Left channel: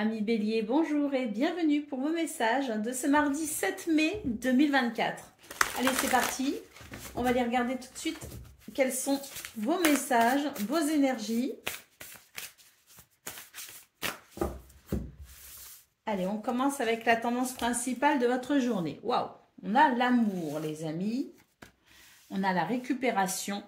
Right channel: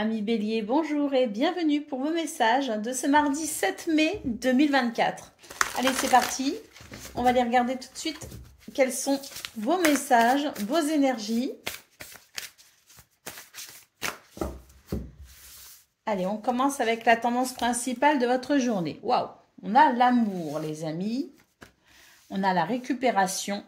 Amis Bélier, bonjour et bienvenue pour vos messages de ce mardi 7 mai 2024. Allez, c'est parti. On va aller regarder tout de suite quels sont vos messages, vos énergies. Allez, on commence avec la tendance principale de votre journée. Waouh! On a l'amour, les amis. On a la récupération.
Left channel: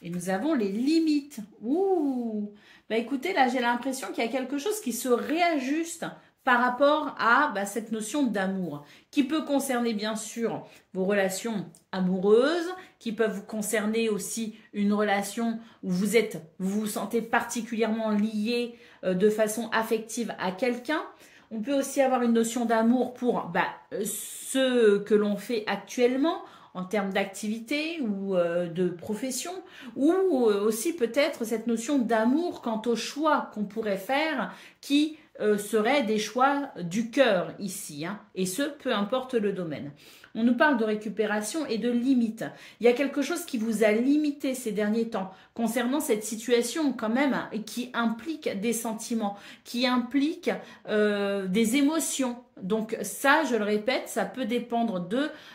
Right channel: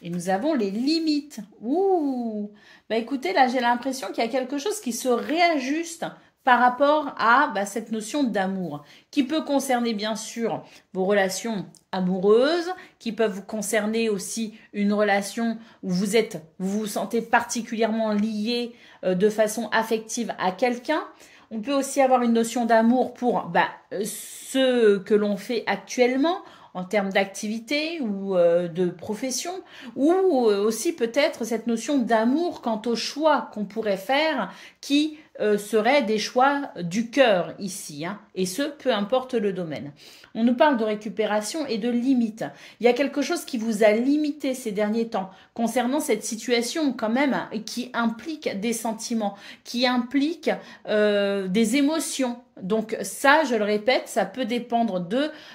Et nous avons les limites. Ouh! Bah écoutez, là, j'ai l'impression qu'il y a quelque chose qui se réajuste par rapport à cette notion d'amour, qui peut concerner bien sûr vos relations amoureuses, qui peuvent vous concerner aussi une relation où vous vous sentez particulièrement lié de façon affective à quelqu'un. On peut aussi avoir une notion d'amour pour ce que l'on fait actuellement, en termes d'activité ou de profession, ou aussi peut-être cette notion d'amour quant aux choix qu'on pourrait faire qui seraient des choix du cœur ici, hein, et ce, peu importe le domaine. On nous parle de récupération et de limite. Il y a quelque chose qui vous a limité ces derniers temps concernant cette situation quand même qui implique des sentiments, qui implique des émotions. Donc ça, je le répète, ça peut dépendre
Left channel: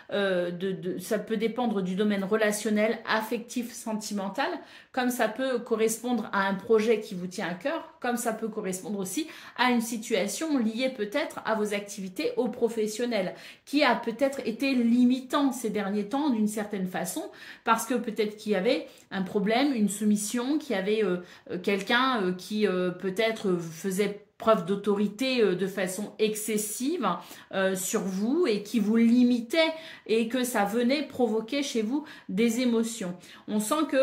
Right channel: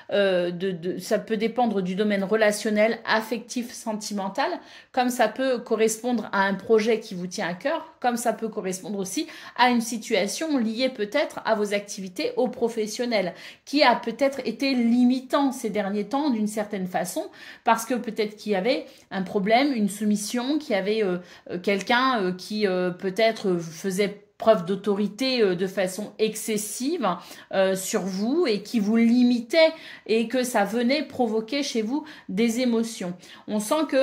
ça peut dépendre du domaine relationnel, affectif, sentimental, comme ça peut correspondre à un projet qui vous tient à cœur, comme ça peut correspondre aussi à une situation liée peut-être à vos activités au professionnel, qui a peut-être été limitant ces derniers temps d'une certaine façon, parce que peut-être qu'il y avait un problème, une soumission, qu'il y avait quelqu'un qui peut-être faisait preuve d'autorité de façon excessive sur vous et qui vous limitait et que ça venait provoquer chez vous des émotions. On sent que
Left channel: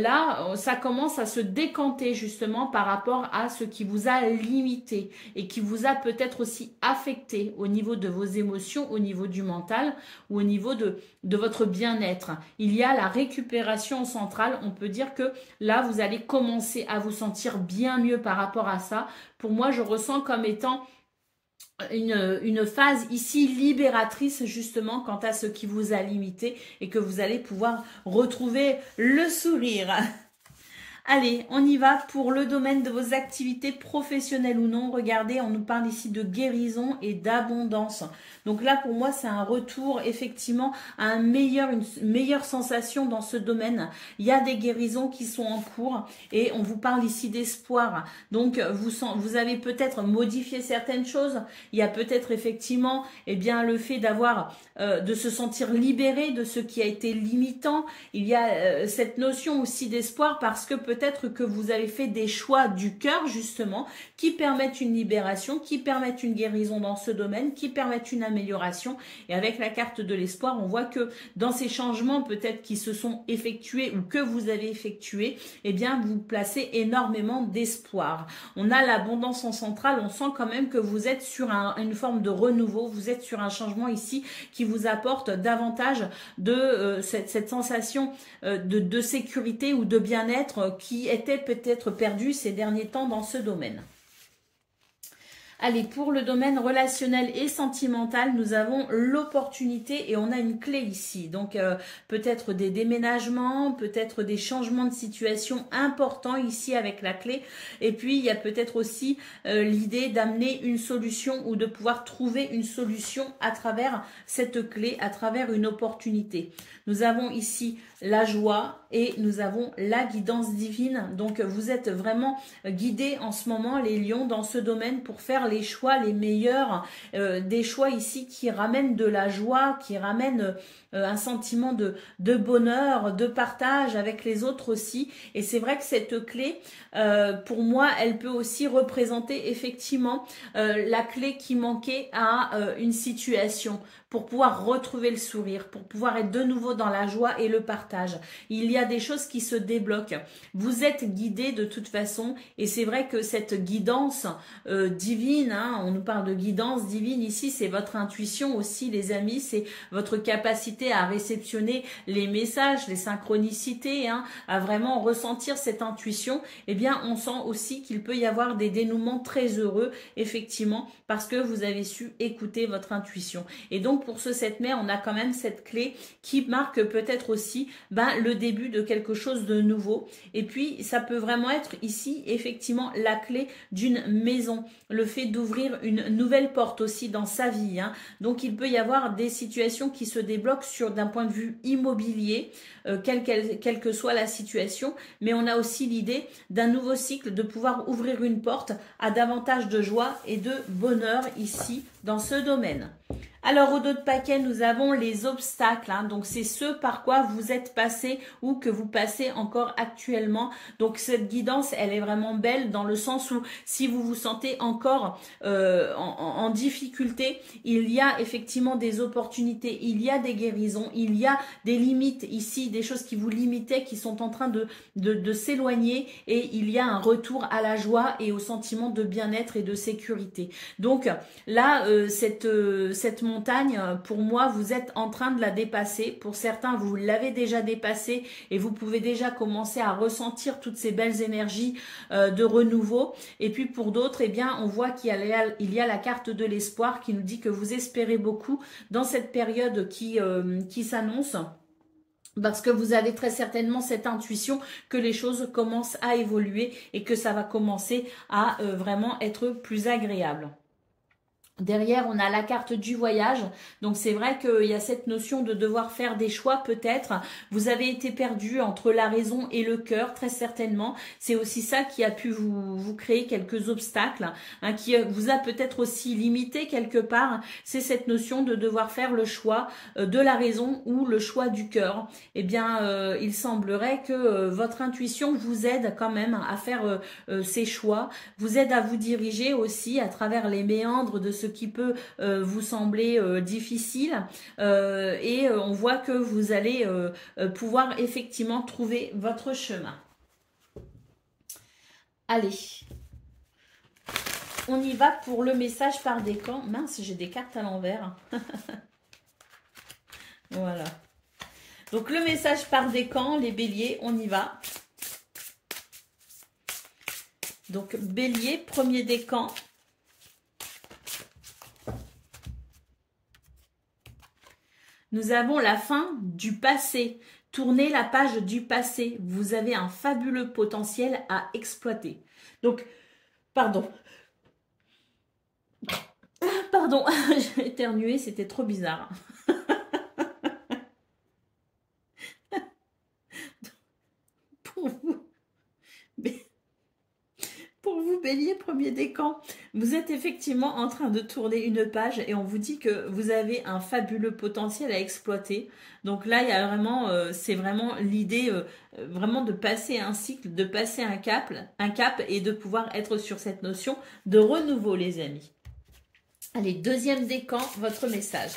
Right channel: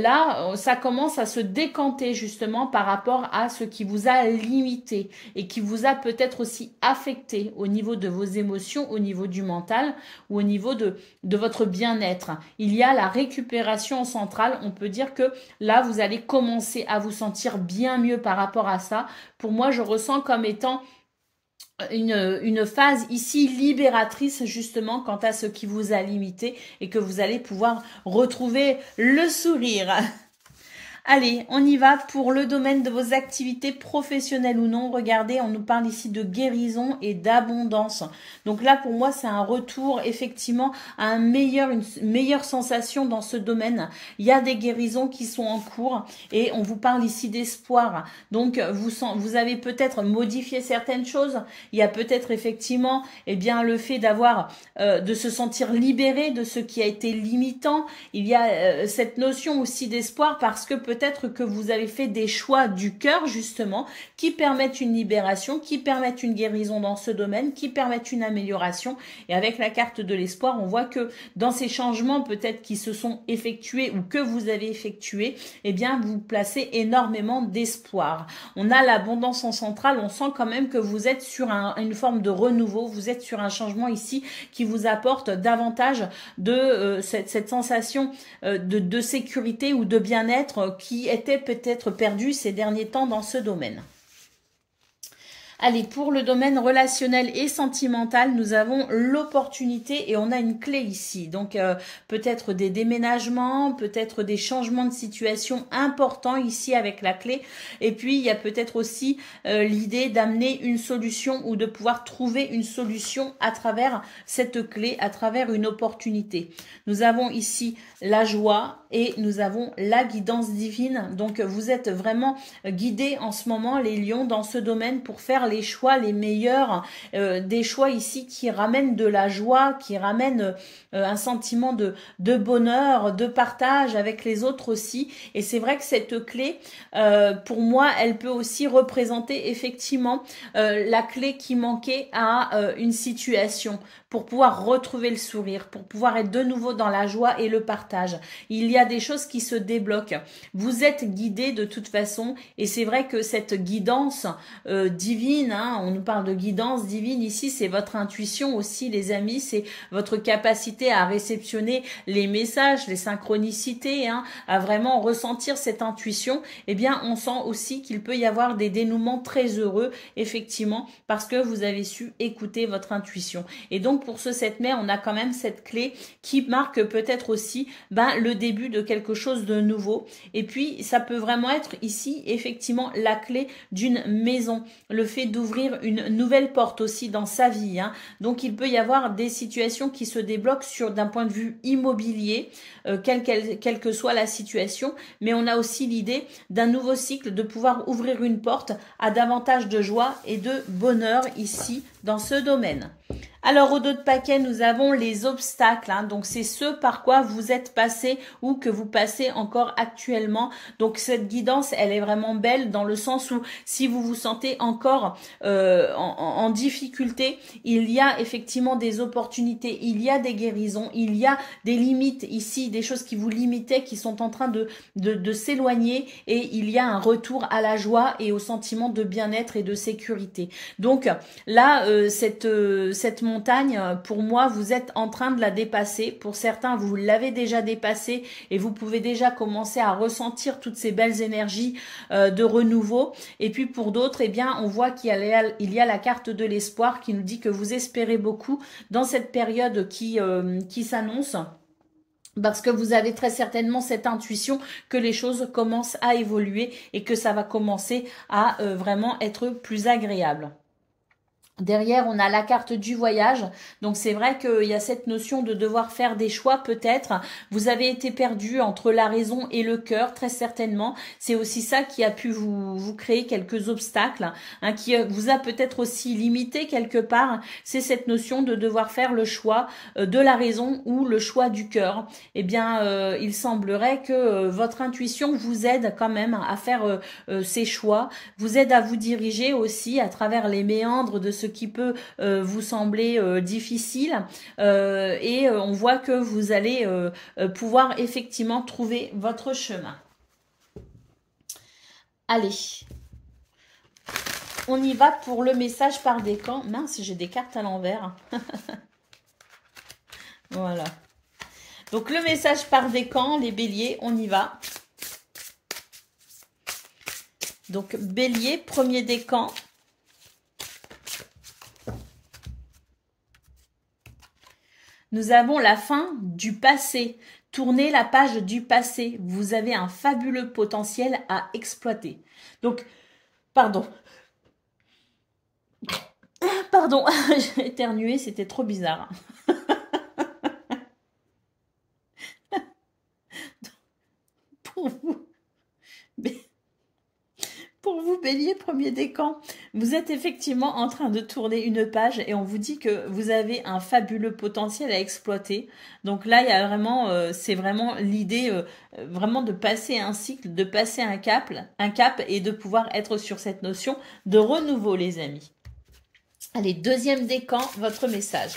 là, ça commence à se décanter justement par rapport à ce qui vous a limité et qui vous a peut-être aussi affecté au niveau de vos émotions, au niveau du mental ou au niveau de votre bien-être. Il y a la récupération centrale. On peut dire que là, vous allez commencer à vous sentir bien mieux par rapport à ça. Pour moi, je ressens comme étant une phase ici libératrice justement quant à ce qui vous a limité et que vous allez pouvoir retrouver le sourire. Allez, on y va pour le domaine de vos activités professionnelles ou non. Regardez, on nous parle ici de guérison et d'abondance. Donc là, pour moi, c'est un retour effectivement à une meilleure sensation dans ce domaine. Il y a des guérisons qui sont en cours et on vous parle ici d'espoir. Donc, vous avez peut-être modifié certaines choses. Il y a peut-être effectivement le fait de se sentir libéré de ce qui a été limitant. Il y a cette notion aussi d'espoir parce que peut-être que vous avez fait des choix du cœur justement qui permettent une libération, qui permettent une guérison dans ce domaine, qui permettent une amélioration. Et avec la carte de l'espoir, on voit que dans ces changements peut-être qui se sont effectués ou que vous avez effectués, vous placez énormément d'espoir. On a l'abondance en centrale, on sent quand même que vous êtes sur une forme de renouveau, vous êtes sur un changement ici qui vous apporte davantage de cette sensation de sécurité ou de bien-être qui était peut-être perdu ces derniers temps dans ce domaine. Allez, pour le domaine relationnel et sentimental, nous avons l'opportunité et on a une clé ici. Donc, peut-être des déménagements, peut-être des changements de situation importants ici avec la clé. Et puis, il y a peut-être aussi l'idée d'amener une solution ou de pouvoir trouver une solution à travers cette clé, à travers une opportunité. Nous avons ici la joie et nous avons la guidance divine. Donc, vous êtes vraiment guidés en ce moment, les lions, dans ce domaine pour faire les choix les meilleurs, des choix ici qui ramènent de la joie, qui ramènent un sentiment de bonheur, de partage avec les autres aussi. Et c'est vrai que cette clé, pour moi, elle peut aussi représenter effectivement la clé qui manquait à une situation pour pouvoir retrouver le sourire, pour pouvoir être de nouveau dans la joie et le partage. Il y a des choses qui se débloquent. Vous êtes guidés de toute façon et c'est vrai que cette guidance divine, hein, on nous parle de guidance divine ici, c'est votre intuition aussi les amis, c'est votre capacité à réceptionner les messages, les synchronicités, hein, à vraiment ressentir cette intuition. Eh bien, on sent aussi qu'il peut y avoir des dénouements très heureux, effectivement, parce que vous avez su écouter votre intuition. Et donc, pour ce 7 mai, on a quand même cette clé qui marque peut-être aussi le début de quelque chose de nouveau. Et puis, ça peut vraiment être ici, effectivement, la clé d'une maison. Le fait d'ouvrir une nouvelle porte aussi dans sa vie. Hein. Donc, il peut y avoir des situations qui se débloquent d'un point de vue immobilier, quelle que soit la situation. Mais on a aussi l'idée d'un nouveau cycle, de pouvoir ouvrir une porte à davantage de joie et de bonheur ici dans ce domaine. Alors, au dos de paquet, nous avons les obstacles. Hein, donc, c'est ce par quoi vous êtes passé ou que vous passez encore actuellement. Donc, cette guidance, elle est vraiment belle dans le sens où si vous vous sentez encore en difficulté, il y a effectivement des opportunités, il y a des guérisons, il y a des limites ici, des choses qui vous limitaient, qui sont en train de s'éloigner et il y a un retour à la joie et au sentiment de bien-être et de sécurité. Donc, là, cette montagne, pour moi, vous êtes en train de la dépasser. Pour certains, vous l'avez déjà dépassée et vous pouvez déjà commencer à ressentir toutes ces belles énergies de renouveau. Et puis pour d'autres, eh bien, on voit qu'il y a la carte de l'espoir qui nous dit que vous espérez beaucoup dans cette période qui s'annonce. Parce que vous avez très certainement cette intuition que les choses commencent à évoluer et que ça va commencer à vraiment être plus agréable. Derrière, on a la carte du voyage. Donc, c'est vrai qu'il y a cette notion de devoir faire des choix peut-être. Vous avez été perdu entre la raison et le cœur, très certainement. C'est aussi ça qui a pu vous créer quelques obstacles, hein, qui vous a peut-être aussi limité quelque part. C'est cette notion de devoir faire le choix de la raison ou le choix du cœur. Eh bien, il semblerait que votre intuition vous aide quand même à faire ces choix, vous aide à vous diriger aussi à travers les méandres de ce qui peut vous sembler difficile et on voit que vous allez pouvoir effectivement trouver votre chemin. Allez, on y va pour le message par décan. Mince, j'ai des cartes à l'envers. Voilà. Donc le message par décan, les béliers, on y va. Donc bélier, premier décan. Nous avons la fin du passé. Tournez la page du passé. Vous avez un fabuleux potentiel à exploiter. Donc, pardon. Pardon, j'ai éternué, c'était trop bizarre. Pour vous, bélier, premier décan, vous êtes effectivement en train de tourner une page et on vous dit que vous avez un fabuleux potentiel à exploiter. Donc là, il y a vraiment, c'est vraiment l'idée vraiment de passer un cycle, de passer un cap et de pouvoir être sur cette notion de renouveau, les amis. Allez, deuxième décan, votre message.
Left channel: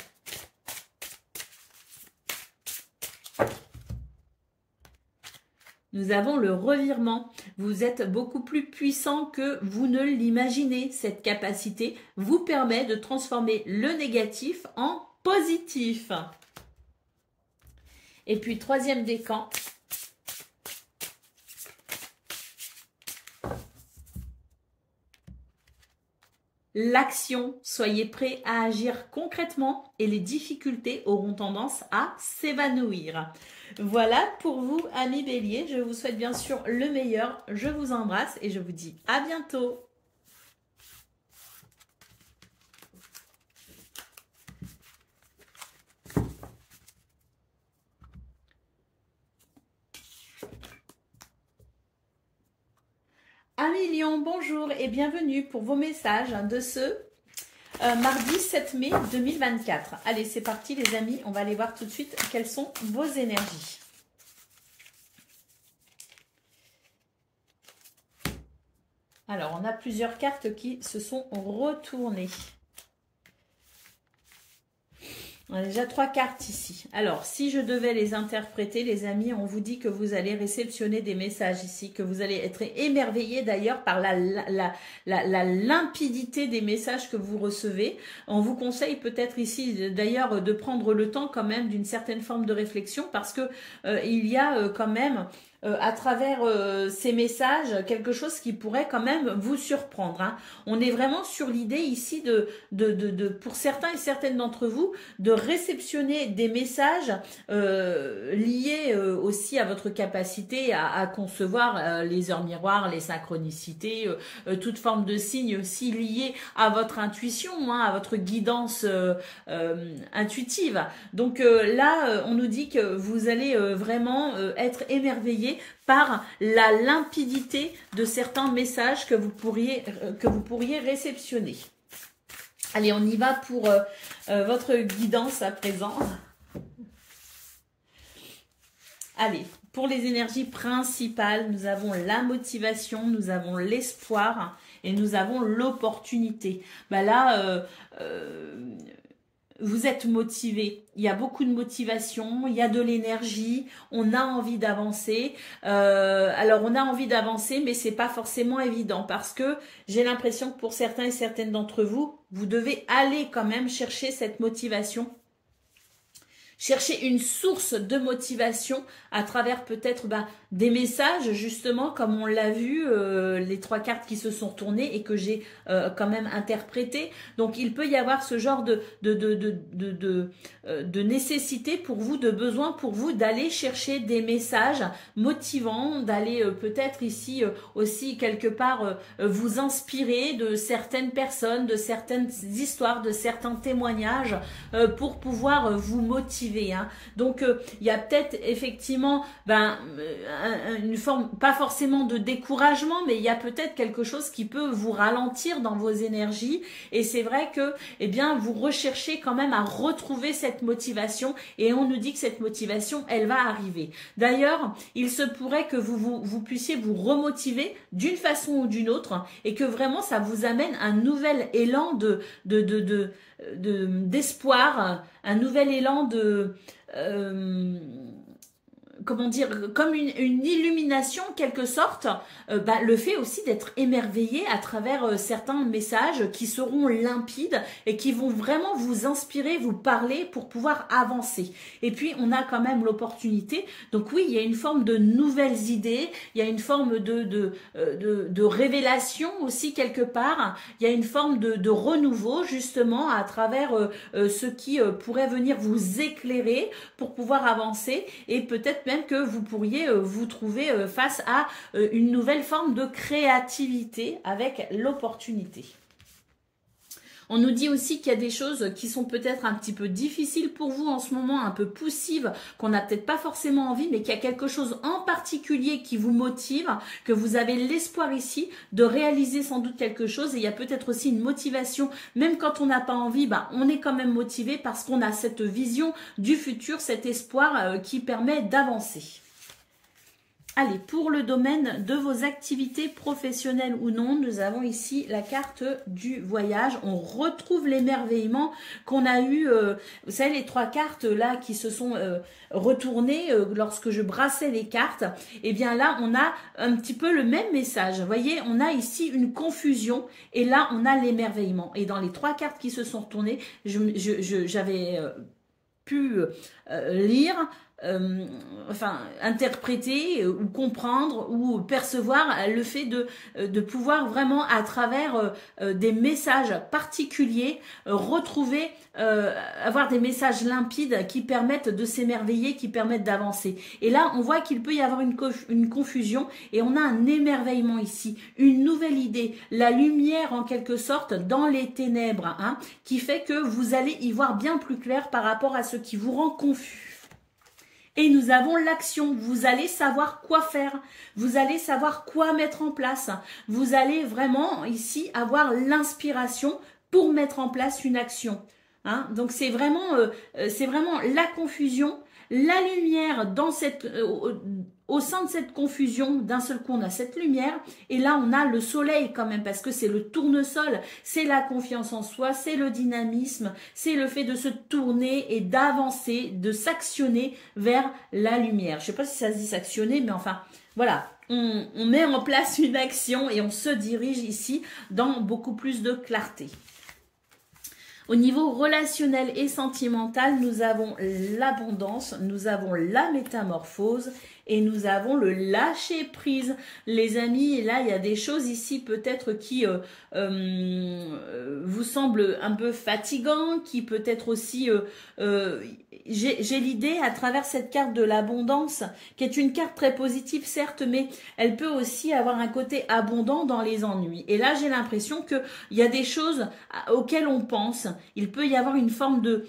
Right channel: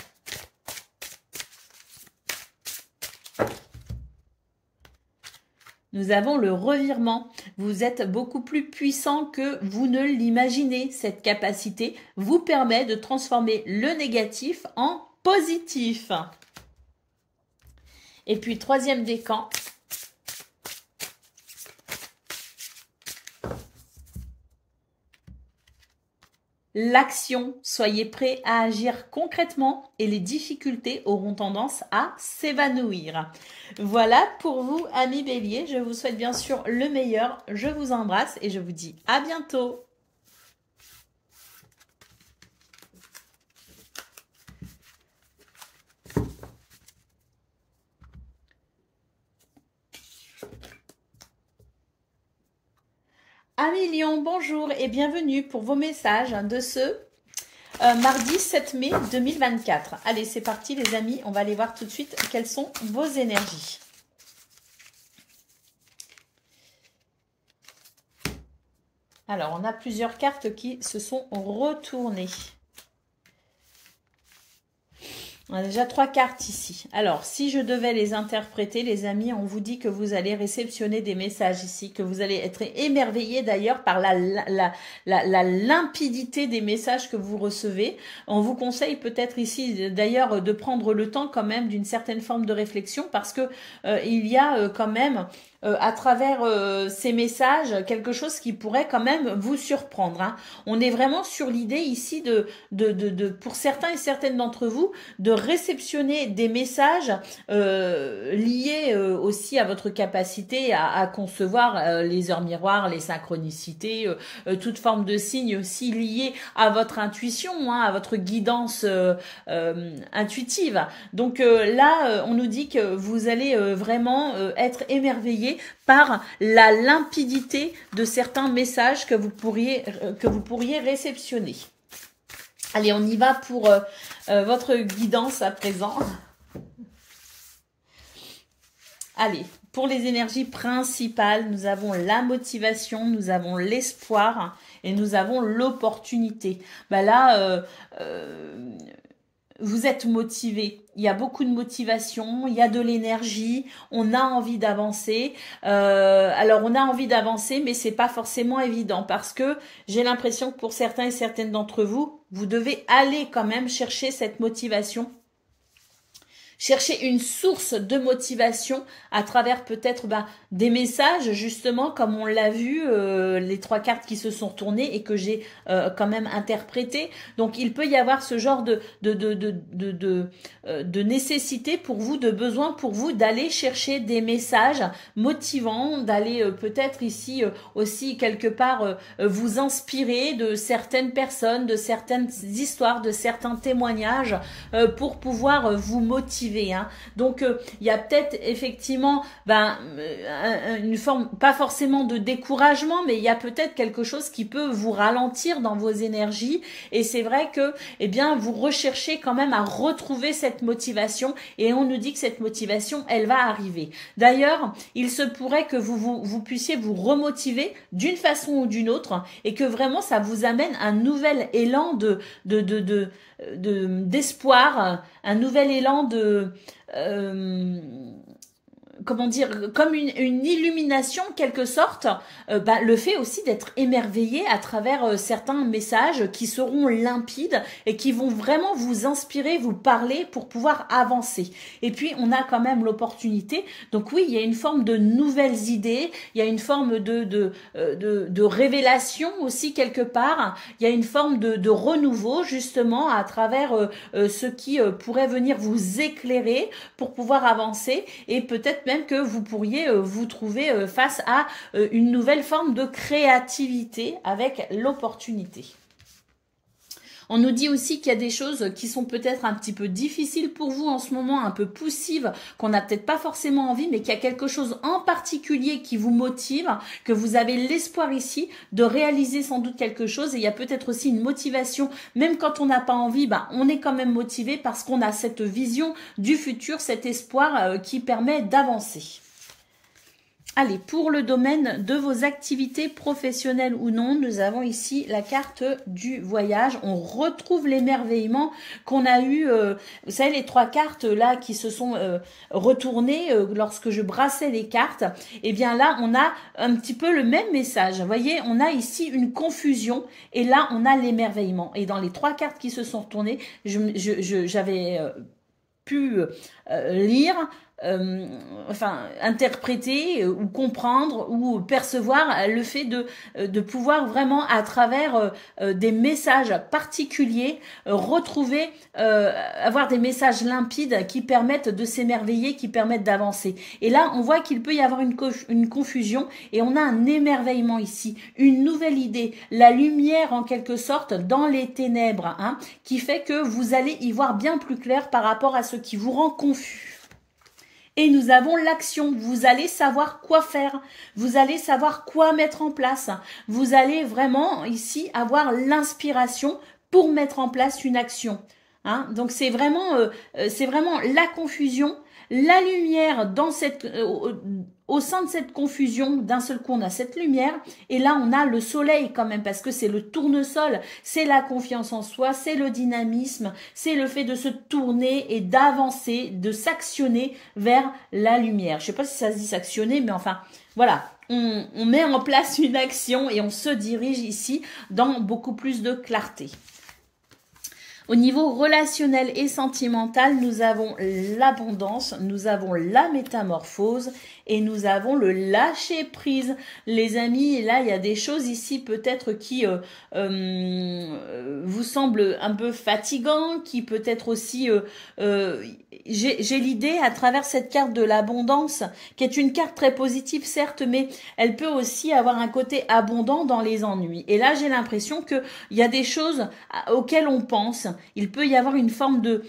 Nous avons le revirement. Vous êtes beaucoup plus puissant que vous ne l'imaginez. Cette capacité vous permet de transformer le négatif en positif. Et puis, troisième décan. L'action, soyez prêts à agir concrètement et les difficultés auront tendance à s'évanouir. Voilà pour vous, amis béliers. Je vous souhaite bien sûr le meilleur. Je vous embrasse et je vous dis à bientôt. Amis Lion, bonjour et bienvenue pour vos messages de ce mardi 7 mai 2024. Allez, c'est parti les amis, on va aller voir tout de suite quelles sont vos énergies. Alors, on a plusieurs cartes qui se sont retournées. On a déjà 3 cartes ici. Alors, si je devais les interpréter, les amis, on vous dit que vous allez réceptionner des messages ici, que vous allez être émerveillés d'ailleurs par la limpidité des messages que vous recevez. On vous conseille peut-être ici d'ailleurs de prendre le temps quand même d'une certaine forme de réflexion parce que il y a quand même à travers ces messages, quelque chose qui pourrait quand même vous surprendre. Hein. On est vraiment sur l'idée ici pour certains et certaines d'entre vous, de réceptionner des messages liés aussi à votre capacité à concevoir les heures miroirs, les synchronicités, toute forme de signes aussi liés à votre intuition, hein, à votre guidance intuitive. Donc là, on nous dit que vous allez vraiment être émerveillé par la limpidité de certains messages que vous pourriez réceptionner. Allez, on y va pour votre guidance à présent. Allez, pour les énergies principales, nous avons la motivation, nous avons l'espoir et nous avons l'opportunité. Ben là, vous êtes motivé, il y a beaucoup de motivation, il y a de l'énergie, on a envie d'avancer. Alors on a envie d'avancer, mais c'est pas forcément évident parce que j'ai l'impression que pour certains et certaines d'entre vous, vous devez aller quand même chercher cette motivation. Chercher une source de motivation à travers peut-être des messages, justement, comme on l'a vu, les 3 cartes qui se sont retournées et que j'ai quand même interprétées. Donc, il peut y avoir ce genre de nécessité pour vous, de besoin pour vous d'aller chercher des messages motivants, d'aller peut-être ici aussi quelque part vous inspirer de certaines personnes, de certaines histoires, de certains témoignages pour pouvoir vous motiver. Hein. Donc, il y a peut-être effectivement une forme, pas forcément de découragement, mais il y a peut-être quelque chose qui peut vous ralentir dans vos énergies. Et c'est vrai que, eh bien, vous recherchez quand même à retrouver cette motivation. Et on nous dit que cette motivation, elle va arriver. D'ailleurs, il se pourrait que vous puissiez vous remotiver d'une façon ou d'une autre et que vraiment ça vous amène un nouvel élan d'espoir, un nouvel élan comment dire, comme une illumination en quelque sorte, le fait aussi d'être émerveillé à travers certains messages qui seront limpides et qui vont vraiment vous inspirer, vous parler pour pouvoir avancer. Et puis on a quand même l'opportunité, donc oui, il y a une forme de nouvelles idées, il y a une forme de révélation aussi quelque part, il y a une forme de renouveau justement à travers ce qui pourrait venir vous éclairer pour pouvoir avancer et peut-être même que vous pourriez vous trouver face à une nouvelle forme de créativité avec l'opportunité. On nous dit aussi qu'il y a des choses qui sont peut-être un petit peu difficiles pour vous en ce moment, un peu poussives, qu'on n'a peut-être pas forcément envie, mais qu'il y a quelque chose en particulier qui vous motive, que vous avez l'espoir ici de réaliser sans doute quelque chose. Et il y a peut-être aussi une motivation, même quand on n'a pas envie, on est quand même motivé parce qu'on a cette vision du futur, cet espoir qui permet d'avancer. Allez, pour le domaine de vos activités professionnelles ou non, nous avons ici la carte du voyage. On retrouve l'émerveillement qu'on a eu, vous savez, les 3 cartes là qui se sont retournées lorsque je brassais les cartes. Et bien là, on a un petit peu le même message. Vous voyez, on a ici une confusion et là, on a l'émerveillement. Et dans les 3 cartes qui se sont retournées, j'avais pu lire... interpréter ou comprendre ou percevoir le fait de pouvoir vraiment à travers des messages particuliers retrouver, avoir des messages limpides qui permettent de s'émerveiller, qui permettent d'avancer. Et là, on voit qu'il peut y avoir une confusion et on a un émerveillement ici, une nouvelle idée, la lumière en quelque sorte dans les ténèbres, hein, qui fait que vous allez y voir bien plus clair par rapport à ce qui vous rend confus. Et nous avons l'action. Vous allez savoir quoi faire. Vous allez savoir quoi mettre en place. Vous allez vraiment ici avoir l'inspiration pour mettre en place une action. Hein? Donc c'est vraiment la confusion, la lumière dans cette... au sein de cette confusion, d'un seul coup, on a cette lumière. Et là, on a le soleil quand même, parce que c'est le tournesol. C'est la confiance en soi, c'est le dynamisme, c'est le fait de se tourner et d'avancer, de s'actionner vers la lumière. Je ne sais pas si ça se dit s'actionner, mais enfin, voilà. On met en place une action et on se dirige ici dans beaucoup plus de clarté. Au niveau relationnel et sentimental, nous avons l'abondance, nous avons la métamorphose et nous avons le lâcher prise. Les amis, et là, il y a des choses ici peut-être qui vous semblent un peu fatigants, qui peut-être aussi... j'ai l'idée à travers cette carte de l'abondance, qui est une carte très positive, certes, mais elle peut aussi avoir un côté abondant dans les ennuis. Et là, j'ai l'impression qu'il y a des choses auxquelles on pense. Il peut y avoir une forme de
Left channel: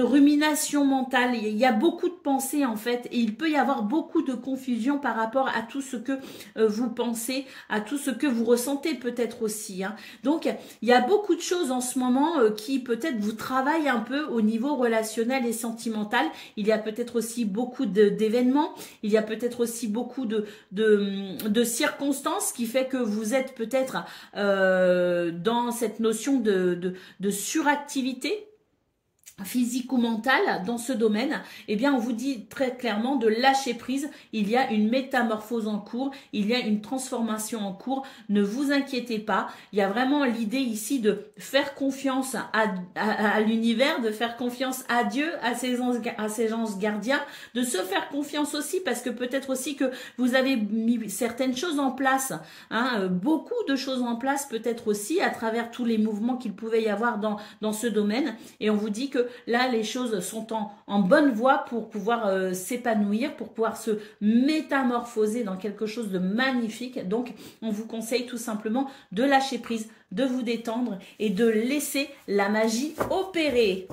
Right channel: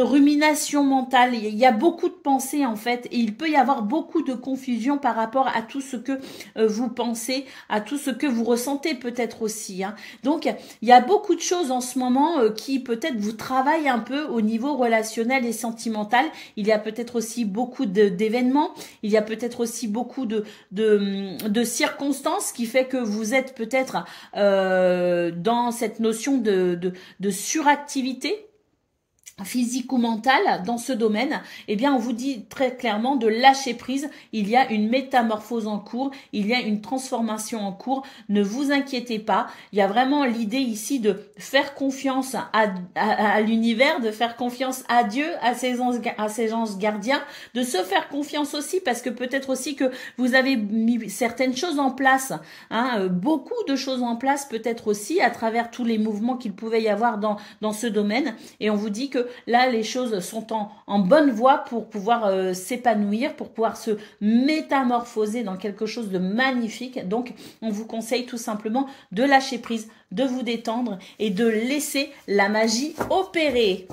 rumination mentale. Il y a beaucoup de pensées en fait et il peut y avoir beaucoup de confusion par rapport à tout ce que vous pensez, à tout ce que vous ressentez peut-être aussi. Hein. Donc, il y a beaucoup de choses en ce moment qui peut-être vous travaillent un peu au niveau relationnel et sentimental. Il y a peut-être aussi beaucoup d'événements, il y a peut-être aussi beaucoup de circonstances qui fait que vous êtes peut-être dans cette notion de suractivité physique ou mentale dans ce domaine, eh bien on vous dit très clairement de lâcher prise. Il y a une métamorphose en cours, il y a une transformation en cours, ne vous inquiétez pas. Il y a vraiment l'idée ici de faire confiance à l'univers, de faire confiance à Dieu, à ses anges gardiens, de se faire confiance aussi parce que peut-être aussi que vous avez mis certaines choses en place, hein, beaucoup de choses en place peut-être aussi à travers tous les mouvements qu'il pouvait y avoir dans ce domaine et on vous dit que là, les choses sont en bonne voie pour pouvoir s'épanouir, pour pouvoir se métamorphoser dans quelque chose de magnifique. Donc, on vous conseille tout simplement de lâcher prise, de vous détendre et de laisser la magie opérer.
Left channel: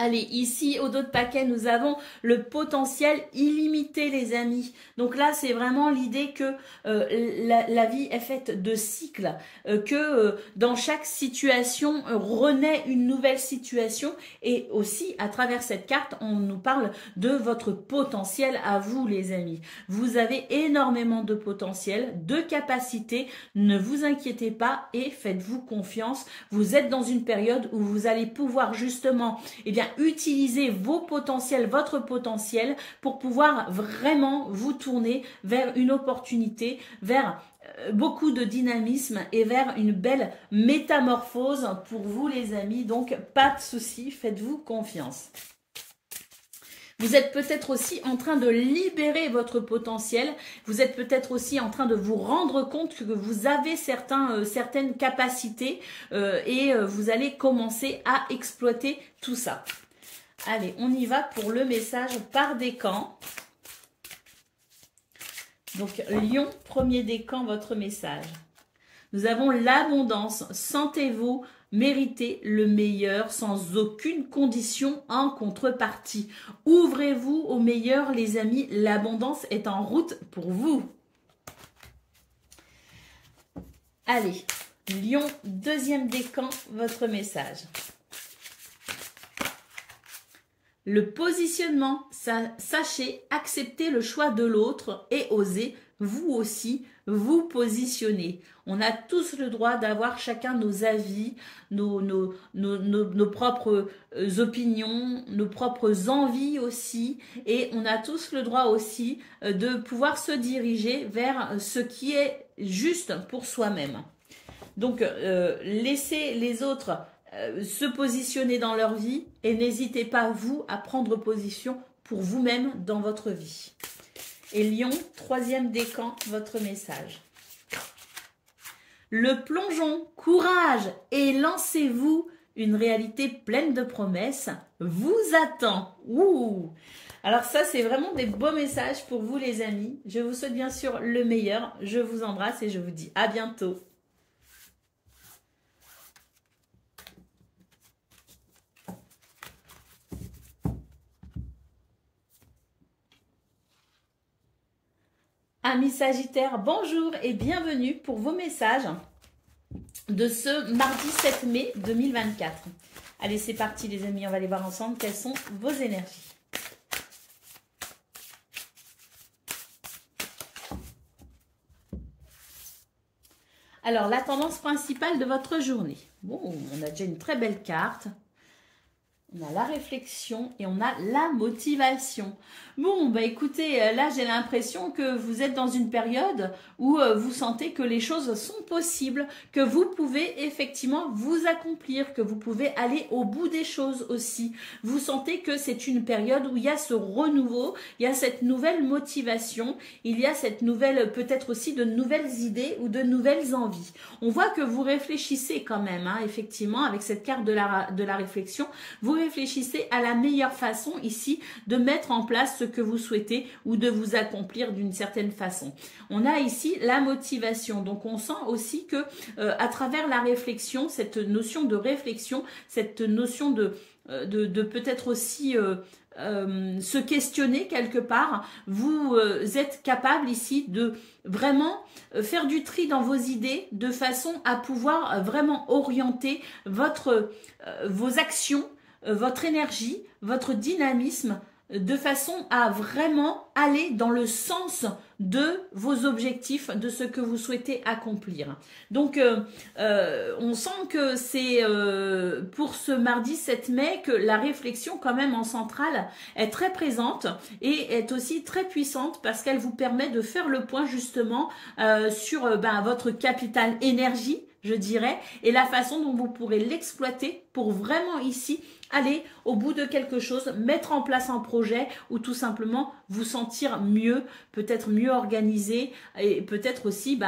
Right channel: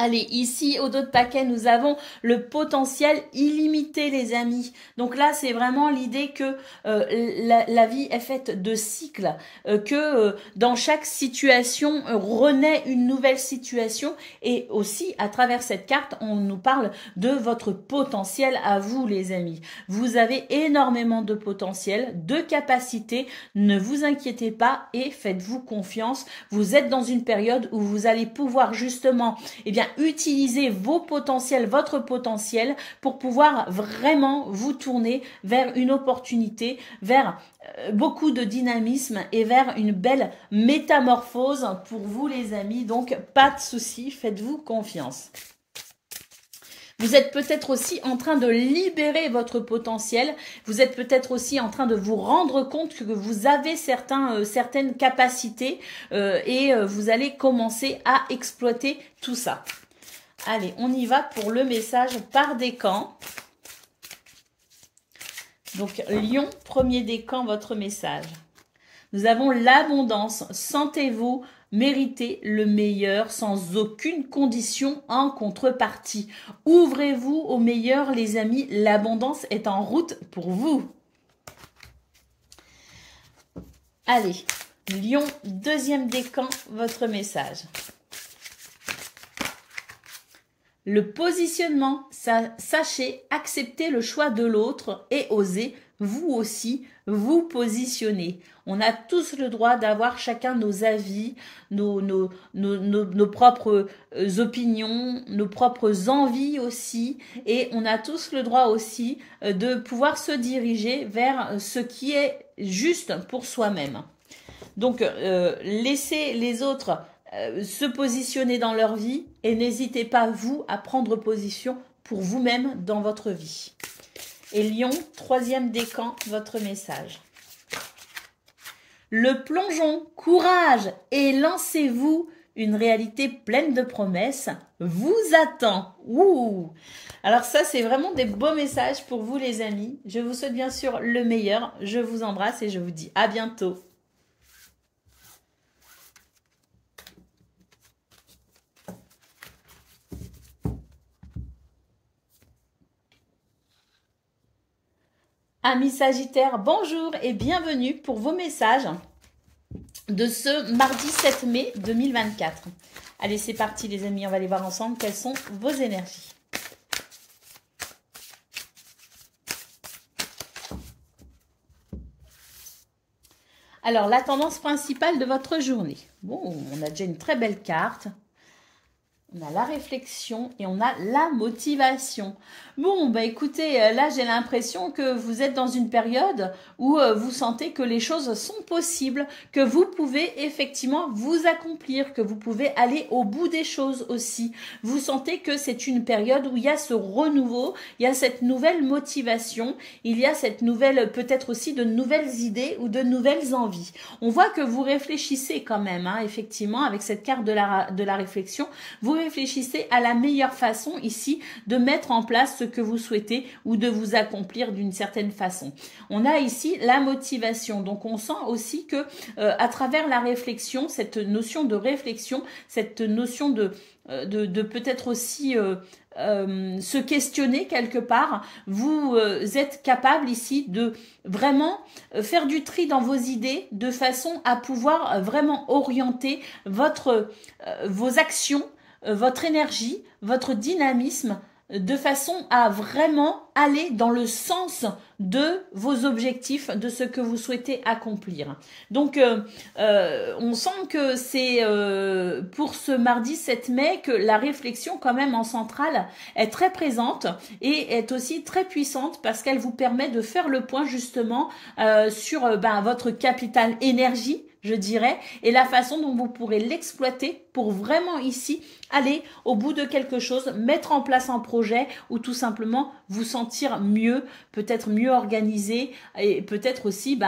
Allez, ici, au dos de paquet, nous avons le potentiel illimité, les amis. Donc là, c'est vraiment l'idée que la vie est faite de cycles, que dans chaque situation, renaît une nouvelle situation. Et aussi, à travers cette carte, on nous parle de votre potentiel à vous, les amis. Vous avez énormément de potentiel, de capacité. Ne vous inquiétez pas et faites-vous confiance. Vous êtes dans une période où vous allez pouvoir justement, eh bien, utilisez vos potentiels, votre potentiel pour pouvoir vraiment vous tourner vers une opportunité, vers beaucoup de dynamisme et vers une belle métamorphose pour vous les amis. Donc pas de souci, faites-vous confiance. Vous êtes peut-être aussi en train de libérer votre potentiel. Vous êtes peut-être aussi en train de vous rendre compte que vous avez certaines capacités et vous allez commencer à exploiter tout ça. Allez, on y va pour le message par décan. Donc, Lion, premier décan, votre message. Nous avons l'abondance. Sentez-vous mériter le meilleur sans aucune condition en contrepartie. Ouvrez-vous au meilleur, les amis. L'abondance est en route pour vous. Allez, Lion, deuxième décan, votre message. Le positionnement, sachez accepter le choix de l'autre et osez vous aussi vous positionner. On a tous le droit d'avoir chacun nos avis, nos propres opinions, nos propres envies aussi. Et on a tous le droit aussi de pouvoir se diriger vers ce qui est juste pour soi-même. Donc, laissez les autres se positionner dans leur vie et n'hésitez pas, vous, à prendre position pour vous-même dans votre vie. Et Lion, troisième décan, votre message. Le plongeon, courage et lancez-vous, une réalité pleine de promesses vous attend. Ouh! Alors ça, c'est vraiment des beaux messages pour vous les amis. Je vous souhaite bien sûr le meilleur. Je vous embrasse et je vous dis à bientôt. Amis Sagittaires, bonjour et bienvenue pour vos messages de ce mardi 7 mai 2024. Allez, c'est parti les amis, on va aller voir ensemble quelles sont vos énergies. Alors, la tendance principale de votre journée. Bon, on a déjà une très belle carte. On a la réflexion et on a la motivation. Bon, bah écoutez, là j'ai l'impression que vous êtes dans une période où vous sentez que les choses sont possibles, que vous pouvez effectivement vous accomplir, que vous pouvez aller au bout des choses aussi. Vous sentez que c'est une période où il y a ce renouveau, il y a cette nouvelle motivation, il y a cette nouvelle, peut-être aussi de nouvelles idées ou de nouvelles envies. On voit que vous réfléchissez quand même, hein, effectivement, avec cette carte de la réflexion, vous réfléchissez à la meilleure façon ici de mettre en place ce que vous souhaitez ou de vous accomplir d'une certaine façon. On a ici la motivation, donc on sent aussi que à travers la réflexion, cette notion de réflexion, cette notion de peut-être aussi se questionner quelque part, vous êtes capable ici de vraiment faire du tri dans vos idées de façon à pouvoir vraiment orienter vos actions, votre énergie, votre dynamisme, de façon à vraiment aller dans le sens de vos objectifs, de ce que vous souhaitez accomplir. Donc, on sent que c'est pour ce mardi 7 mai que la réflexion quand même en centrale est très présente et est aussi très puissante parce qu'elle vous permet de faire le point justement sur votre capital énergie, je dirais, et la façon dont vous pourrez l'exploiter pour vraiment ici aller au bout de quelque chose, mettre en place un projet ou tout simplement vous sentir mieux, peut-être mieux organisé et peut-être aussi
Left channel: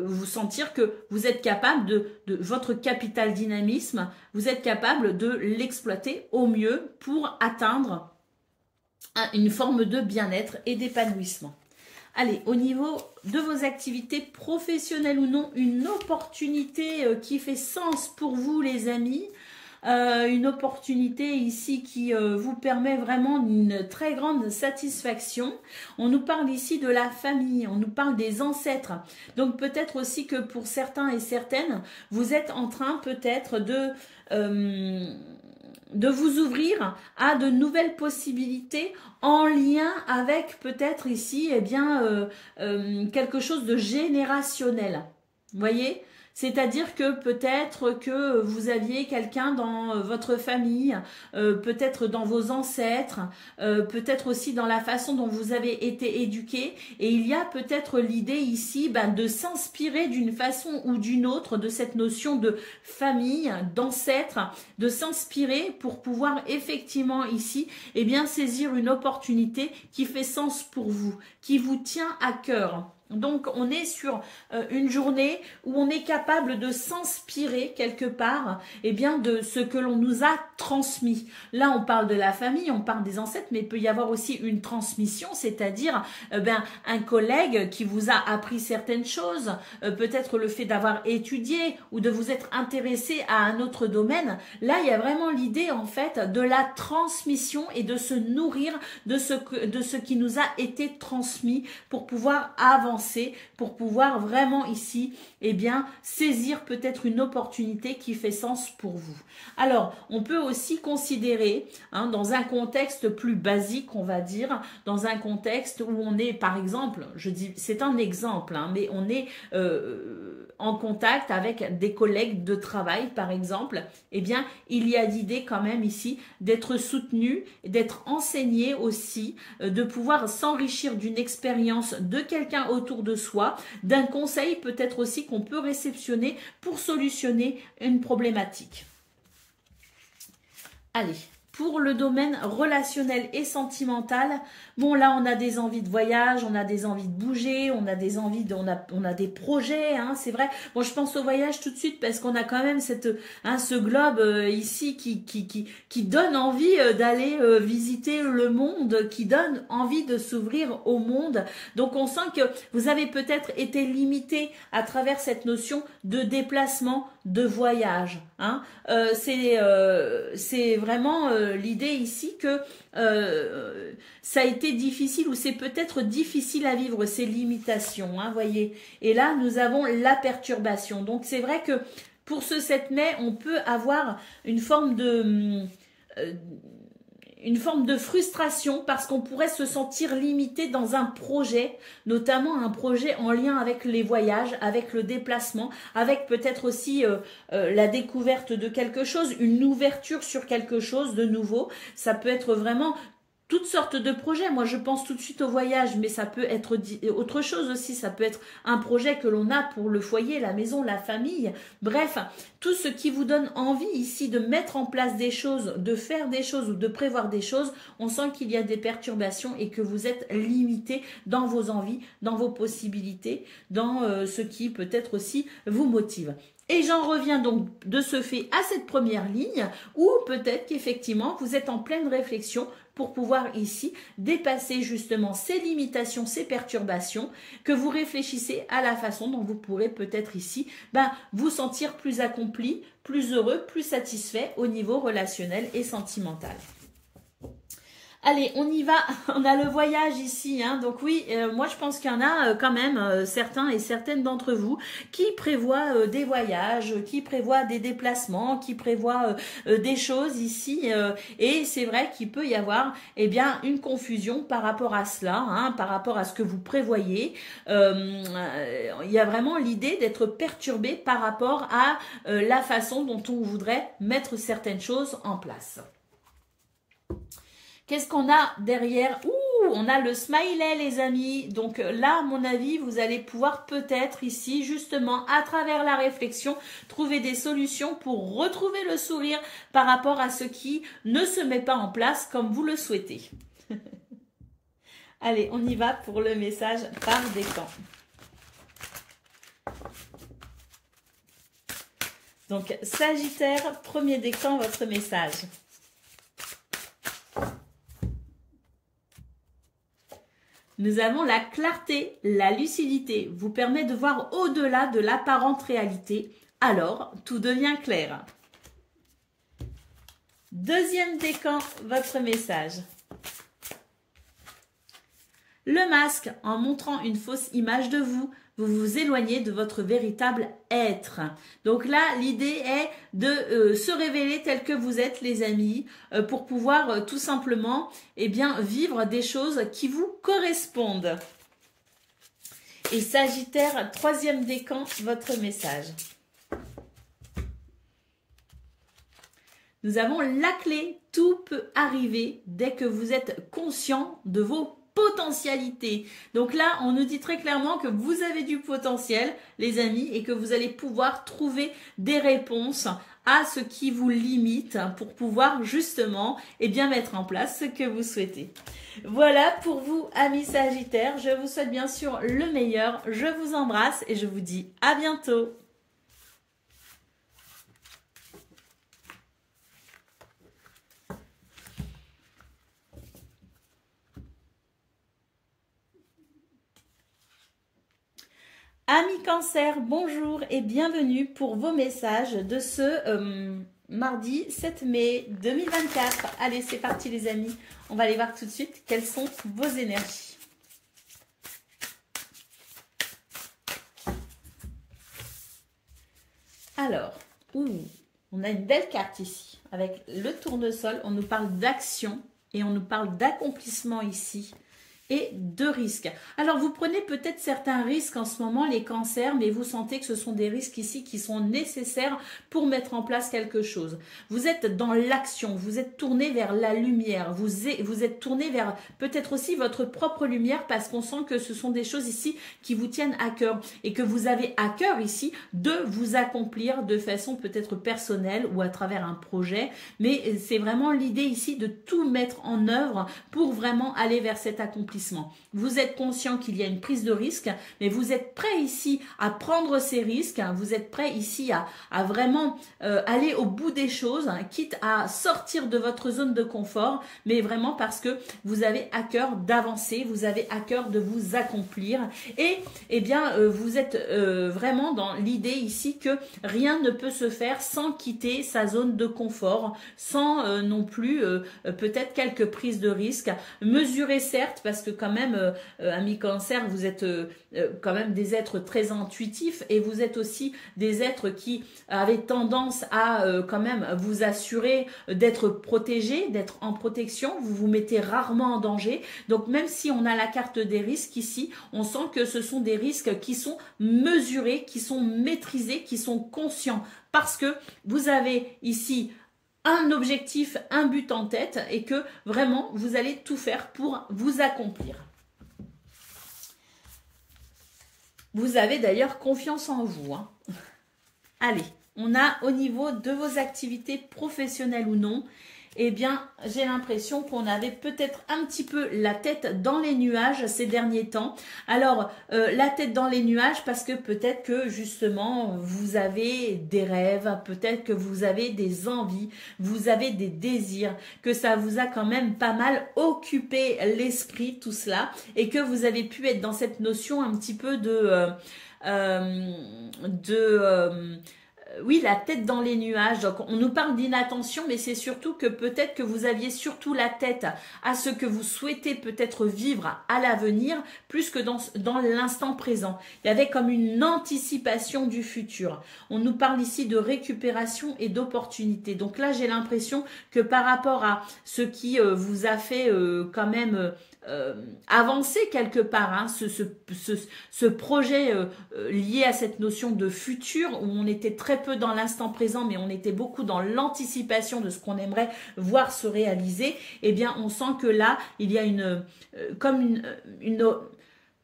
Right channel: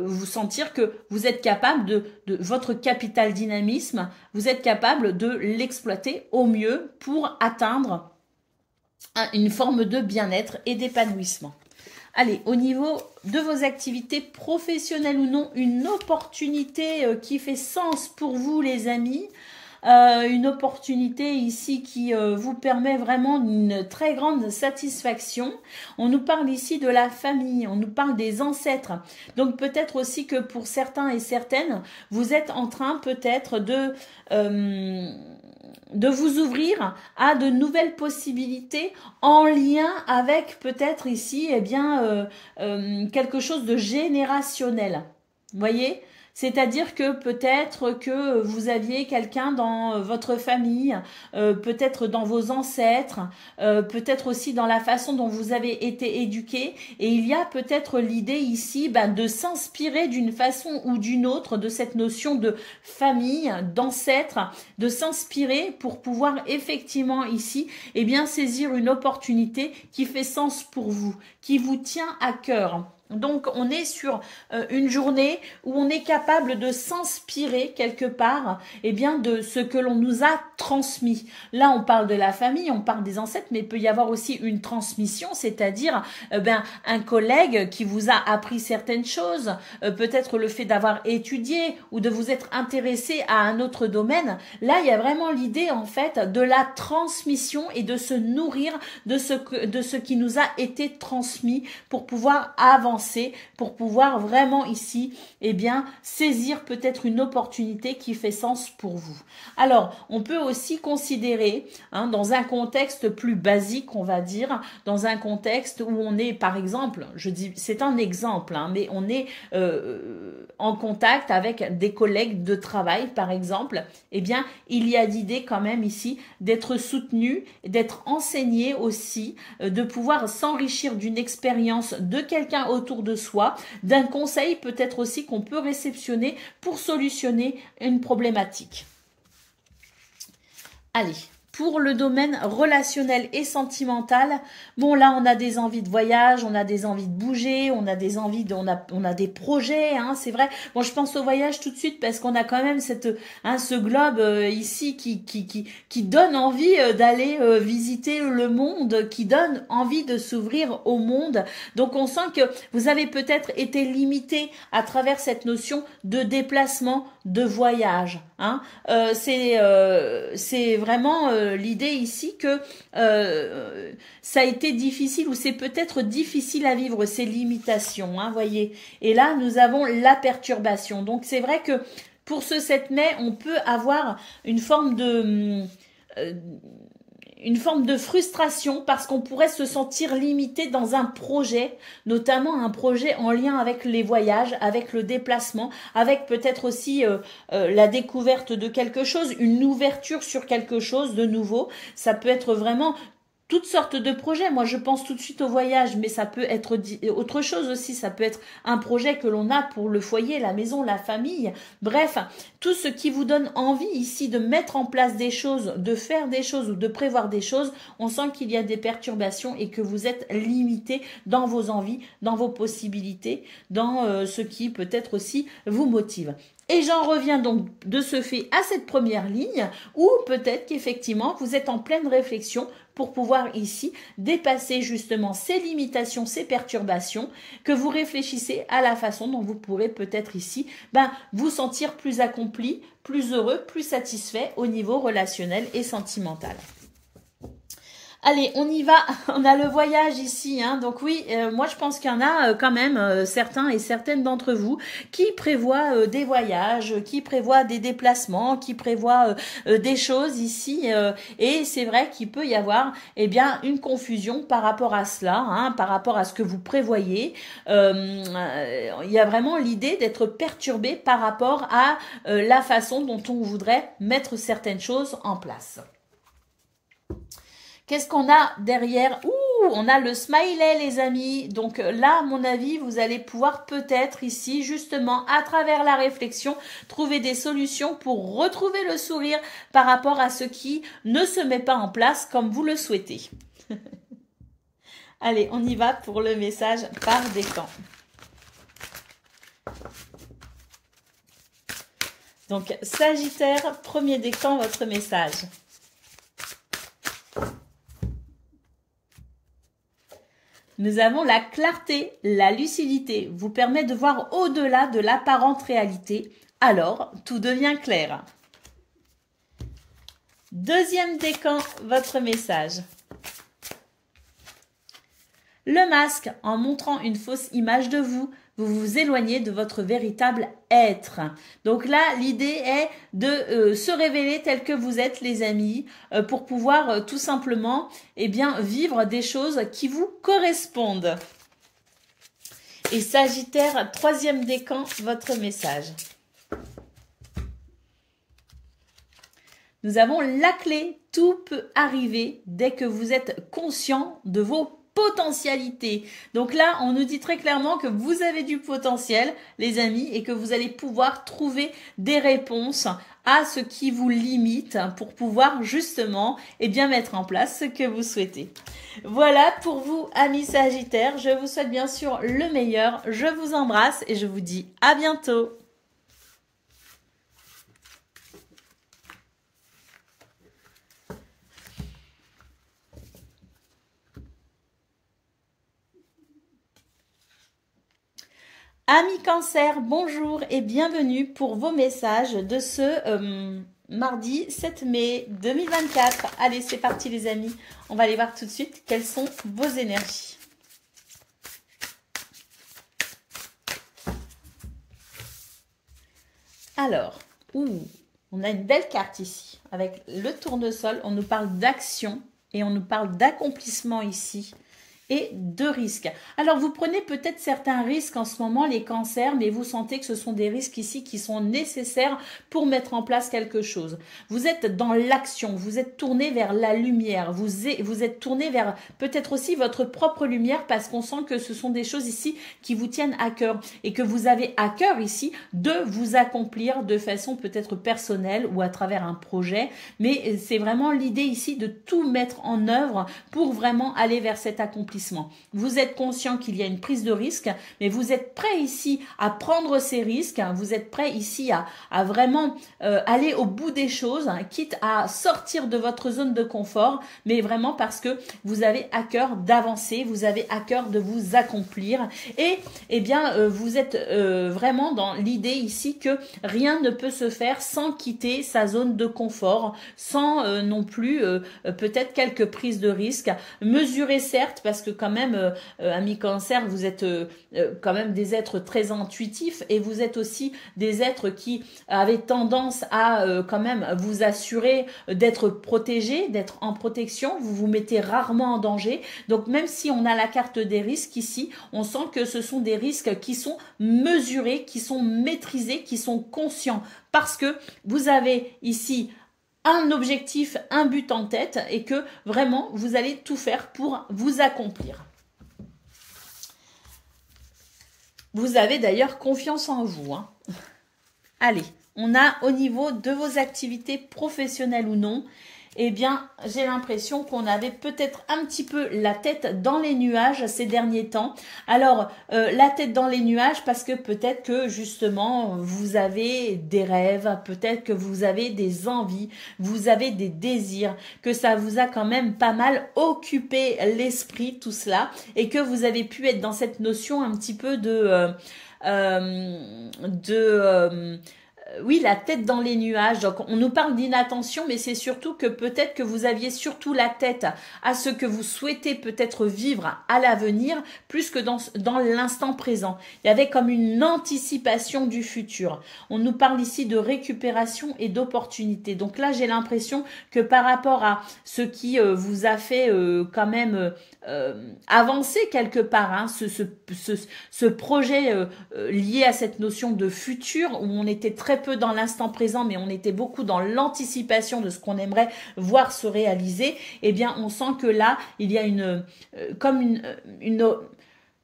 vous sentir que vous êtes capable de votre capital dynamisme, vous êtes capable de l'exploiter au mieux pour atteindre une forme de bien-être et d'épanouissement. Allez, au niveau de vos activités professionnelles ou non, une opportunité qui fait sens pour vous les amis, une opportunité ici qui vous permet vraiment une très grande satisfaction. On nous parle ici de la famille, on nous parle des ancêtres. Donc peut-être aussi que pour certains et certaines, vous êtes en train peut-être de vous ouvrir à de nouvelles possibilités en lien avec peut-être ici quelque chose de générationnel. Vous voyez ? C'est-à-dire que peut-être que vous aviez quelqu'un dans votre famille, peut-être dans vos ancêtres, peut-être aussi dans la façon dont vous avez été éduqué. Et il y a peut-être l'idée ici de s'inspirer d'une façon ou d'une autre de cette notion de famille, d'ancêtre, de s'inspirer pour pouvoir effectivement ici saisir une opportunité qui fait sens pour vous, qui vous tient à cœur. Donc, on est sur une journée où on est capable de s'inspirer quelque part de ce que l'on nous a transmis. Là, on parle de la famille, on parle des ancêtres, mais il peut y avoir aussi une transmission, c'est-à-dire un collègue qui vous a appris certaines choses, peut-être le fait d'avoir étudié ou de vous être intéressé à un autre domaine. Là, il y a vraiment l'idée en fait de la transmission et de se nourrir de ce qui nous a été transmis pour pouvoir avancer, pour pouvoir vraiment ici saisir peut-être une opportunité qui fait sens pour vous. Alors, on peut aussi considérer, dans un contexte plus basique, on va dire, dans un contexte où on est, par exemple, je dis, c'est un exemple, mais on est en contact avec des collègues de travail, par exemple, il y a l'idée quand même ici d'être soutenu, d'être enseigné aussi, de pouvoir s'enrichir d'une expérience de quelqu'un autour de soi, d'un conseil peut-être aussi qu'on peut réceptionner pour solutionner une problématique. Allez, pour le domaine relationnel et sentimental, bon là on a des envies de voyage, on a des envies de bouger, on a des envies on a des projets, c'est vrai. Bon, je pense au voyage tout de suite parce qu'on a quand même ce globe ici qui donne envie d'aller visiter le monde, qui donne envie de s'ouvrir au monde. Donc on sent que vous avez peut-être été limité à travers cette notion de déplacement, de voyage. C'est vraiment l'idée ici que ça a été difficile ou c'est peut-être difficile à vivre ces limitations, voyez. Et là, nous avons la perturbation. Donc, c'est vrai que pour ce 7 mai, on peut avoir une forme une forme de frustration parce qu'on pourrait se sentir limité dans un projet, notamment un projet en lien avec les voyages, avec le déplacement, avec peut-être aussi la découverte de quelque chose, une ouverture sur quelque chose de nouveau. Ça peut être vraiment toutes sortes de projets. Moi, je pense tout de suite au voyage, mais ça peut être autre chose aussi. Ça peut être un projet que l'on a pour le foyer, la maison, la famille. Bref, tout ce qui vous donne envie ici de mettre en place des choses, de faire des choses ou de prévoir des choses, on sent qu'il y a des perturbations et que vous êtes limité dans vos envies, dans vos possibilités, dans ce qui peut-être aussi vous motive. Et j'en reviens donc de ce fait à cette première ligne où peut-être qu'effectivement vous êtes en pleine réflexion pour pouvoir ici dépasser justement ces limitations, ces perturbations, que vous réfléchissez à la façon dont vous pourrez peut-être ici vous sentir plus accompli, plus heureux, plus satisfait au niveau relationnel et sentimental. Allez, on y va. On a le voyage ici, hein. Donc oui, moi je pense qu'il y en a quand même certains et certaines d'entre vous qui prévoient des voyages, qui prévoient des déplacements, qui prévoient des choses ici. Et c'est vrai qu'il peut y avoir une confusion par rapport à cela, hein, par rapport à ce que vous prévoyez. Il y a vraiment l'idée d'être perturbé par rapport à la façon dont on voudrait mettre certaines choses en place. Qu'est-ce qu'on a derrière? Ouh, on a le smiley, les amis. Donc là, à mon avis, vous allez pouvoir peut-être ici, justement, à travers la réflexion, trouver des solutions pour retrouver le sourire par rapport à ce qui ne se met pas en place comme vous le souhaitez. Allez, on y va pour le message par décan. Donc, Sagittaire, premier décan, votre message. Nous avons la clarté, la lucidité, vous permet de voir au-delà de l'apparente réalité. Alors, tout devient clair. Deuxième décan, votre message. Le masque, en montrant une fausse image de vous, vous vous éloignez de votre véritable être. Donc là, l'idée est de se révéler tel que vous êtes, les amis, pour pouvoir tout simplement vivre des choses qui vous correspondent. Et Sagittaire, troisième décan, votre message. Nous avons la clé, tout peut arriver dès que vous êtes conscient de vos potentialité. Donc là, on nous dit très clairement que vous avez du potentiel, les amis, et que vous allez pouvoir trouver des réponses à ce qui vous limite pour pouvoir justement mettre en place ce que vous souhaitez. Voilà pour vous, amis Sagittaires. Je vous souhaite bien sûr le meilleur. Je vous embrasse et je vous dis à bientôt. Amis Cancer, bonjour et bienvenue pour vos messages de ce mardi 7 mai 2024. Allez, c'est parti les amis. On va aller voir tout de suite quelles sont vos énergies. Alors, on a une belle carte ici avec le tournesol. On nous parle d'action et on nous parle d'accomplissement ici. Et de risques. Alors, vous prenez peut-être certains risques en ce moment, les cancers, mais vous sentez que ce sont des risques ici qui sont nécessaires pour mettre en place quelque chose. Vous êtes dans l'action, vous êtes tourné vers la lumière, vous êtes tourné vers peut-être aussi votre propre lumière parce qu'on sent que ce sont des choses ici qui vous tiennent à cœur et que vous avez à cœur ici de vous accomplir de façon peut-être personnelle ou à travers un projet, mais c'est vraiment l'idée ici de tout mettre en œuvre pour vraiment aller vers cet accomplissement. Vous êtes conscient qu'il y a une prise de risque, mais vous êtes prêt ici à prendre ces risques, vous êtes prêt ici à vraiment aller au bout des choses, quitte à sortir de votre zone de confort, mais vraiment parce que vous avez à cœur d'avancer, vous avez à cœur de vous accomplir et vous êtes vraiment dans l'idée ici que rien ne peut se faire sans quitter sa zone de confort, sans non plus peut-être quelques prises de risques, mesurées certes parce que quand même, amis Cancer, vous êtes quand même des êtres très intuitifs et vous êtes aussi des êtres qui avaient tendance à quand même vous assurer d'être protégés, d'être en protection. Vous vous mettez rarement en danger. Donc même si on a la carte des risques ici, on sent que ce sont des risques qui sont mesurés, qui sont maîtrisés, qui sont conscients. Parce que vous avez ici un objectif, un but en tête et que vraiment vous allez tout faire pour vous accomplir. Vous avez d'ailleurs confiance en vous, hein. Allez, on a au niveau de vos activités professionnelles ou non, eh bien, j'ai l'impression qu'on avait peut-être un petit peu la tête dans les nuages ces derniers temps. Alors, la tête dans les nuages parce que peut-être que justement, vous avez des rêves, peut-être que vous avez des envies, vous avez des désirs, que ça vous a quand même pas mal occupé l'esprit, tout cela, et que vous avez pu être dans cette notion un petit peu oui, la tête dans les nuages. Donc, on nous parle d'inattention, mais c'est surtout que peut-être que vous aviez surtout la tête à ce que vous souhaitez peut-être vivre à l'avenir, plus que dans l'instant présent. Il y avait comme une anticipation du futur. On nous parle ici de récupération et d'opportunité. Donc là, j'ai l'impression que par rapport à ce qui vous a fait quand même avancer quelque part, hein, ce projet lié à cette notion de futur où on était très peu dans l'instant présent mais on était beaucoup dans l'anticipation de ce qu'on aimerait voir se réaliser, eh bien on sent que là il y a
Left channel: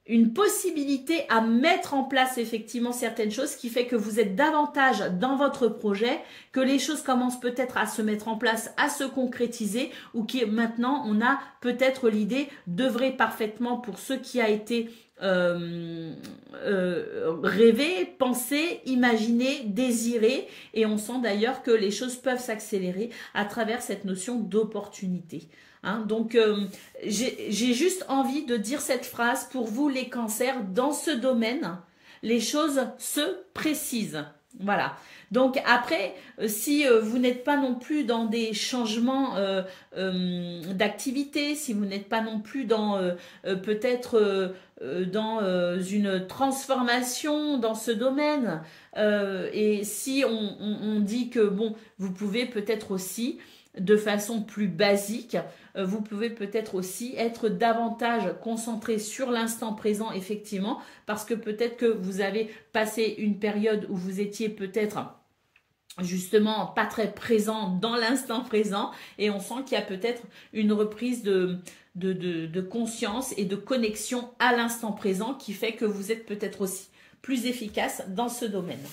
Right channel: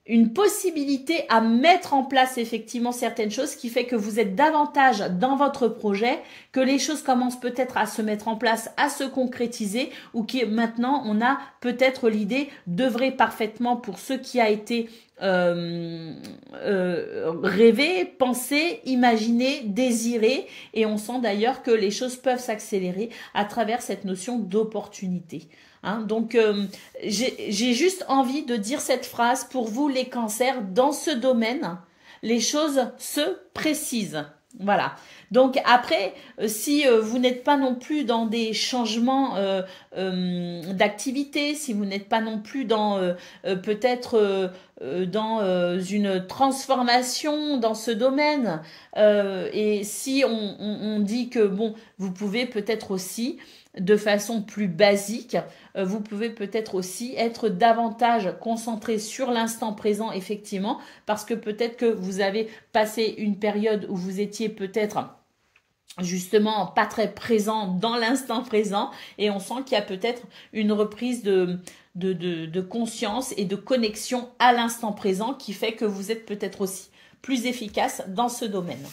une possibilité à mettre en place effectivement certaines choses qui fait que vous êtes davantage dans votre projet, que les choses commencent peut-être à se mettre en place, à se concrétiser ou qui maintenant on a peut-être l'idée d'œuvrer parfaitement pour ce qui a été rêvé, pensé, imaginé, désiré, et on sent d'ailleurs que les choses peuvent s'accélérer à travers cette notion d'opportunité. Hein, donc, j'ai juste envie de dire cette phrase pour vous les cancers. Dans ce domaine, les choses se précisent. Voilà. Donc après, si vous n'êtes pas non plus dans des changements d'activité, si vous n'êtes pas non plus dans peut-être dans une transformation dans ce domaine, et si on dit que bon, vous pouvez peut-être aussi de façon plus basique, vous pouvez peut-être aussi être davantage concentré sur l'instant présent, effectivement, parce que peut-être que vous avez passé une période où vous étiez peut-être justement pas très présent dans l'instant présent et on sent qu'il y a peut-être une reprise de conscience et de connexion à l'instant présent qui fait que vous êtes peut-être aussi plus efficace dans ce domaine.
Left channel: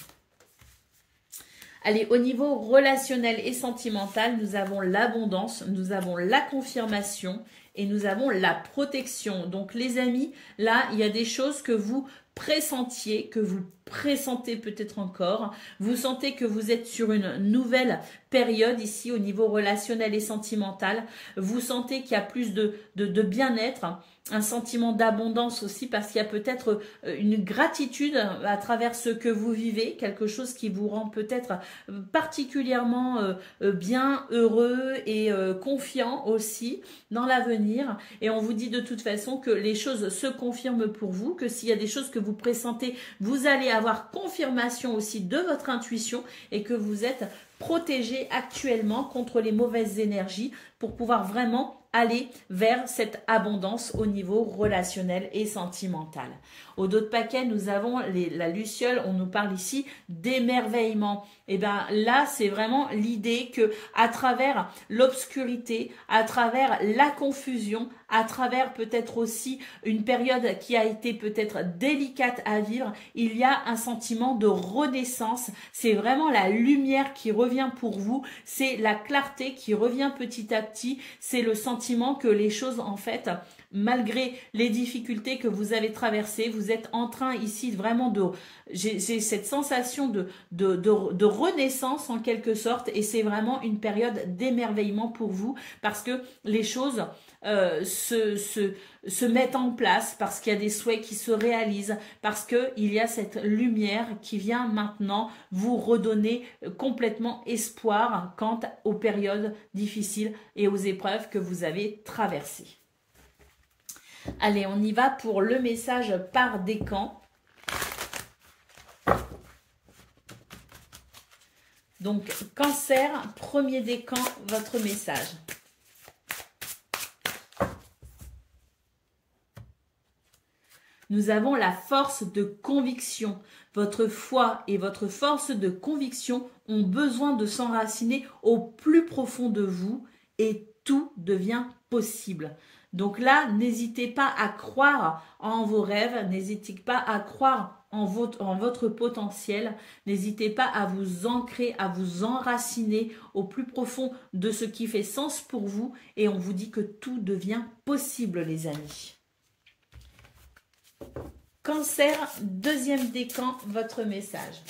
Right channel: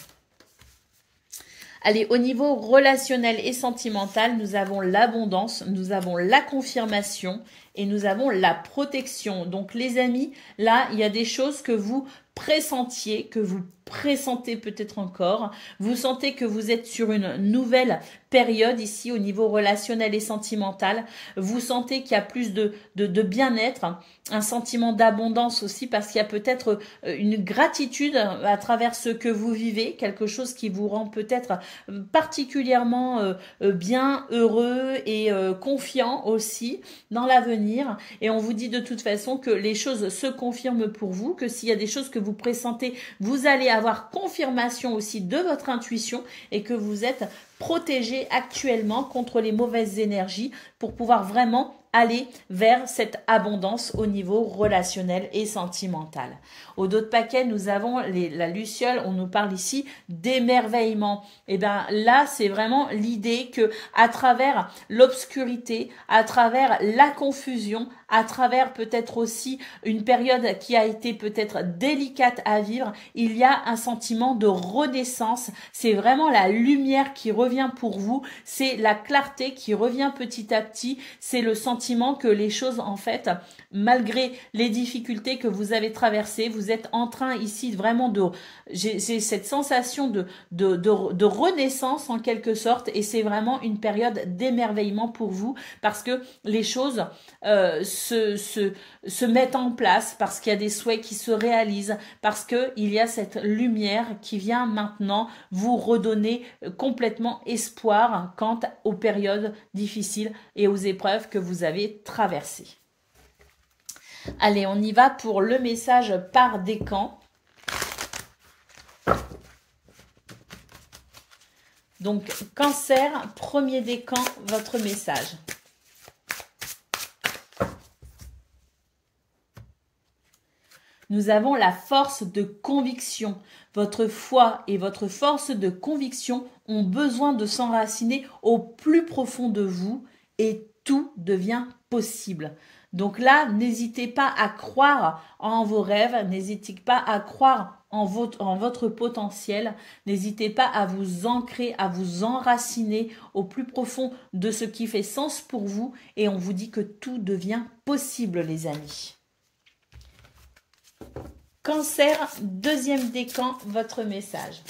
Allez, au niveau relationnel et sentimental, nous avons l'abondance, nous avons la confirmation et nous avons la protection. Donc les amis, là, il y a des choses que vous pressentiez, que vous pressentez peut-être encore. Vous sentez que vous êtes sur une nouvelle période ici au niveau relationnel et sentimental. Vous sentez qu'il y a plus de bien-être, un sentiment d'abondance aussi parce qu'il y a peut-être une gratitude à travers ce que vous vivez, quelque chose qui vous rend peut-être particulièrement bien, heureux et confiant aussi dans l'avenir. Et on vous dit de toute façon que les choses se confirment pour vous, que s'il y a des choses que vous pressentez, vous allez avoir confirmation aussi de votre intuition et que vous êtes protégé actuellement contre les mauvaises énergies pour pouvoir vraiment aller vers cette abondance au niveau relationnel et sentimental. Au dos de paquet, nous avons la luciole, on nous parle ici d'émerveillement. Et bien là, c'est vraiment l'idée que à travers l'obscurité, à travers la confusion, à travers peut-être aussi une période qui a été peut-être délicate à vivre, il y a un sentiment de renaissance. C'est vraiment la lumière qui revient pour vous, c'est la clarté qui revient petit à petit, c'est le sentiment que les choses en fait, malgré les difficultés que vous avez traversées, vous êtes en train ici vraiment de... J'ai cette sensation de renaissance en quelque sorte et c'est vraiment une période d'émerveillement pour vous parce que les choses se mettent en place, parce qu'il y a des souhaits qui se réalisent, parce qu'il y a cette lumière qui vient maintenant vous redonner complètement espoir quant aux périodes difficiles et aux épreuves que vous avez traversées. Allez, on y va pour le message par décan. Donc, Cancer, premier décan, votre message. Nous avons la force de conviction. Votre foi et votre force de conviction ont besoin de s'enraciner au plus profond de vous et tout devient possible. Donc là, n'hésitez pas à croire en vos rêves, n'hésitez pas à croire en votre potentiel, n'hésitez pas à vous ancrer, à vous enraciner au plus profond de ce qui fait sens pour vous et on vous dit que tout devient possible, les amis. Cancer, deuxième décan, votre message.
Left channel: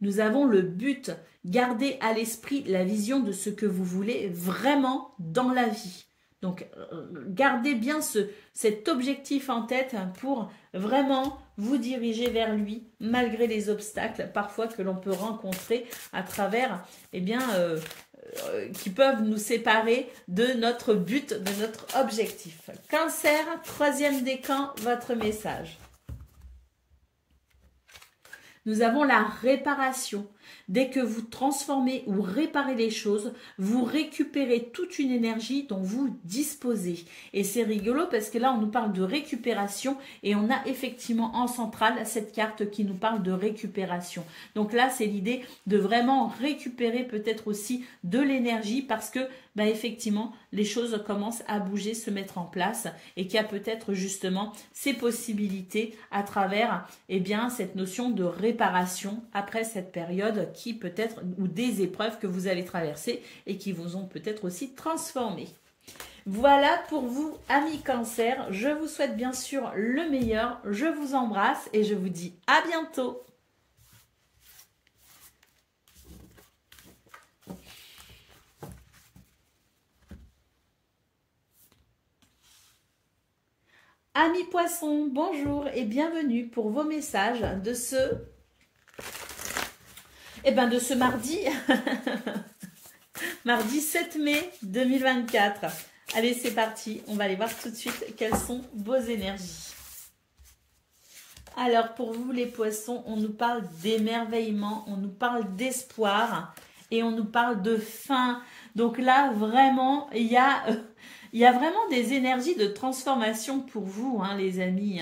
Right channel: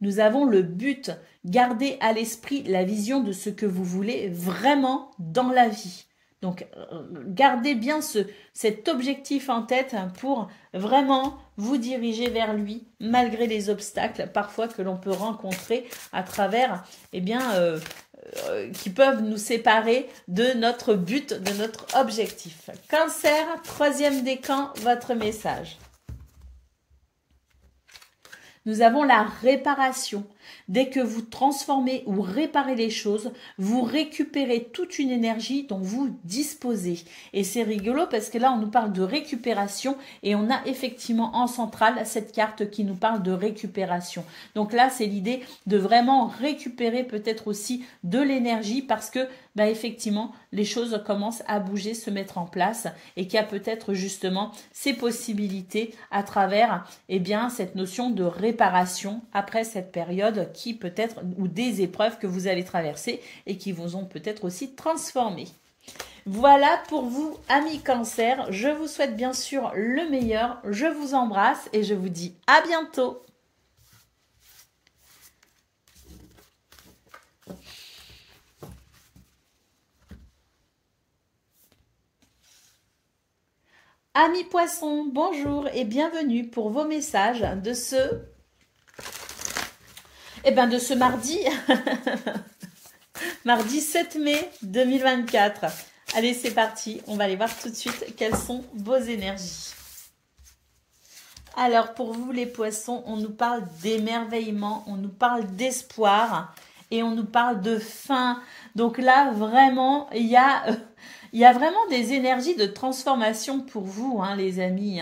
Nous avons le but, gardez à l'esprit la vision de ce que vous voulez vraiment dans la vie. Donc, gardez bien cet objectif en tête pour vraiment vous diriger vers lui, malgré les obstacles parfois que l'on peut rencontrer à travers, eh bien, qui peuvent nous séparer de notre but, de notre objectif. Cancer, troisième décan, votre message. Nous avons la réparation. Dès que vous transformez ou réparez les choses, vous récupérez toute une énergie dont vous disposez. Et c'est rigolo parce que là, on nous parle de récupération et on a effectivement en centrale cette carte qui nous parle de récupération. Donc là, c'est l'idée de vraiment récupérer peut-être aussi de l'énergie parce que, effectivement, les choses commencent à bouger, se mettre en place et qu'il y a peut-être justement ces possibilités à travers, cette notion de réparation après cette période qui peut-être, ou des épreuves que vous allez traverser et qui vous ont peut-être aussi transformé. Voilà pour vous, amis Cancer. Je vous souhaite bien sûr le meilleur. Je vous embrasse et je vous dis à bientôt. Amis Poissons, bonjour et bienvenue pour vos messages de ce mardi, mardi 7 mai 2024. Allez, c'est parti. On va aller voir tout de suite quelles sont vos énergies. Alors, pour vous les poissons, on nous parle d'émerveillement, on nous parle d'espoir et on nous parle de fin. Donc là, vraiment, il y a vraiment des énergies de transformation pour vous, hein, les amis.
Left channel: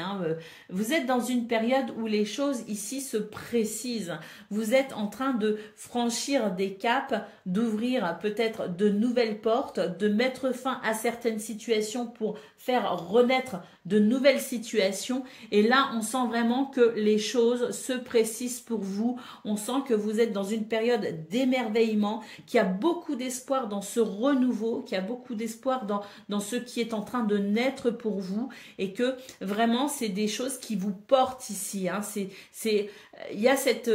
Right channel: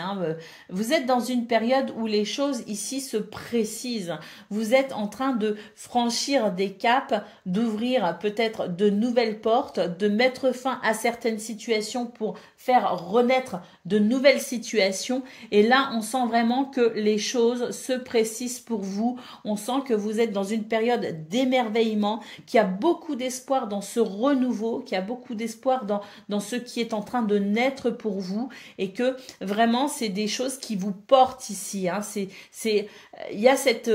Vous êtes dans une période où les choses ici se précisent. Vous êtes en train de franchir des caps, d'ouvrir peut-être de nouvelles portes, de mettre fin à certaines situations pour faire renaître de nouvelles situations. Et là, on sent vraiment que les choses se précisent pour vous. On sent que vous êtes dans une période d'émerveillement, qu'il y a beaucoup d'espoir dans ce renouveau, qu'il y a beaucoup d'espoir dans ce qui est en train de naître pour vous et que vraiment c'est des choses qui vous portent ici. Il y a cette...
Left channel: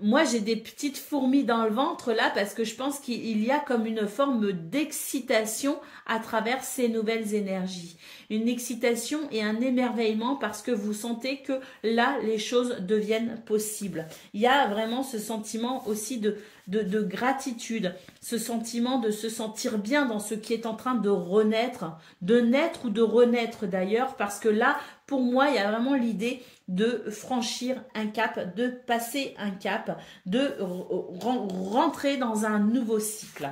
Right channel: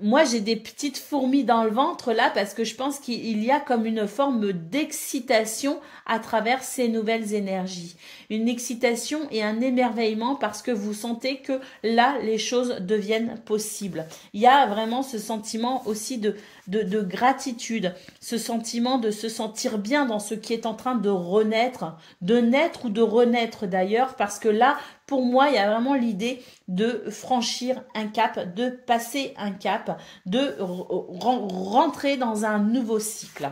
moi, j'ai des petites fourmis dans le ventre là parce que je pense qu'il y a comme une forme d'excitation à travers ces nouvelles énergies. Une excitation et un émerveillement parce que vous sentez que là, les choses deviennent possibles. Il y a vraiment ce sentiment aussi de gratitude, ce sentiment de se sentir bien dans ce qui est en train de renaître, de naître ou de renaître d'ailleurs, parce que là, pour moi, il y a vraiment l'idée de franchir un cap, de passer un cap, de rentrer dans un nouveau cycle.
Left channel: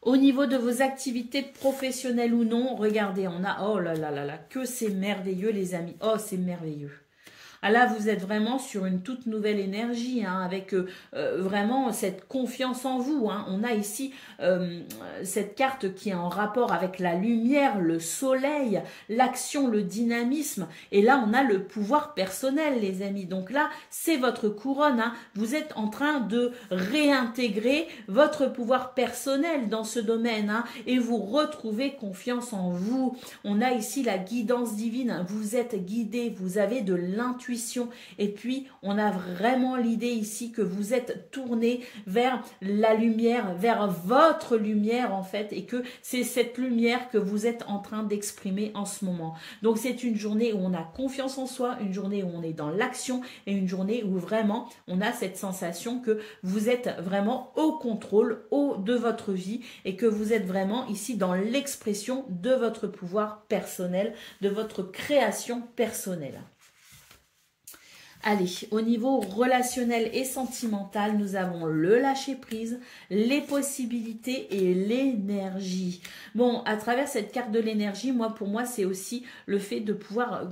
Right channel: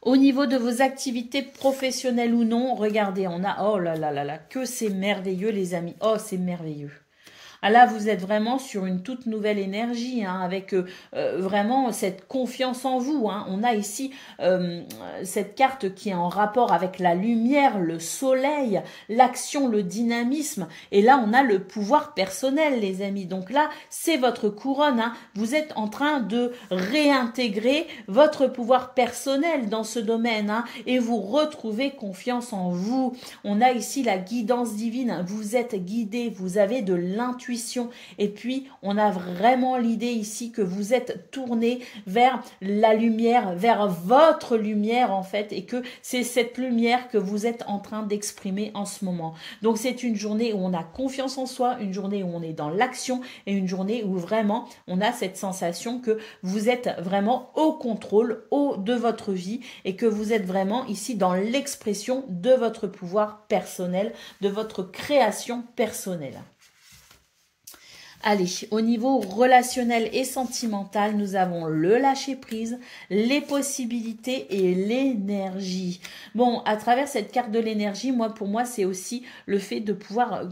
Au niveau de vos activités professionnelles ou non, regardez, on a, oh là là là là, que c'est merveilleux les amis, oh c'est merveilleux. Ah là, vous êtes vraiment sur une toute nouvelle énergie, hein, avec vraiment cette confiance en vous. Hein. On a ici cette carte qui est en rapport avec la lumière, le soleil, l'action, le dynamisme. Et là, on a le pouvoir personnel, les amis. Donc là, c'est votre couronne. Hein. Vous êtes en train de réintégrer votre pouvoir personnel dans ce domaine. Hein, et vous retrouvez confiance en vous. On a ici la guidance divine. Vous êtes guidé, vous avez de l'intuition. intuition. Et puis, on a vraiment l'idée ici que vous êtes tourné vers la lumière, vers votre lumière en fait, et que c'est cette lumière que vous êtes en train d'exprimer en ce moment. Donc, c'est une journée où on a confiance en soi, une journée où on est dans l'action et une journée où vraiment on a cette sensation que vous êtes vraiment au contrôle de votre vie et que vous êtes vraiment ici dans l'expression de votre pouvoir personnel, de votre création personnelle. Allez, au niveau relationnel et sentimental, nous avons le lâcher-prise, les possibilités et l'énergie. Bon, à travers cette carte de l'énergie, pour moi, c'est aussi le fait de pouvoir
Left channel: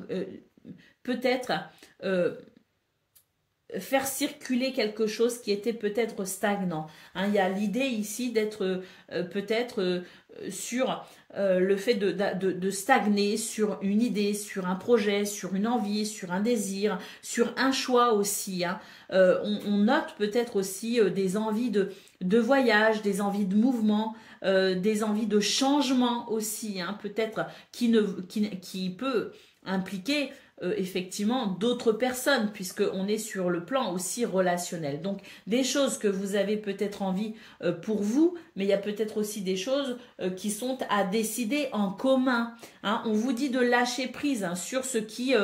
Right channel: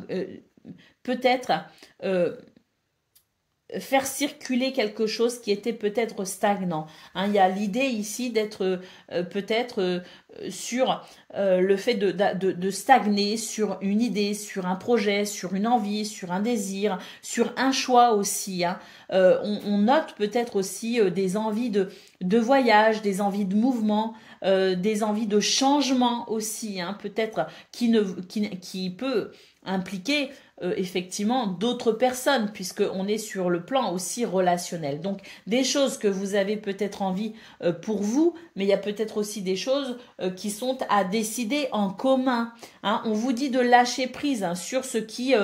peut-être faire circuler quelque chose qui était peut-être stagnant. Hein, il y a l'idée ici d'être peut-être sur le fait de stagner sur une idée, sur un projet, sur une envie, sur un désir, sur un choix aussi. Hein. On note peut-être aussi des envies de voyage, des envies de mouvement, des envies de changement aussi, hein, peut-être qui peut impliquer effectivement d'autres personnes, puisqu'on est sur le plan aussi relationnel. Donc des choses que vous avez peut-être envie pour vous, mais il y a peut-être aussi des choses qui sont à décider en commun. Hein. On vous dit de lâcher prise hein, sur ce qui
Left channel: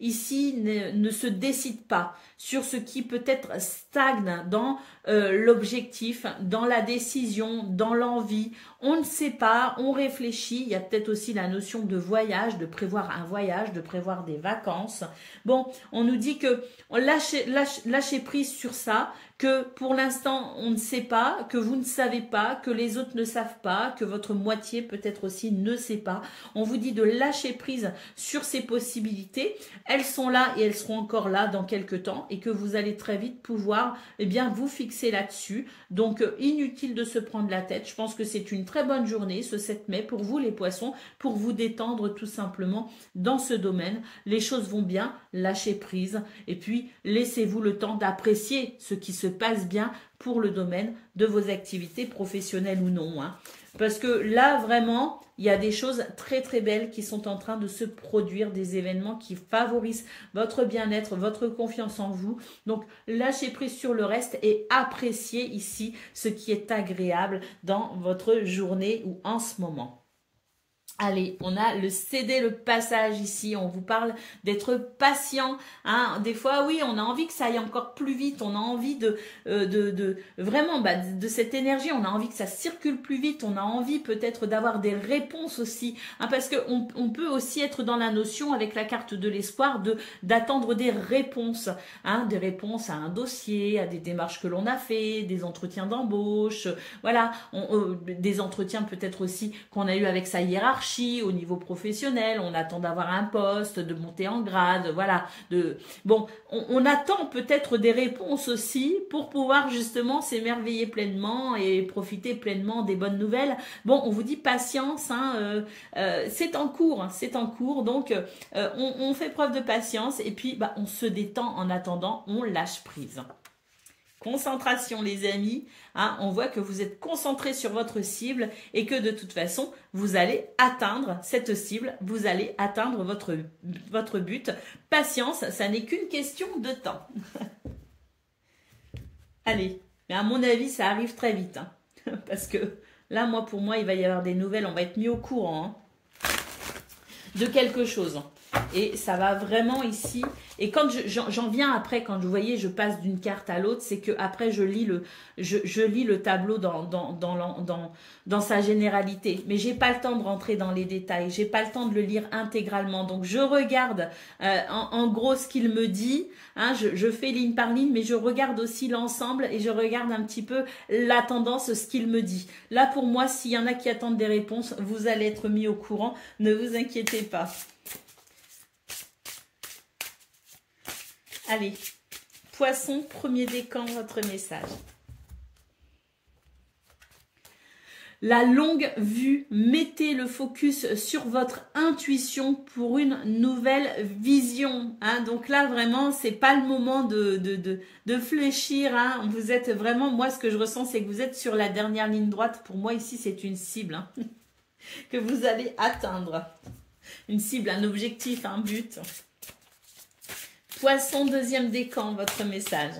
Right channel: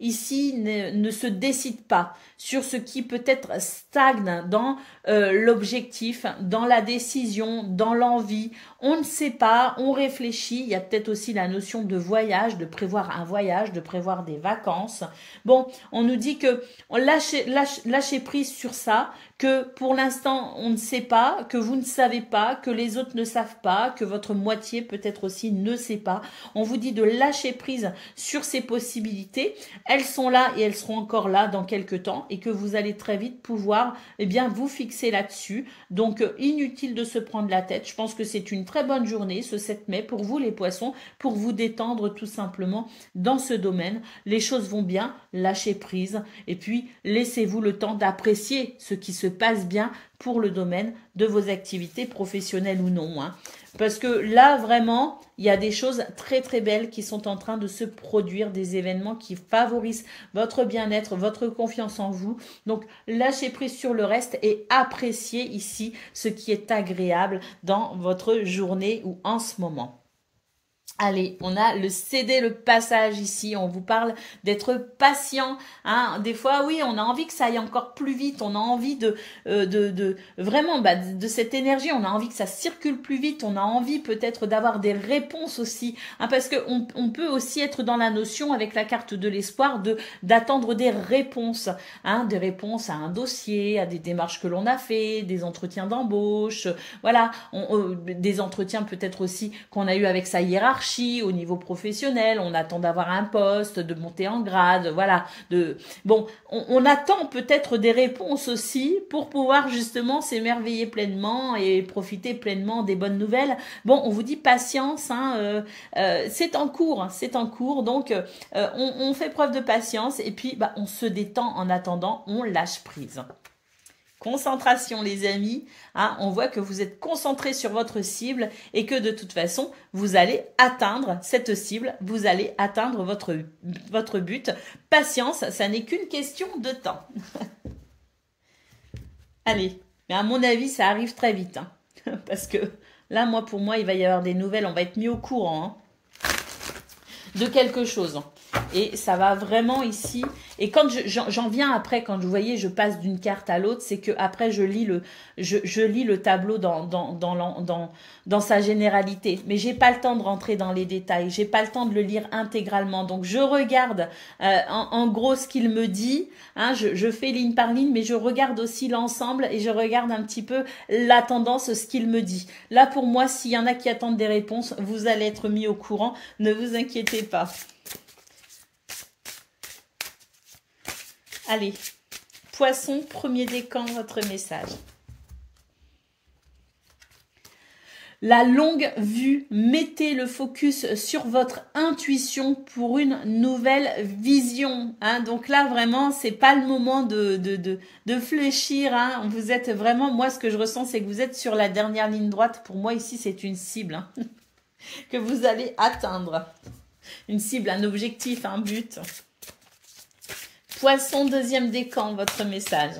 ici ne se décide pas, sur ce qui peut-être stagne dans l'objectif, dans la décision, dans l'envie. On ne sait pas, on réfléchit. Il y a peut-être aussi la notion de voyage, de prévoir un voyage, de prévoir des vacances. Bon, on nous dit que on lâchez prise sur ça, que pour l'instant on ne sait pas, que vous ne savez pas, que les autres ne savent pas, que votre moitié peut-être aussi ne sait pas. On vous dit de lâcher prise sur ces possibilités. Elles sont là et elles seront encore là dans quelques temps et que vous allez très vite pouvoir vous fixer là-dessus. Donc inutile de se prendre la tête. Je pense que c'est une très bonne journée ce 7 mai pour vous les poissons, pour vous détendre tout simplement dans ce domaine. Les choses vont bien, lâchez prise et puis laissez-vous le temps d'apprécier ce qui se passe bien pour le domaine de vos activités professionnelles ou non. Hein. Parce que là, vraiment, il y a des choses très très belles qui sont en train de se produire, des événements qui favorisent votre bien-être, votre confiance en vous. Donc, lâchez prise sur le reste et appréciez ici ce qui est agréable dans votre journée ou en ce moment. Allez, on a le céder le passage ici, on vous parle d'être patient. Hein. Des fois, oui, on a envie que ça aille encore plus vite, on a envie vraiment de cette énergie, on a envie que ça circule plus vite, on a envie peut-être d'avoir des réponses aussi. Hein, parce qu'on peut aussi être dans la notion avec la carte de l'espoir d'attendre des réponses. Hein, des réponses à un dossier, à des démarches que l'on a fait, des entretiens d'embauche, voilà, des entretiens peut-être aussi qu'on a eu avec sa hiérarchie. Au niveau professionnel, on attend d'avoir un poste, de monter en grade, voilà. Bon, on attend peut-être des réponses aussi pour pouvoir justement s'émerveiller pleinement et profiter pleinement des bonnes nouvelles. Bon, on vous dit patience, hein, c'est en cours, donc on fait preuve de patience et puis on se détend en attendant, on lâche prise. Concentration les amis, hein, on voit que vous êtes concentrés sur votre cible et que de toute façon, vous allez atteindre cette cible, vous allez atteindre votre but. Patience, ça n'est qu'une question de temps. Allez, mais à mon avis, ça arrive très vite. Hein, parce que là, pour moi, il va y avoir des nouvelles, on va être mis au courant hein, de quelque chose. Et ça va vraiment ici. Et quand j'en viens après, quand vous voyez, je passe d'une carte à l'autre, c'est que après je lis le tableau dans sa généralité. Mais j'ai pas le temps de rentrer dans les détails. J'ai pas le temps de le lire intégralement. Donc je regarde en gros ce qu'il me dit. Hein, je fais ligne par ligne, mais je regarde aussi l'ensemble et je regarde un petit peu la tendance, ce qu'il me dit. Là pour moi, s'il y en a qui attendent des réponses, vous allez être mis au courant. Ne vous inquiétez pas. Allez, poisson, premier décan, votre message. La longue vue, mettez le focus sur votre intuition pour une nouvelle vision. Hein. Donc là, vraiment, c'est pas le moment de fléchir. Hein. Vous êtes vraiment, moi, ce que je ressens, c'est que vous êtes sur la dernière ligne droite. Pour moi, ici, c'est une cible hein, que vous allez atteindre. Une cible, un objectif, un but. Poisson, deuxième décan, votre message.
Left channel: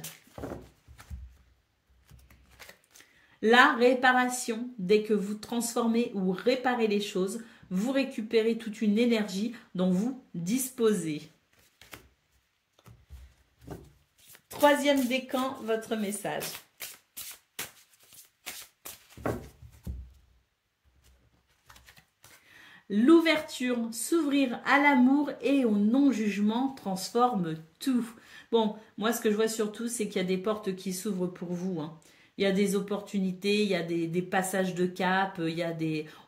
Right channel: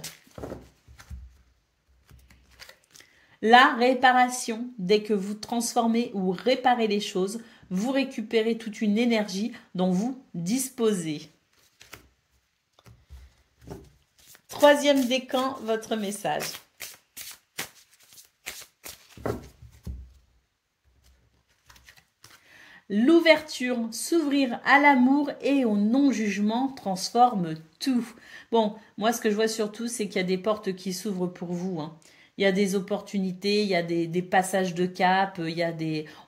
La réparation, dès que vous transformez ou réparez les choses, vous récupérez toute une énergie dont vous disposez. Troisième décan, votre message. L'ouverture, s'ouvrir à l'amour et au non-jugement transforme tout. Bon, moi ce que je vois surtout, c'est qu'il y a des portes qui s'ouvrent pour vous, hein. Il y a des opportunités, il y a des passages de cap,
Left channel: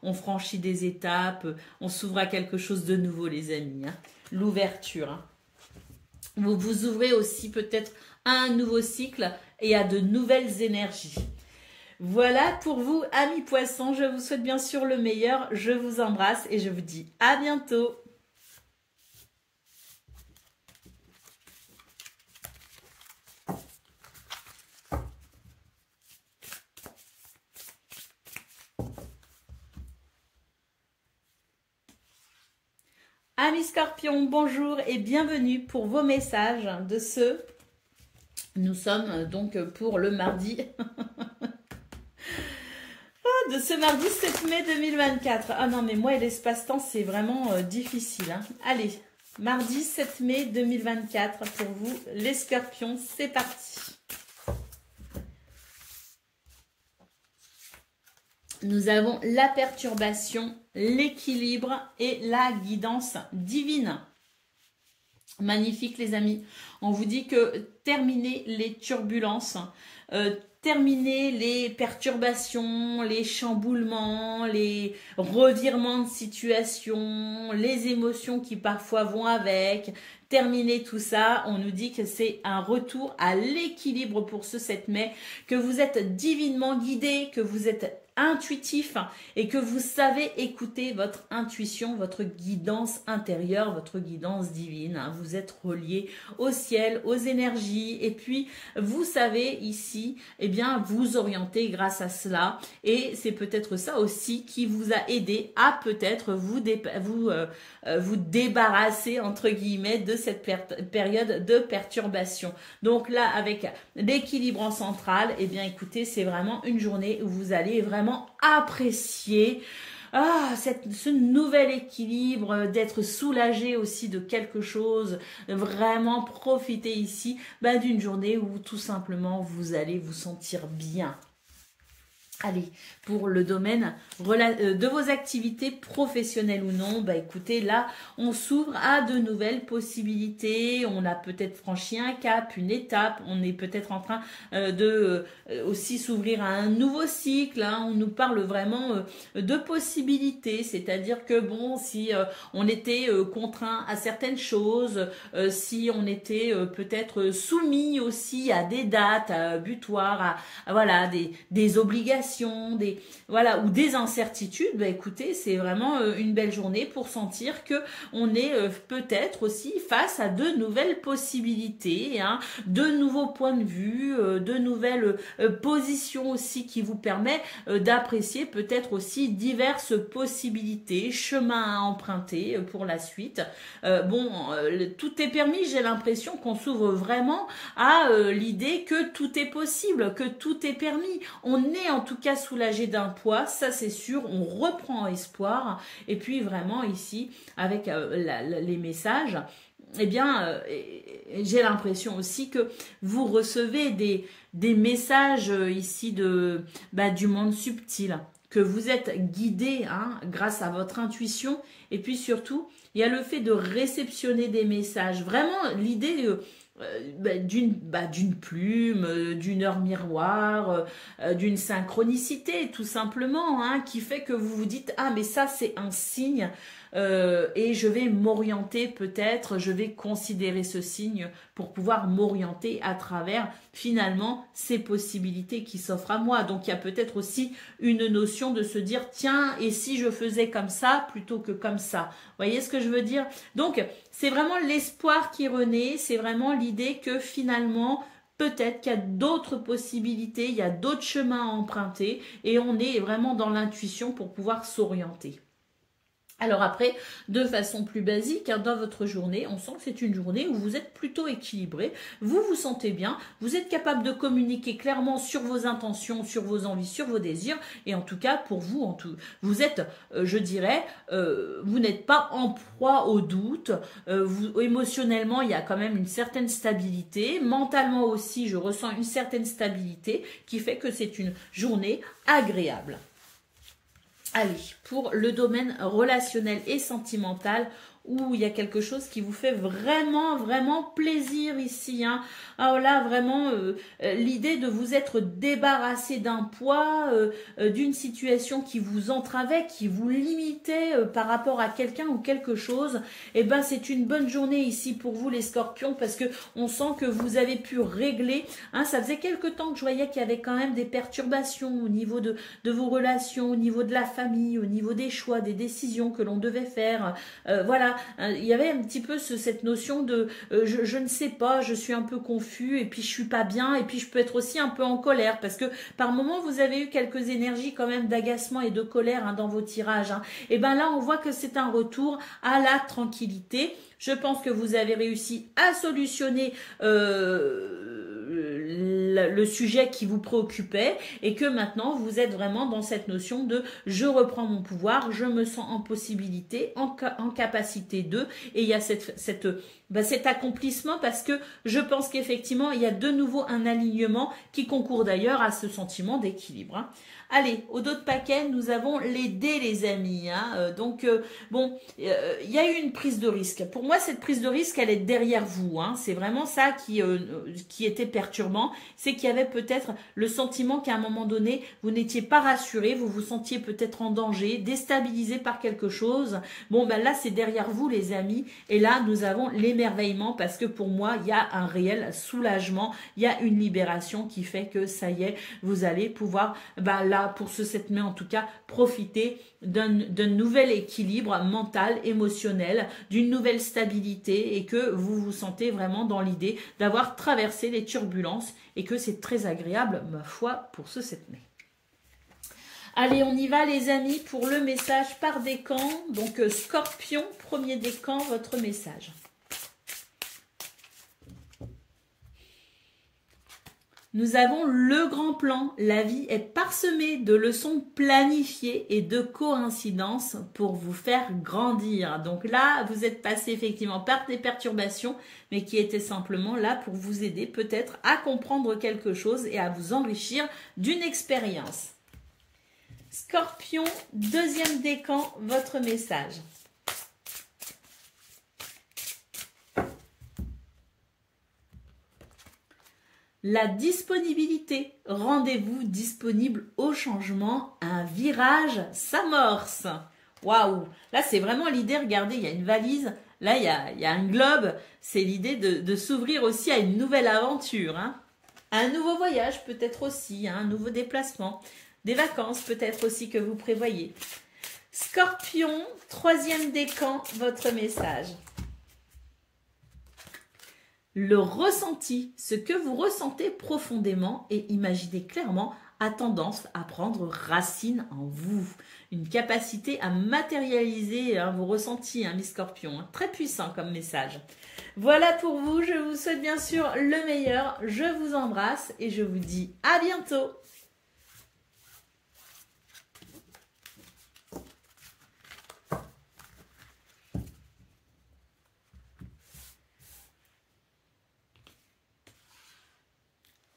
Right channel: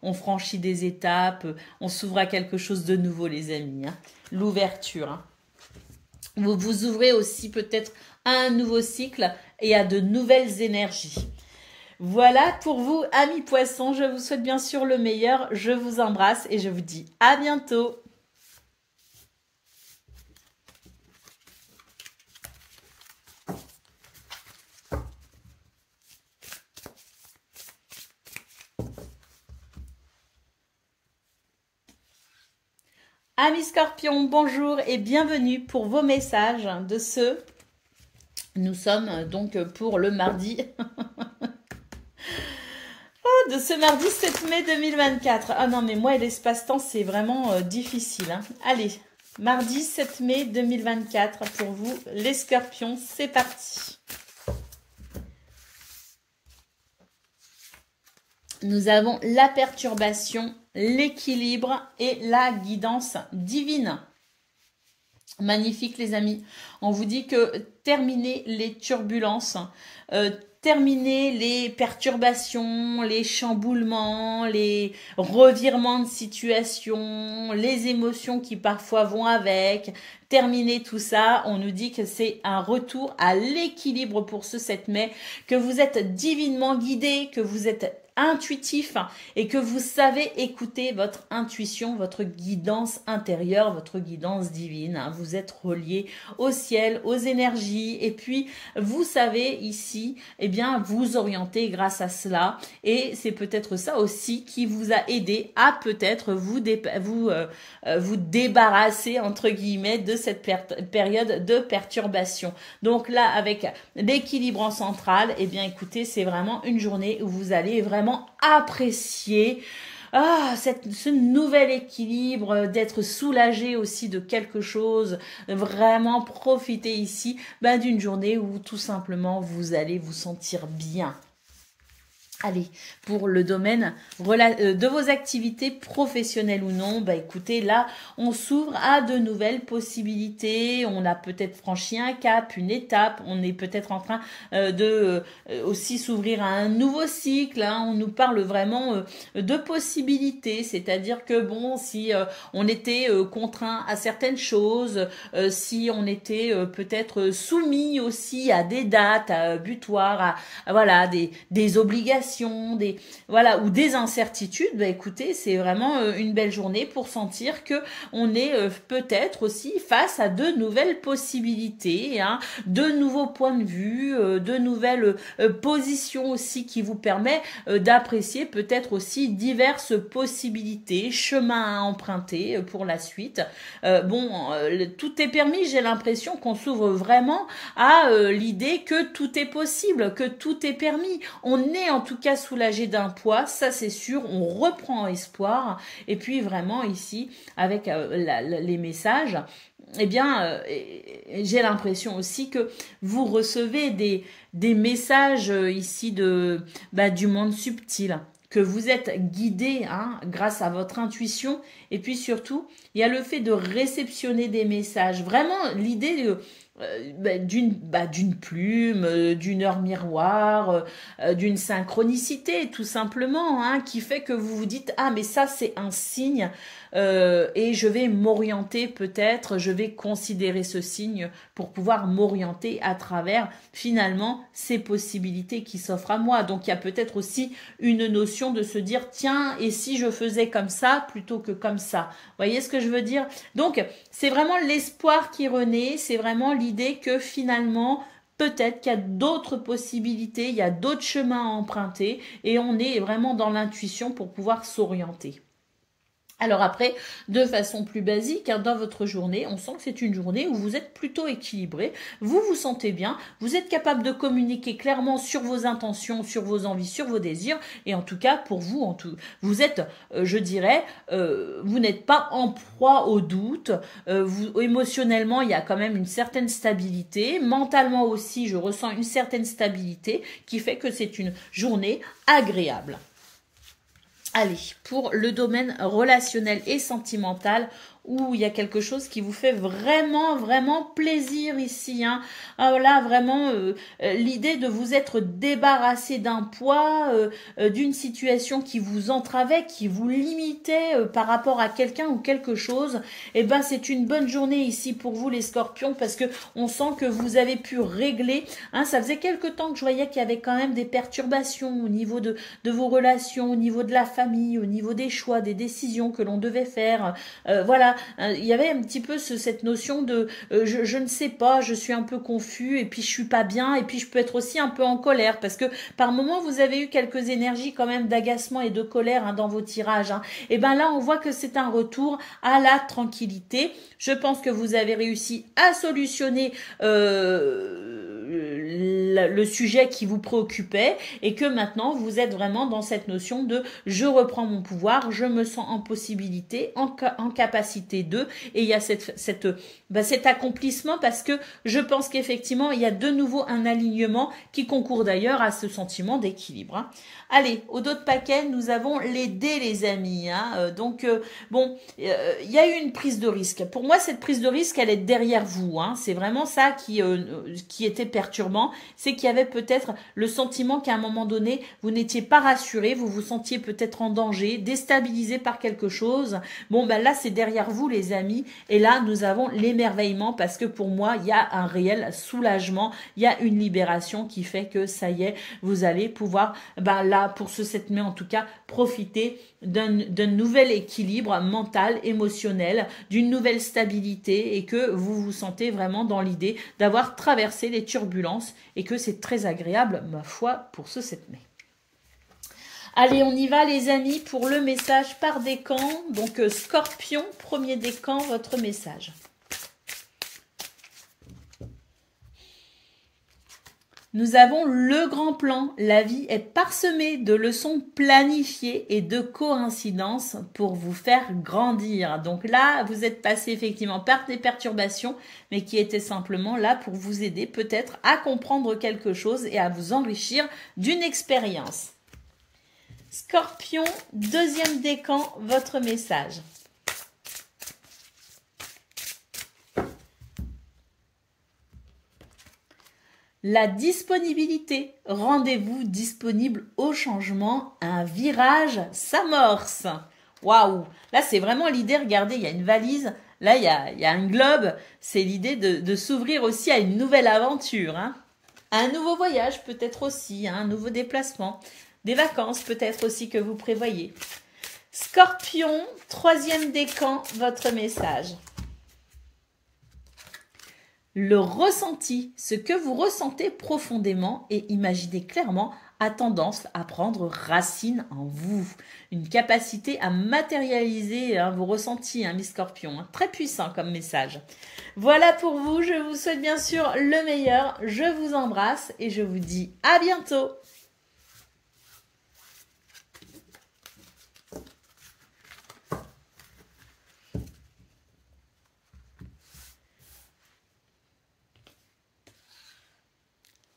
on franchit des étapes, on s'ouvre à quelque chose de nouveau, les amis, hein. L'ouverture, hein. Vous vous ouvrez aussi peut-être à un nouveau cycle et à de nouvelles énergies. Voilà pour vous, amis poissons. Je vous souhaite bien sûr le meilleur. Je vous embrasse et je vous dis à bientôt. Amis scorpions, bonjour et bienvenue pour vos messages de ce... Nous sommes donc pour le mardi... de ce mardi 7 mai 2024. Ah non, mais moi et l'espace-temps, c'est vraiment difficile, hein. Allez, mardi 7 mai 2024 pour vous, les scorpions, c'est parti. Nous avons la perturbation, l'équilibre et la guidance divine. Magnifique, les amis. On vous dit que terminez les turbulences, terminer les perturbations, les chamboulements, les revirements de situation, les émotions qui parfois vont avec. Terminer tout ça, on nous dit que c'est un retour à l'équilibre pour ce 7 mai, que vous êtes divinement guidé, que vous êtes intuitif et que vous savez écouter votre intuition, votre guidance intérieure, votre guidance divine. Vous êtes relié au ciel, aux énergies et puis vous savez ici, eh bien, vous orienter grâce à cela et c'est peut-être ça aussi qui vous a aidé à peut-être vous débarrasser entre guillemets de cette période de perturbation. Donc là, avec l'équilibre en centrale, eh bien, écoutez, c'est vraiment une journée où vous allez vraiment apprécier ce nouvel équilibre, d'être soulagé aussi de quelque chose, vraiment profiter ici d'une journée où tout simplement vous allez vous sentir bien. Allez, pour le domaine de vos activités professionnelles ou non, écoutez, là, on s'ouvre à de nouvelles possibilités. On a peut-être franchi un cap, une étape. On est peut-être en train de aussi s'ouvrir à un nouveau cycle, hein. On nous parle vraiment de possibilités. C'est-à-dire que, bon, si on était contraint à certaines choses, si on était peut-être soumis aussi à des dates butoirs, voilà, des obligations, ou des incertitudes, écoutez, c'est vraiment une belle journée pour sentir que on est peut-être aussi face à de nouvelles possibilités, hein, de nouveaux points de vue, de nouvelles positions aussi qui vous permet d'apprécier peut-être aussi diverses possibilités, chemins à emprunter pour la suite. Tout est permis, j'ai l'impression qu'on s'ouvre vraiment à l'idée que tout est possible, que tout est permis. On est en tout cas soulagé d'un poids, ça c'est sûr, on reprend espoir. Et puis vraiment ici, avec les messages, eh bien, j'ai l'impression aussi que vous recevez des messages ici du monde subtil, que vous êtes guidé, hein, grâce à votre intuition. Et puis surtout, il y a le fait de réceptionner des messages. Vraiment, l'idée d'une plume, d'une heure miroir, d'une synchronicité tout simplement, hein, qui fait que vous vous dites « Ah, mais ça c'est un signe et je vais m'orienter peut-être, je vais considérer ce signe pour pouvoir m'orienter à travers finalement ces possibilités qui s'offrent à moi. » Donc il y a peut-être aussi une notion de se dire « Tiens, et si je faisais comme ça plutôt que comme ça ?» Vous voyez ce que je veux dire? Donc c'est vraiment l'espoir qui renaît, c'est vraiment l'idée que finalement, peut-être qu'il y a d'autres possibilités, il y a d'autres chemins à emprunter et on est vraiment dans l'intuition pour pouvoir s'orienter. Alors après, de façon plus basique, hein, dans votre journée, on sent que c'est une journée où vous êtes plutôt équilibré, vous vous sentez bien, vous êtes capable de communiquer clairement sur vos intentions, sur vos envies, sur vos désirs, et en tout cas, pour vous, vous êtes, je dirais, vous n'êtes pas en proie au doute, émotionnellement, il y a quand même une certaine stabilité, mentalement aussi, je ressens une certaine stabilité qui fait que c'est une journée agréable. Allez, pour le domaine relationnel et sentimental, où il y a quelque chose qui vous fait vraiment, vraiment plaisir ici. Hein. Alors là, vraiment, l'idée de vous être débarrassé d'un poids, d'une situation qui vous entravait, qui vous limitait par rapport à quelqu'un ou quelque chose, eh ben, c'est une bonne journée ici pour vous, les scorpions, parce que on sent que vous avez pu régler. Hein, ça faisait quelque temps que je voyais qu'il y avait quand même des perturbations au niveau de vos relations, au niveau de la famille, au niveau des choix, des décisions que l'on devait faire. Voilà. Il y avait un petit peu cette notion de je ne sais pas, je suis un peu confus et puis je suis pas bien et puis je peux être aussi un peu en colère parce que par moment vous avez eu quelques énergies quand même d'agacement et de colère hein, dans vos tirages. Hein. Et ben là on voit que c'est un retour à la tranquillité. Je pense que vous avez réussi à solutionner le sujet qui vous préoccupait et que maintenant vous êtes vraiment dans cette notion de je reprends mon pouvoir, je me sens en possibilité, en capacité de, et il y a cet accomplissement parce que je pense qu'effectivement il y a de nouveau un alignement qui concourt d'ailleurs à ce sentiment d'équilibre. Hein. Allez, au dos de paquet, nous avons les dés, les amis. Hein. Bon, il y a eu une prise de risque. Pour moi, cette prise de risque, elle est derrière vous. Hein. C'est vraiment ça qui était perturbant. C'est qu'il y avait peut-être le sentiment qu'à un moment donné, vous n'étiez pas rassuré, vous vous sentiez peut-être en danger, déstabilisé par quelque chose. Bon, ben là, c'est derrière vous, les amis. Et là, nous avons l'émerveillement parce que pour moi, il y a un réel soulagement. Il y a une libération qui fait que ça y est, vous allez pouvoir, ben là, pour ce 7 mai en tout cas, profiter d'un nouvel équilibre mental, émotionnel, d'une nouvelle stabilité et que vous vous sentez vraiment dans l'idée d'avoir traversé les turbulences et que c'est très agréable, ma foi, pour ce 7 mai. Allez, on y va les amis pour le message par décan. Donc Scorpion, premier décan, votre message. Nous avons le grand plan. La vie est parsemée de leçons planifiées et de coïncidences pour vous faire grandir. Donc là, vous êtes passé effectivement par des perturbations, mais qui étaient simplement là pour vous aider peut-être à comprendre quelque chose et à vous enrichir d'une expérience. Scorpion, deuxième décan, votre message. La disponibilité. Rendez-vous disponible au changement. Un virage s'amorce. Waouh! Là, c'est vraiment l'idée. Regardez, il y a une valise. Là, il y a un globe. C'est l'idée de s'ouvrir aussi à une nouvelle aventure. Hein. Un nouveau voyage peut-être aussi. Hein, un nouveau déplacement. Des vacances peut-être aussi que vous prévoyez. Scorpion, troisième décan, votre message. Le ressenti, ce que vous ressentez profondément et imaginez clairement, a tendance à prendre racine en vous. Une capacité à matérialiser vos ressentis, mes scorpions. Très puissant comme message. Voilà pour vous. Je vous souhaite bien sûr le meilleur. Je vous embrasse et je vous dis à bientôt.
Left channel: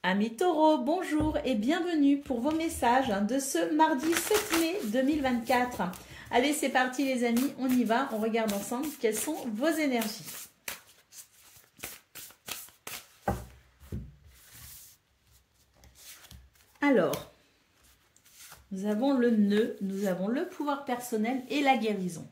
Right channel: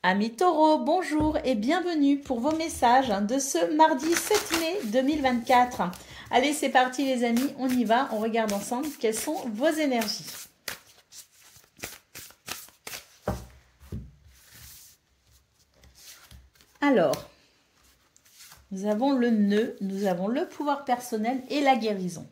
Amis taureaux, bonjour et bienvenue pour vos messages de ce mardi 7 mai 2024. Allez, c'est parti les amis, on y va, on regarde ensemble quelles sont vos énergies. Alors, nous avons le nœud, nous avons le pouvoir personnel et la guérison.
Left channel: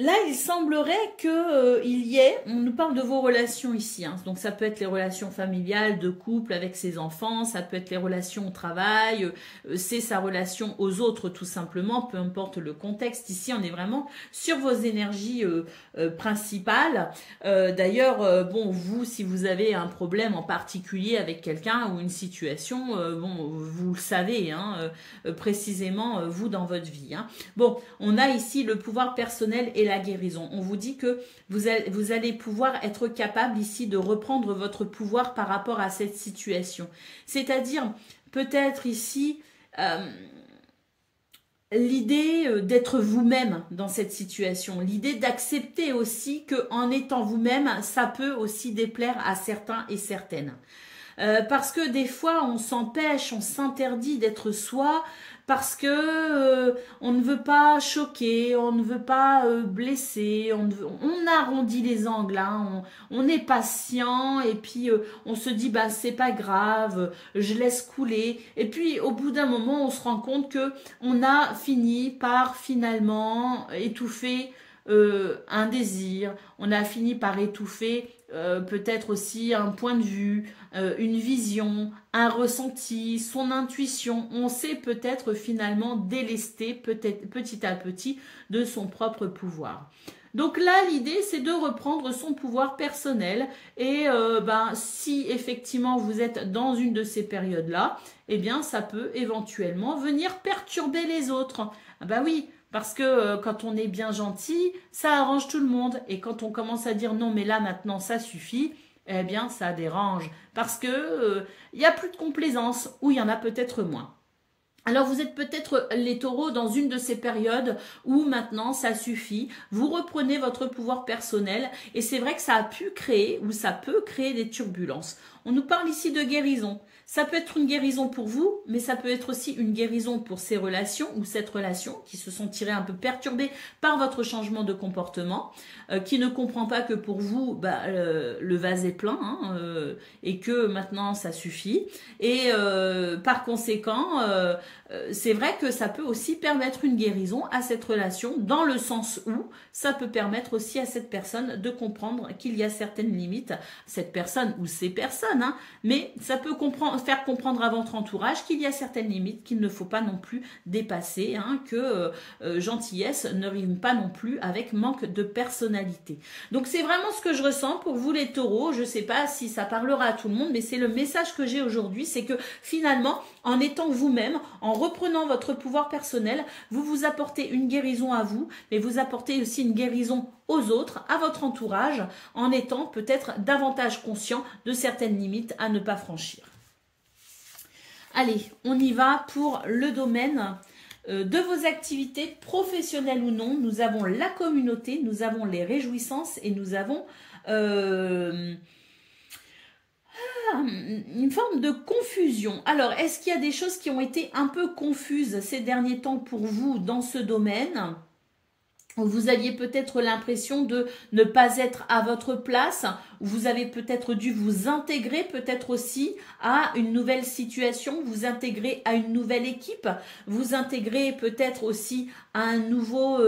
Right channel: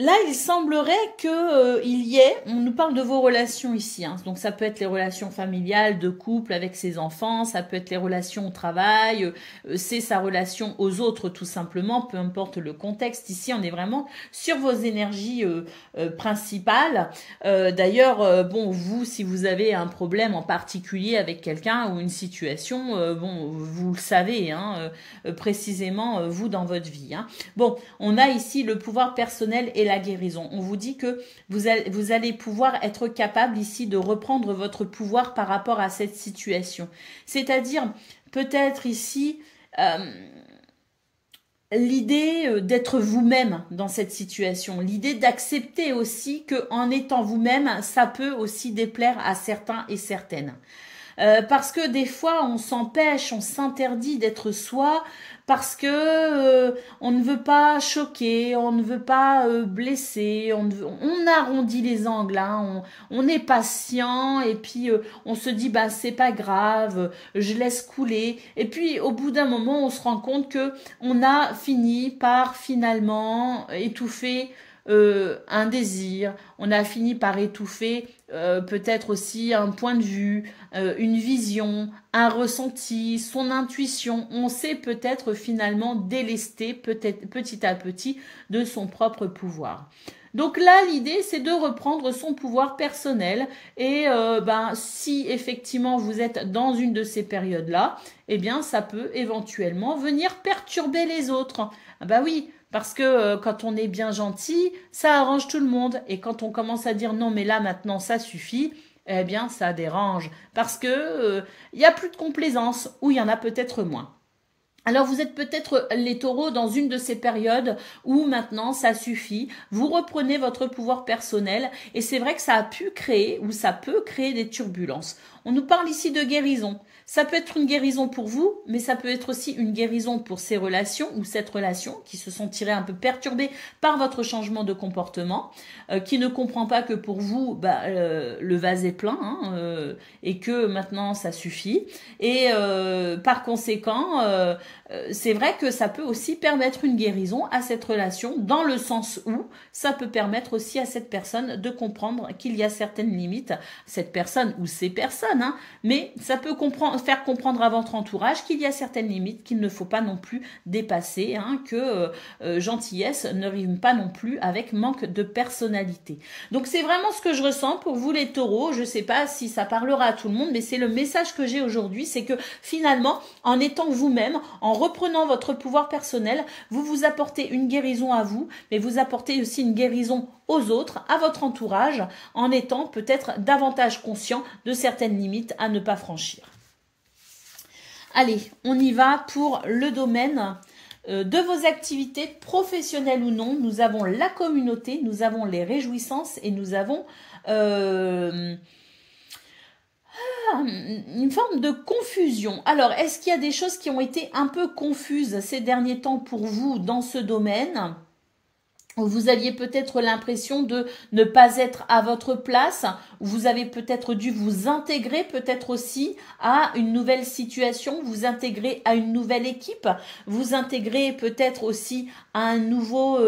Là, il semblerait que il y ait, on nous parle de vos relations ici, hein, donc ça peut être les relations familiales, de couple avec ses enfants, ça peut être les relations au travail, c'est sa relation aux autres tout simplement, peu importe le contexte. Ici, on est vraiment sur vos énergies principales. D'ailleurs, bon, vous, si vous avez un problème en particulier avec quelqu'un ou une situation, bon, vous le savez, hein, précisément, vous dans votre vie. Hein. Bon, on a ici le pouvoir personnel et la guérison. On vous dit que vous allez pouvoir être capable ici de reprendre votre pouvoir par rapport à cette situation. C'est-à-dire, peut-être ici, l'idée d'être vous-même dans cette situation, l'idée d'accepter aussi qu'en étant vous-même, ça peut aussi déplaire à certains et certaines. Parce que des fois, on s'empêche, on s'interdit d'être soi, parce que on ne veut pas choquer, on ne veut pas blesser, on arrondit les angles, hein, on est patient et puis on se dit bah c'est pas grave, je laisse couler. Et puis au bout d'un moment, on se rend compte que on a fini par finalement étouffer un désir, on a fini par étouffer peut-être aussi un point de vue, une vision, un ressenti, son intuition. On s'est peut-être finalement délesté petit à petit de son propre pouvoir. Donc là, l'idée, c'est de reprendre son pouvoir personnel et si effectivement vous êtes dans une de ces périodes-là, eh bien, ça peut éventuellement venir perturber les autres. Ah bah oui, parce que quand on est bien gentil, ça arrange tout le monde. Et quand on commence à dire non, mais là maintenant ça suffit, eh bien ça dérange. Parce que il n'y a plus de complaisance, ou il y en a peut-être moins. Alors vous êtes peut-être les taureaux dans une de ces périodes où maintenant ça suffit, vous reprenez votre pouvoir personnel et c'est vrai que ça a pu créer ou ça peut créer des turbulences. On nous parle ici de guérison. Ça peut être une guérison pour vous, mais ça peut être aussi une guérison pour ces relations ou cette relation qui se sont tirées un peu perturbées par votre changement de comportement, qui ne comprend pas que pour vous, le vase est plein hein, et que maintenant ça suffit. Et par conséquent, c'est vrai que ça peut aussi permettre une guérison à cette relation dans le sens où ça peut permettre aussi à cette personne de comprendre qu'il y a certaines limites, cette personne ou ces personnes, hein, mais ça peut faire comprendre à votre entourage qu'il y a certaines limites qu'il ne faut pas non plus dépasser, hein, que gentillesse ne rime pas non plus avec manque de personnalité. Donc c'est vraiment ce que je ressens pour vous les taureaux. Je ne sais pas si ça parlera à tout le monde, mais c'est le message que j'ai aujourd'hui, c'est que finalement, en étant vous-même, en reprenant votre pouvoir personnel, vous vous apportez une guérison à vous, mais vous apportez aussi une guérison aux autres, à votre entourage, en étant peut-être davantage conscient de certaines limites à ne pas franchir. Allez, on y va pour le domaine de vos activités professionnelles ou non. Nous avons la communauté, nous avons les réjouissances et nous avons une forme de confusion. Alors, est-ce qu'il y a des choses qui ont été un peu confuses ces derniers temps pour vous dans ce domaine ? Vous aviez peut-être l'impression de ne pas être à votre place, vous avez peut-être dû vous intégrer peut-être aussi à une nouvelle situation, vous intégrer à une nouvelle équipe, vous intégrer peut-être aussi à un nouveau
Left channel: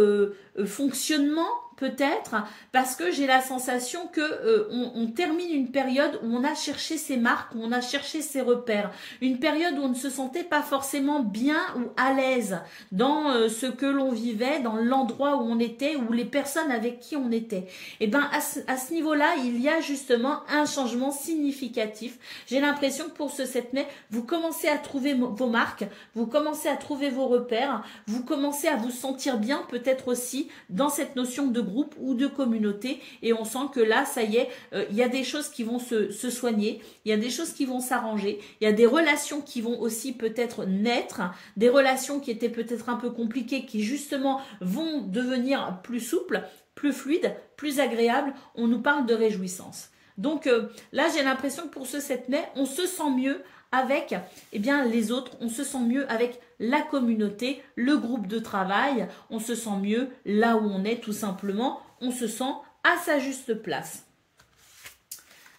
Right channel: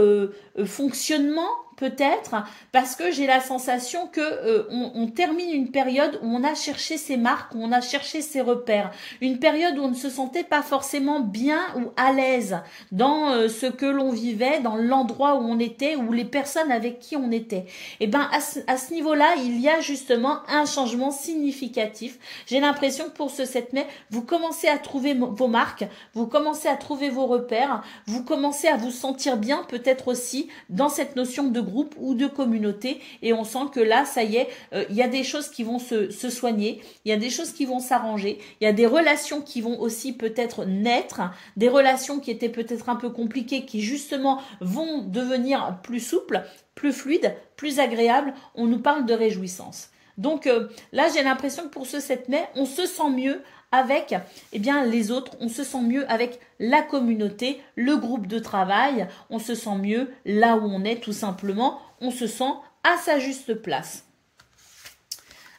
fonctionnement, peut-être, parce que j'ai la sensation que on termine une période où on a cherché ses marques, où on a cherché ses repères, une période où on ne se sentait pas forcément bien ou à l'aise dans ce que l'on vivait, dans l'endroit où on était, ou les personnes avec qui on était. Et ben à ce niveau-là, il y a justement un changement significatif. J'ai l'impression que pour ce 7 mai, vous commencez à trouver vos marques, vous commencez à trouver vos repères, vous commencez à vous sentir bien peut-être aussi dans cette notion de groupe ou de communauté, et on sent que là, ça y est, il y a des choses qui vont se soigner, il y a des choses qui vont s'arranger, il y a des relations qui vont aussi peut-être naître, des relations qui étaient peut-être un peu compliquées, qui justement vont devenir plus souples, plus fluides, plus agréables. On nous parle de réjouissance. Donc là, j'ai l'impression que pour ce 7 mai, on se sent mieux avec les autres, on se sent mieux avec la communauté, le groupe de travail, on se sent mieux là où on est tout simplement, on se sent à sa juste place.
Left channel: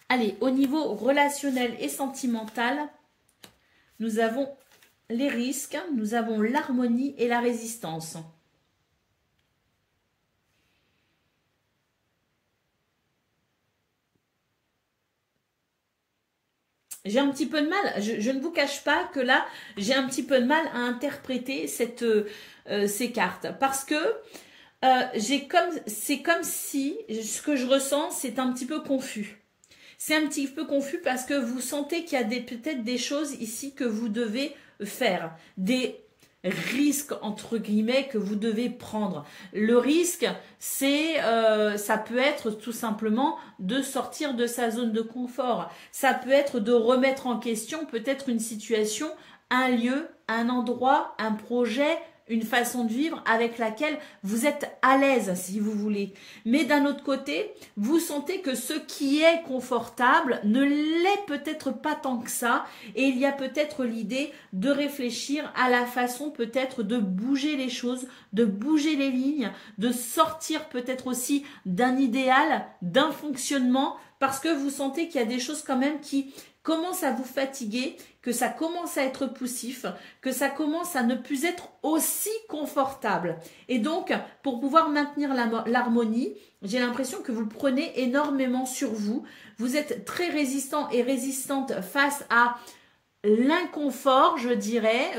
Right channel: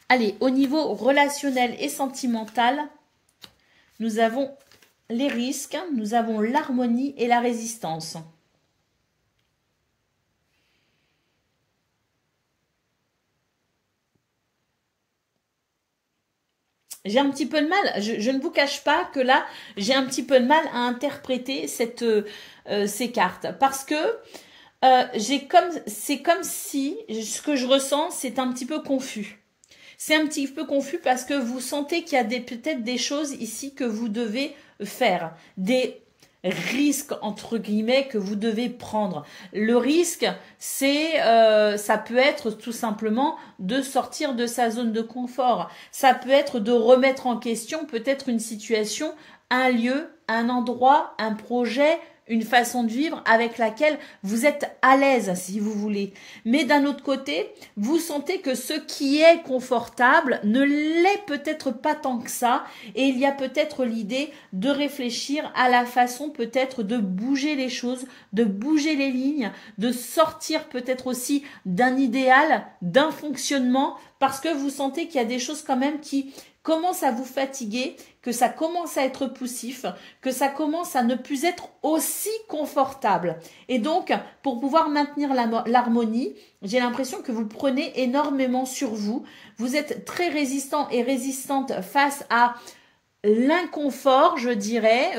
Allez, au niveau relationnel et sentimental, nous avons les risques, nous avons l'harmonie et la résistance. j'ai un petit peu de mal, je ne vous cache pas que là, j'ai un petit peu de mal à interpréter ces cartes. Parce que c'est comme si ce que je ressens, c'est un petit peu confus. C'est un petit peu confus parce que vous sentez qu'il y a peut-être des choses ici que vous devez faire. Des risques, entre guillemets, que vous devez prendre. Le risque, ça peut être tout simplement de sortir de sa zone de confort. Ça peut être de remettre en question peut-être une situation, un lieu, un endroit, un projet, une façon de vivre avec laquelle vous êtes à l'aise, si vous voulez. Mais d'un autre côté, vous sentez que ce qui est confortable ne l'est peut-être pas tant que ça. Et il y a peut-être l'idée de réfléchir à la façon peut-être de bouger les choses, de bouger les lignes, de sortir peut-être aussi d'un idéal, d'un fonctionnement, parce que vous sentez qu'il y a des choses quand même qui commence à vous fatiguer, que ça commence à être poussif, que ça commence à ne plus être aussi confortable. Et donc, pour pouvoir maintenir l'harmonie, j'ai l'impression que vous prenez énormément sur vous. Vous êtes très résistant et résistante face à l'inconfort, je dirais,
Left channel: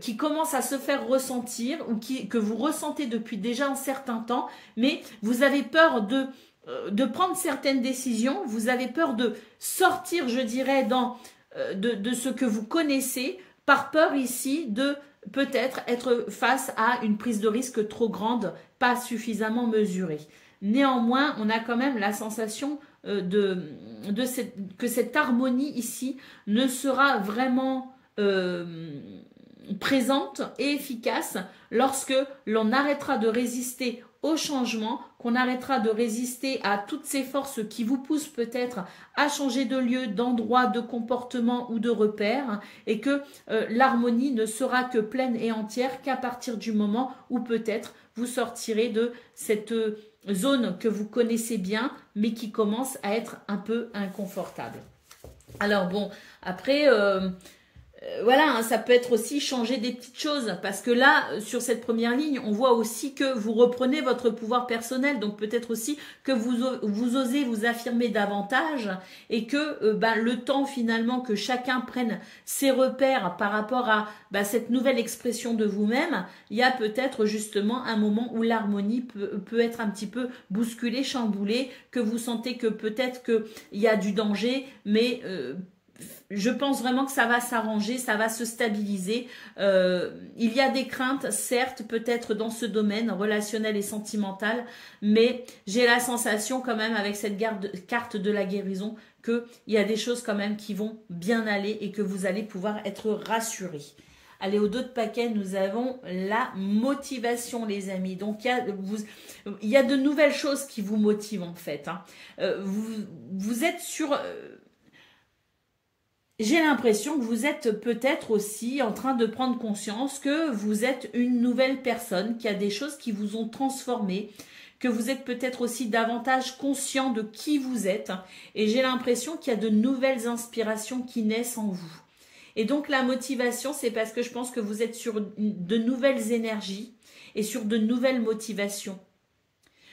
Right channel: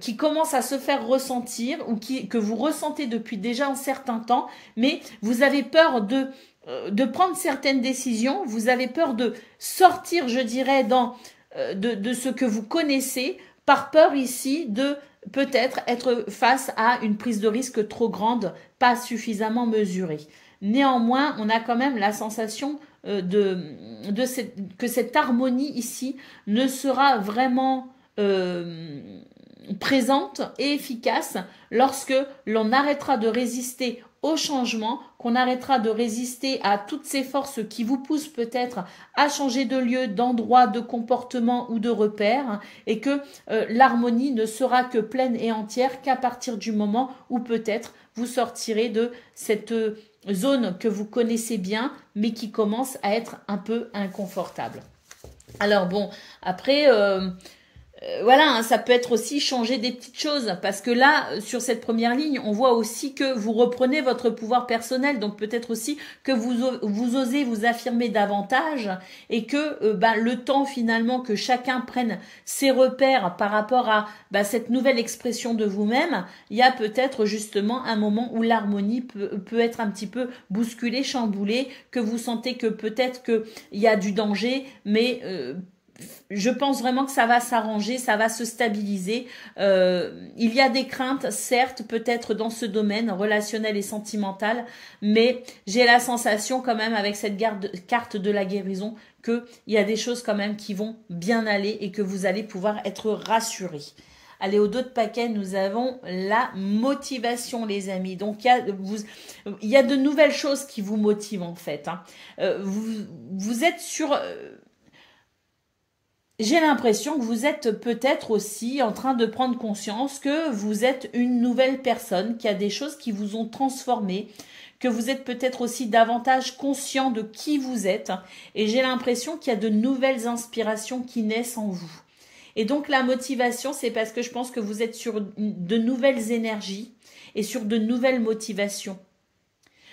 qui commence à se faire ressentir ou que vous ressentez depuis déjà un certain temps, mais vous avez peur de prendre certaines décisions, vous avez peur de sortir, je dirais, de ce que vous connaissez, par peur ici de peut-être être face à une prise de risque trop grande, pas suffisamment mesurée. Néanmoins, on a quand même la sensation que cette harmonie ici ne sera vraiment présente et efficace lorsque l'on arrêtera de résister au changement, qu'on arrêtera de résister à toutes ces forces qui vous poussent peut-être à changer de lieu, d'endroit, de comportement ou de repère, et que l'harmonie ne sera que pleine et entière qu'à partir du moment où peut-être vous sortirez de cette zone que vous connaissez bien, mais qui commence à être un peu inconfortable. Alors bon, après... voilà, hein, ça peut être aussi changer des petites choses parce que là, sur cette première ligne, on voit aussi que vous reprenez votre pouvoir personnel, donc peut-être aussi que vous osez vous affirmer davantage et que le temps finalement que chacun prenne ses repères par rapport à cette nouvelle expression de vous-même, il y a peut-être justement un moment où l'harmonie peut être un petit peu bousculée, chamboulée, que vous sentez que peut-être qu'il y a du danger, mais... je pense vraiment que ça va s'arranger, ça va se stabiliser. Il y a des craintes, certes, peut-être dans ce domaine relationnel et sentimental, mais j'ai la sensation quand même avec cette carte de la guérison qu'il y a des choses quand même qui vont bien aller et que vous allez pouvoir être rassurés. Allez, au dos de paquet, nous avons la motivation, les amis. Donc, il y a de nouvelles choses qui vous motivent, en fait. Hein. Vous êtes sur... J'ai l'impression que vous êtes peut-être aussi en train de prendre conscience que vous êtes une nouvelle personne, qu'il y a des choses qui vous ont transformé, que vous êtes peut-être aussi davantage conscient de qui vous êtes. Et j'ai l'impression qu'il y a de nouvelles inspirations qui naissent en vous. Et donc la motivation, c'est parce que je pense que vous êtes sur de nouvelles énergies et sur de nouvelles motivations.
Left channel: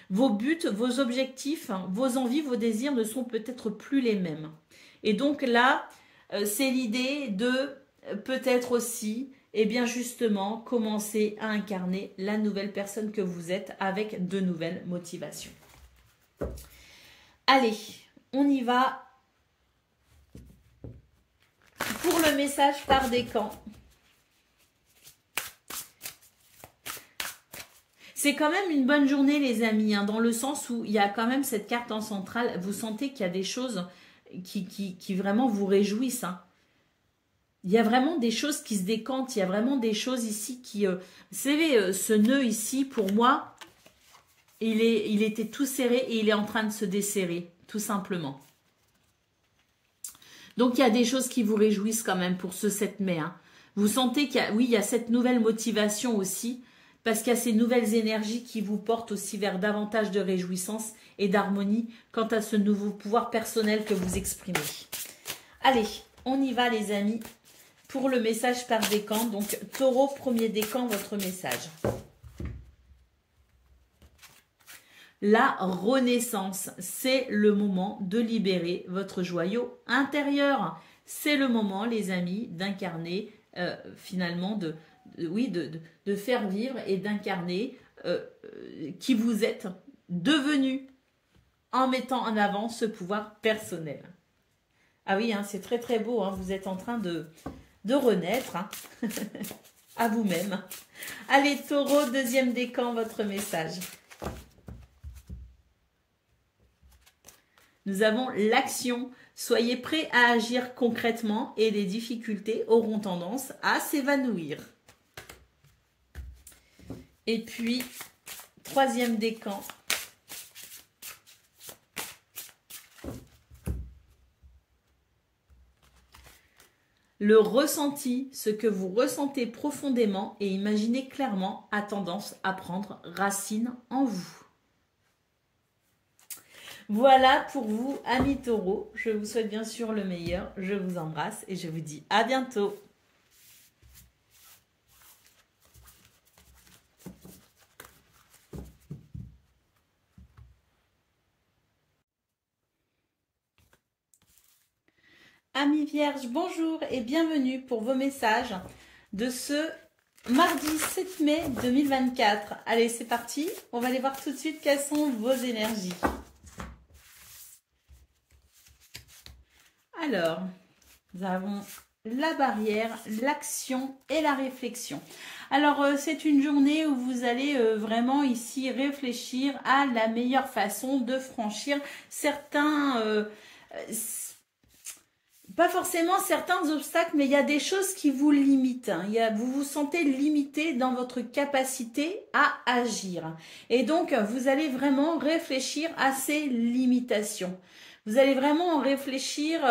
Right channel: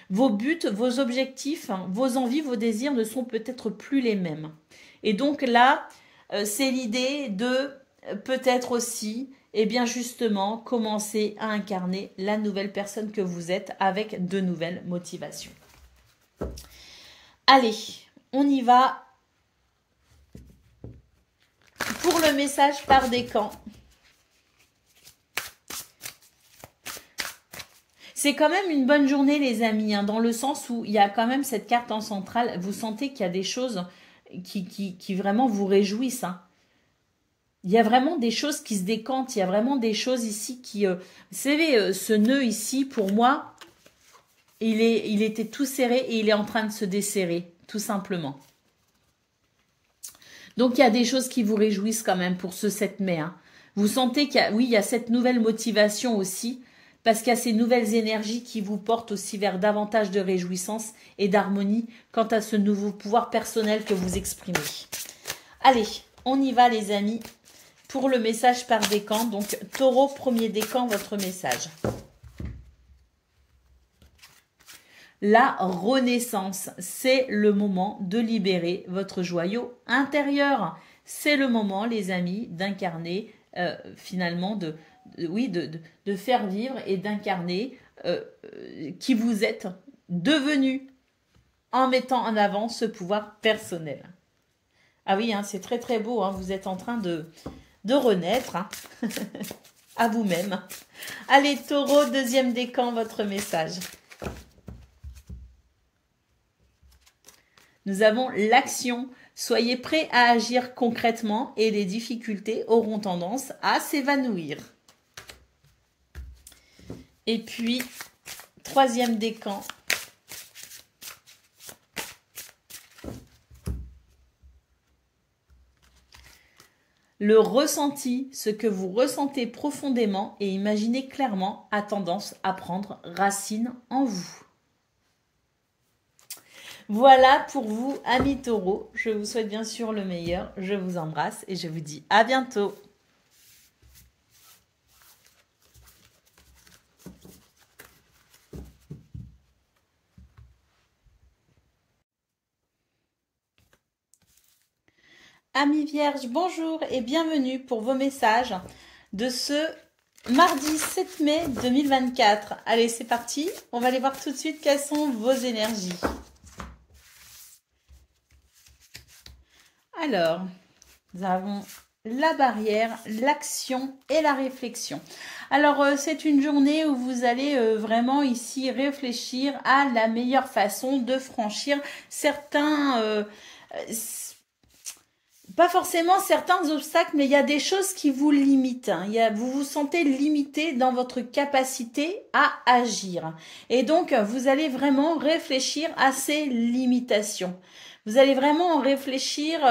Vos buts, vos objectifs, vos envies, vos désirs ne sont peut-être plus les mêmes. Et donc là... c'est l'idée de peut-être aussi, eh bien justement, commencer à incarner la nouvelle personne que vous êtes avec de nouvelles motivations. Allez, on y va pour le message par décan. C'est quand même une bonne journée, les amis, hein, dans le sens où il y a quand même cette carte en centrale. Vous sentez qu'il y a des choses... qui vraiment vous réjouissent. Hein. Il y a vraiment des choses qui se décantent. Il y a vraiment des choses ici qui... vous savez, ce nœud ici, pour moi, il était tout serré et il est en train de se desserrer, tout simplement. Donc, il y a des choses qui vous réjouissent quand même pour ce 7 mai. Hein. Vous sentez qu'il y a, oui, il y a cette nouvelle motivation aussi, parce qu'il y a ces nouvelles énergies qui vous portent aussi vers davantage de réjouissance et d'harmonie quant à ce nouveau pouvoir personnel que vous exprimez. Allez, on y va les amis pour le message par décan. Donc, Taureau, premier décan, votre message. la renaissance. C'est le moment de libérer votre joyau intérieur. C'est le moment, les amis, d'incarner finalement, de faire vivre et d'incarner qui vous êtes devenu en mettant en avant ce pouvoir personnel. Ah oui, hein, c'est très très beau, hein, vous êtes en train de renaître hein, à vous-même. Allez, Taureau, deuxième décan, votre message. Nous avons l'action. Soyez prêts à agir concrètement et les difficultés auront tendance à s'évanouir. Et puis, troisième décan. Le ressenti, ce que vous ressentez profondément et imaginez clairement, a tendance à prendre racine en vous. Voilà pour vous, amis taureaux. Je vous souhaite bien sûr le meilleur. Je vous embrasse et je vous dis à bientôt. Amis vierges, bonjour et bienvenue pour vos messages de ce mardi 7 mai 2024. Allez, c'est parti. On va aller voir tout de suite quelles sont vos énergies. Alors, nous avons la barrière, l'action et la réflexion. Alors, c'est une journée où vous allez vraiment ici réfléchir à la meilleure façon de franchir certains... pas forcément certains obstacles, mais il y a des choses qui vous limitent. Hein. Vous vous sentez limité dans votre capacité à agir. Et donc, vous allez vraiment réfléchir à ces limitations. Vous allez vraiment réfléchir,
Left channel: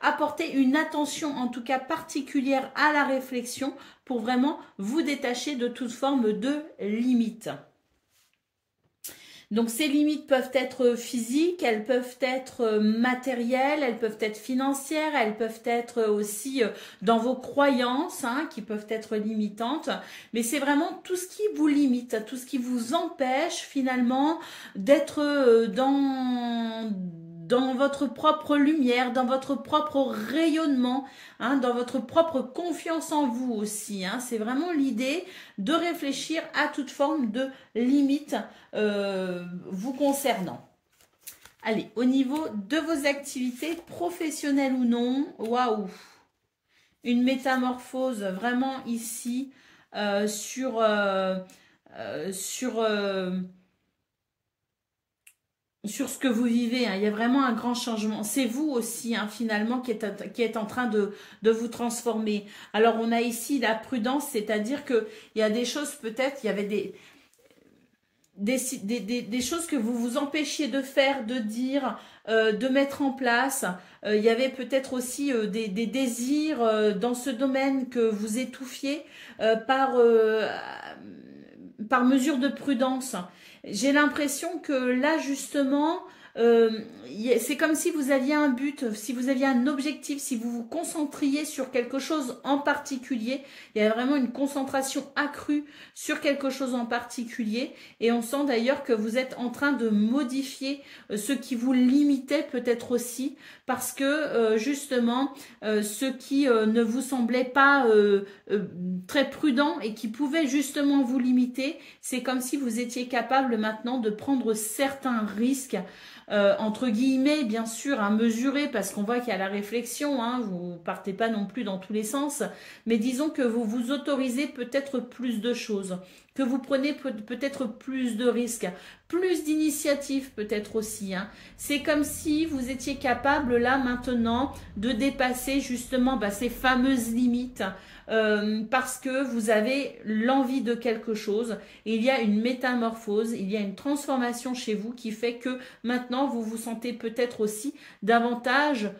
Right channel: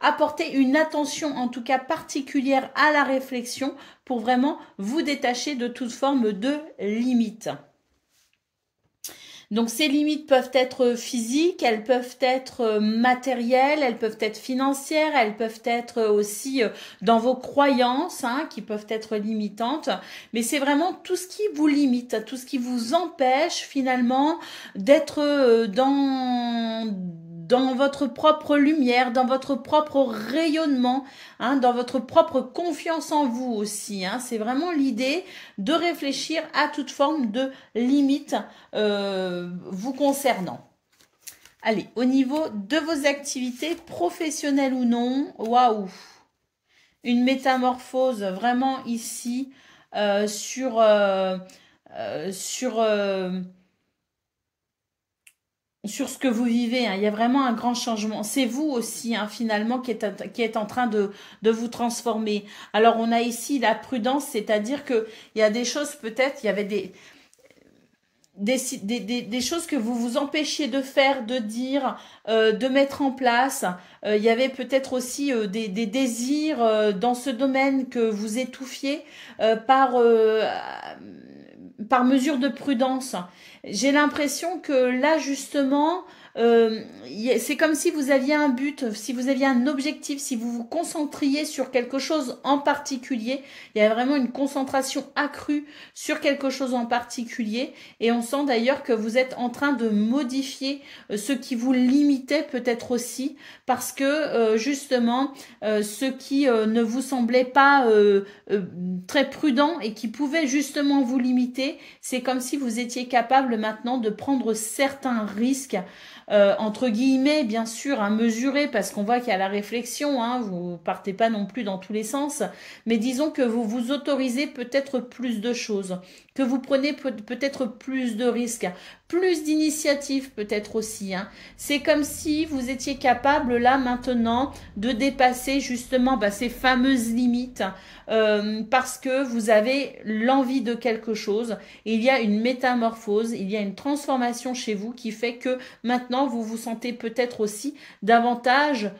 apporter une attention en tout cas particulière à la réflexion pour vraiment vous détacher de toute forme de limite. Donc ces limites peuvent être physiques, elles peuvent être matérielles, elles peuvent être financières, elles peuvent être aussi dans vos croyances hein, qui peuvent être limitantes. Mais c'est vraiment tout ce qui vous limite, tout ce qui vous empêche finalement d'être dans votre propre lumière, dans votre propre rayonnement, hein, dans votre propre confiance en vous aussi. Hein. C'est vraiment l'idée de réfléchir à toute forme de limite vous concernant. Allez, au niveau de vos activités, professionnelles ou non, waouh, une métamorphose vraiment ici sur ce que vous vivez, hein. Il y a vraiment un grand changement. C'est vous aussi, hein, finalement, qui est en train de vous transformer. Alors, on a ici la prudence, c'est-à-dire qu'il y a des choses, peut-être, il y avait des choses que vous vous empêchiez de faire, de dire, de mettre en place. Il y avait peut-être aussi des désirs dans ce domaine que vous étouffiez par mesure de prudence. J'ai l'impression que là, justement, c'est comme si vous aviez un but, si vous aviez un objectif, si vous vous concentriez sur quelque chose en particulier. Il y a vraiment une concentration accrue sur quelque chose en particulier. Et on sent d'ailleurs que vous êtes en train de modifier ce qui vous limitait peut-être aussi. Parce que justement, ce qui ne vous semblait pas très prudent et qui pouvait justement vous limiter, c'est comme si vous étiez capable maintenant de prendre certains risques, entre guillemets, bien sûr, à mesurer, parce qu'on voit qu'il y a la réflexion, hein, vous partez pas non plus dans tous les sens, mais disons que vous vous autorisez peut-être plus de choses, que vous prenez peut-être plus de risques, plus d'initiatives peut-être aussi. Hein. C'est comme si vous étiez capable là maintenant de dépasser justement ces fameuses limites parce que vous avez l'envie de quelque chose. Et il y a une métamorphose, il y a une transformation chez vous qui fait que maintenant vous vous sentez peut-être aussi davantage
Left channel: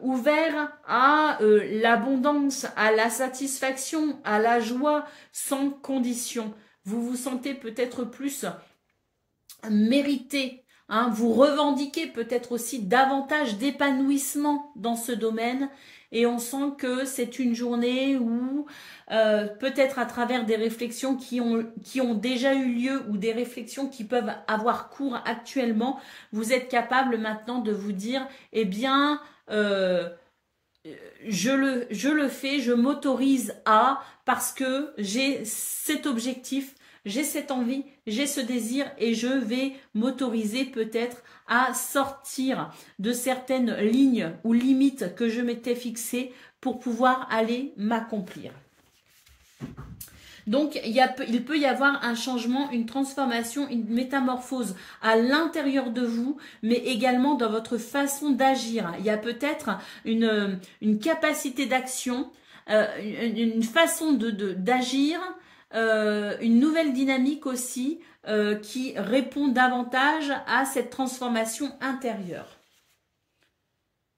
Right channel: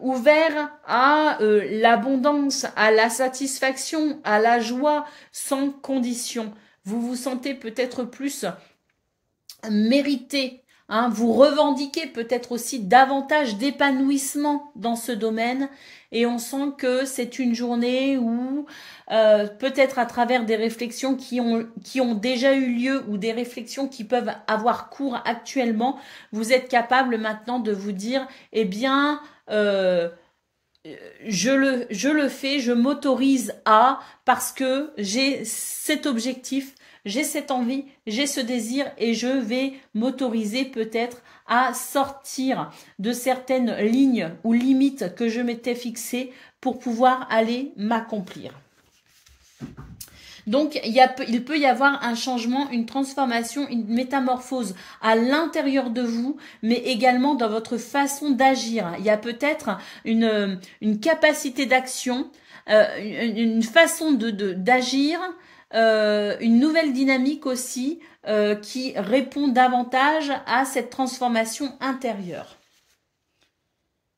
ouvert à l'abondance, à la satisfaction, à la joie sans condition. Vous vous sentez peut-être plus mérité. Hein, vous revendiquez peut-être aussi davantage d'épanouissement dans ce domaine et on sent que c'est une journée où peut-être à travers des réflexions qui ont déjà eu lieu ou des réflexions qui peuvent avoir cours actuellement, vous êtes capable maintenant de vous dire, eh bien, je le fais, je m'autorise à, parce que j'ai cet objectif, j'ai cette envie, j'ai ce désir et je vais m'autoriser peut-être à sortir de certaines lignes ou limites que je m'étais fixées pour pouvoir aller m'accomplir. Donc, il peut y avoir un changement, une transformation, une métamorphose à l'intérieur de vous, mais également dans votre façon d'agir. Il y a peut-être une capacité d'action, une façon d'agir, une nouvelle dynamique aussi qui répond davantage à cette transformation intérieure.